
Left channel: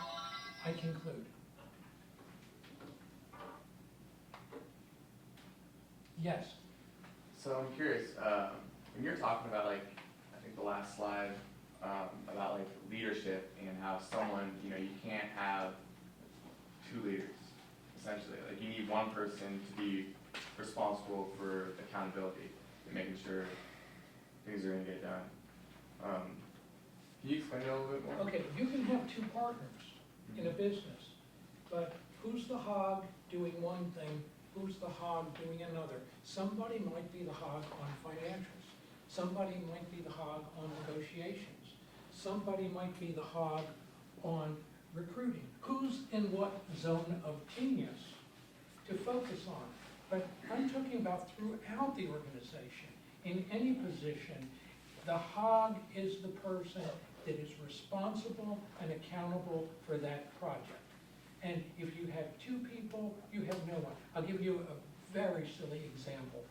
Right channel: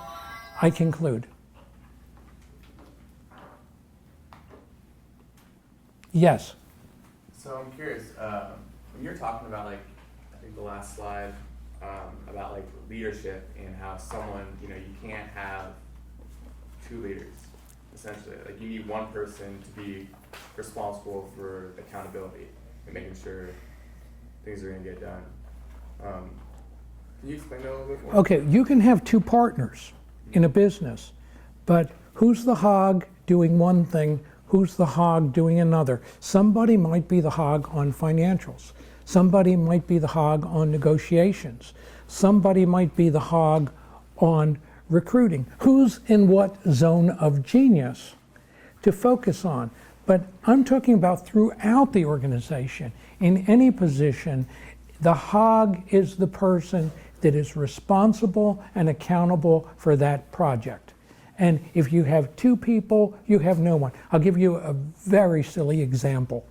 I conclude? Yes. So I'm curious, when you're talking about, like, I think the last slide, about like leadership and how someone, you can't have two leaders, essentially. Like, you need one person to be responsible for accountability and making sure things are gonna get done. Can you explain that a little bit more? Okay, you can have two partners in a business, but who's the hog doing one thing? Who's the hog doing another? Somebody might be the hog on financials. Somebody might be the hog on negotiations. Somebody might be the hog on recruiting. Who's in what zone of genius to focus on? But I'm talking about throughout the organization. In any position, the hog is the person that is responsible and accountable for that project. And if you have two people, you have no one. I'll give you a very silly example.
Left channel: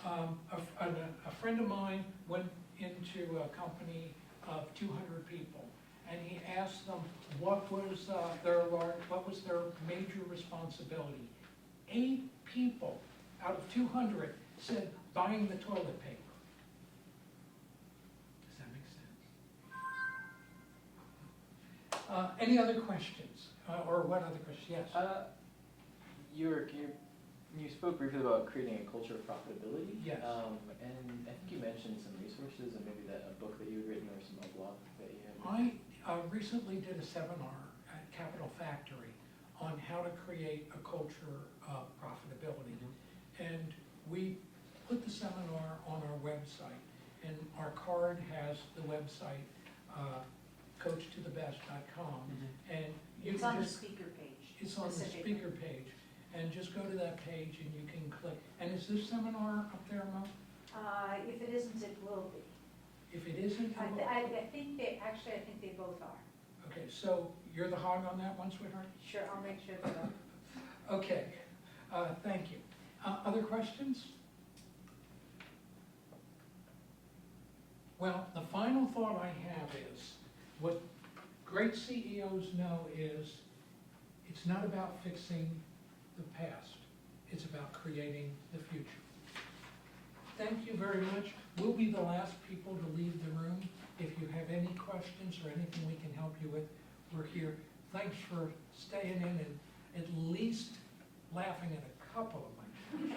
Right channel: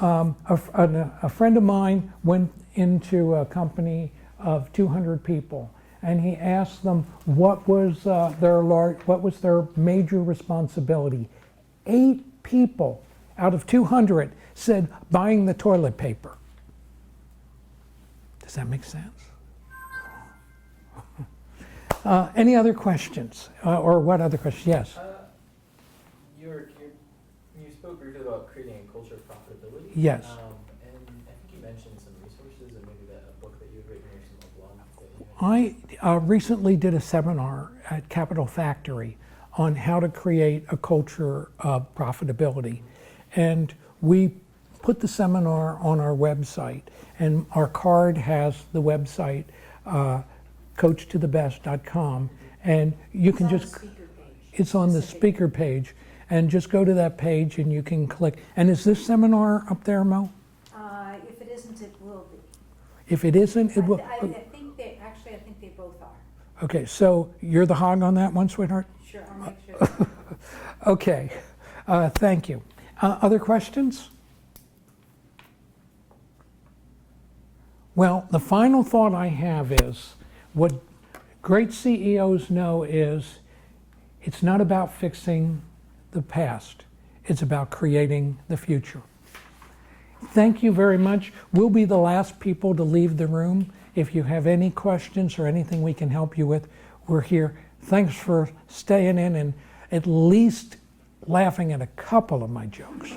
A friend of mine went into a company of 200 people, and he asked them what was their major responsibility. 8 people out of 200 said buying the toilet paper. Does that make sense? Any other questions? Or what other questions? Yes. You spoke briefly about creating a culture of profitability. Yes. And I think you mentioned some resources and maybe a book that you had written or some blog that you had. I recently did a seminar at Capital Factory on how to create a culture of profitability. And we put the seminar on our website, and our card has the website, coachtothebest.com, and you can just, it's on the speaker page, and just go to that page and you can click. And is this seminar up there, Mo? If it isn't, it will be. If it isn't, it will. I think they, actually, I think they both are. Okay, so you're the hog on that one, sweetheart? Sure, I'll make sure. Okay, thank you. Other questions? Well, the final thought I have is, what great CEOs know is, it's not about fixing the past, it's about creating the future. Thank you very much. We'll be the last people to leave the room. If you have any questions or anything we can help you with, we're here. Thanks for staying in and at least laughing at a couple of my jokes.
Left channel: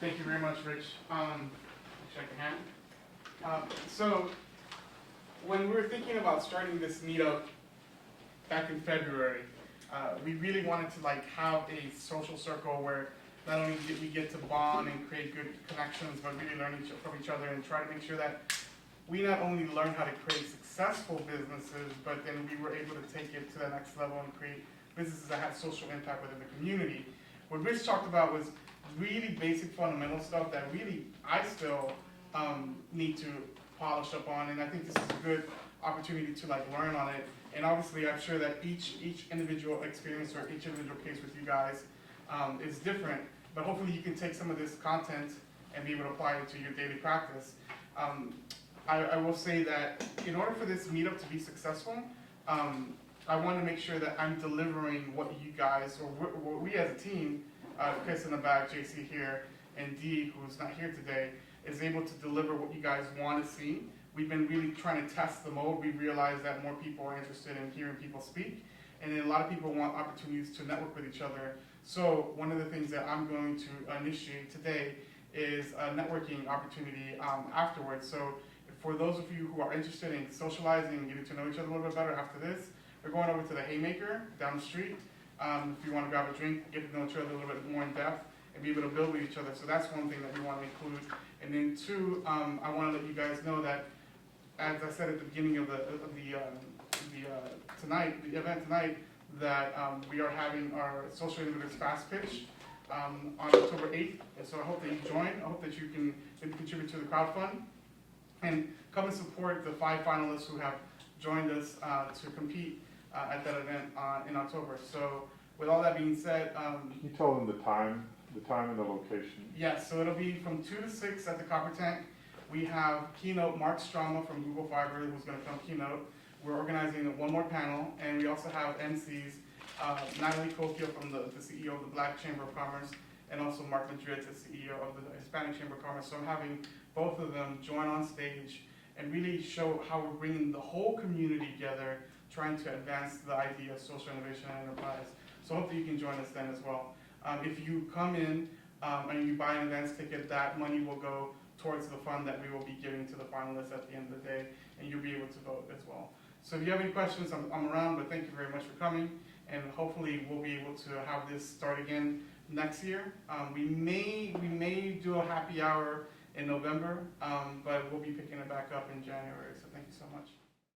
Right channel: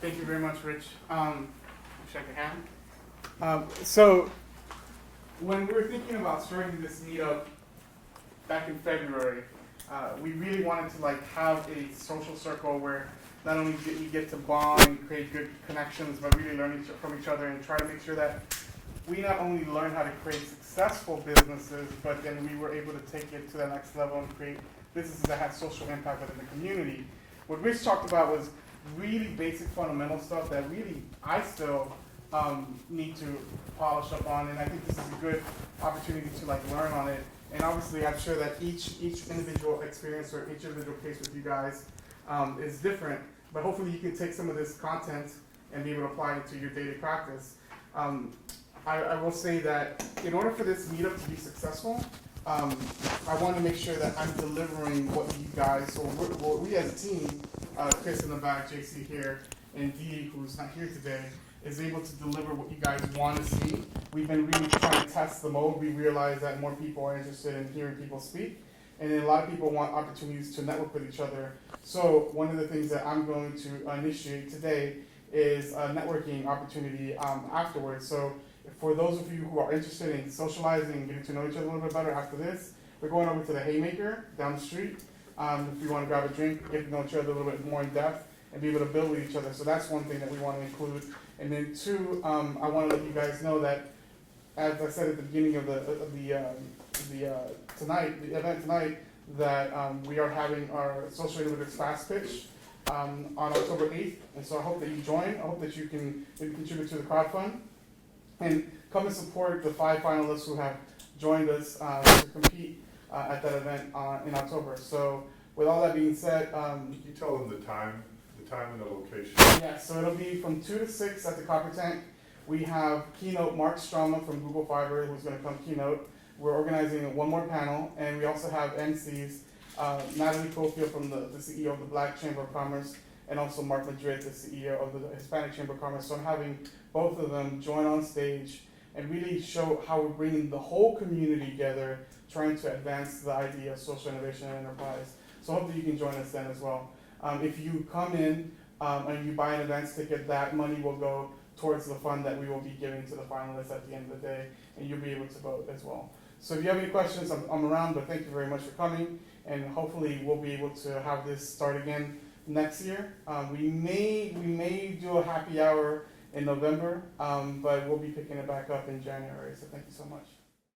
Thank you very much, Rich. Shake your hand. So, when we were thinking about starting this meetup back in February, we really wanted to have a social circle where not only we get to bond and create good connections, but really learn from each other and try to make sure that we not only learn how to create successful businesses, but then we were able to take it to the next level and create businesses that have social impact within the community. What Rich talked about was really basic fundamental stuff that really I still need to polish up on, and I think this is a good opportunity to learn on it. And obviously, I'm sure that each individual experience or each individual case with you guys is different, but hopefully you can take some of this content and be able to apply it to your daily practice. I will say that in order for this meetup to be successful, I want to make sure that I'm delivering what you guys, or what we as a team, Chris in the back, JC here, and Dee, who's not here today, is able to deliver what you guys want to see. We've been really trying to test the mode. We realize that more people are interested in hearing people speak, and then a lot of people want opportunities to network with each other. So one of the things that I'm going to initiate today is a networking opportunity afterwards. So for those of you who are interested in socializing and getting to know each other a little bit better after this, we're going over to the Haymaker down the street. If you want to grab a drink, get to know each other a little bit more in depth, and be able to build with each other. So that's one thing that we want to include. And then two, I want to let you guys know that, as I said at the beginning of the event tonight, that we are having our Social Innovators Fast Pitch on October 8th. And so I hope that you join. I hope that you can maybe contribute to the crowdfund. And come and support the 5 finalists who have joined us to compete at that event in October. So with all that being said, Can you tell them the time and the location? yeah, so it'll be from 2 to 6 at the Copper Tank. We have keynote Mark Stroma from Google Fiber, who's going to come keynote. We're organizing one more panel, and we also have MCs, Natalie Cofield from the CEO of the Black Chamber of Commerce, and also Mark Madrid, the CEO of the Hispanic Chamber of Commerce. So I'm having both of them join on stage and really show how we're bringing the whole community together, trying to advance the idea of social innovation and enterprise. So hopefully you can join us then as well. If you come in and you buy an events ticket, that money will go towards the fund that we will be giving to the finalists at the end of the day, and you'll be able to vote as well. So if you have any questions, I'm around, but thank you very much for coming, and hopefully we'll be able to have this start again next year. We may do a happy hour in November, but we'll be picking it back up in January, so thank you so much.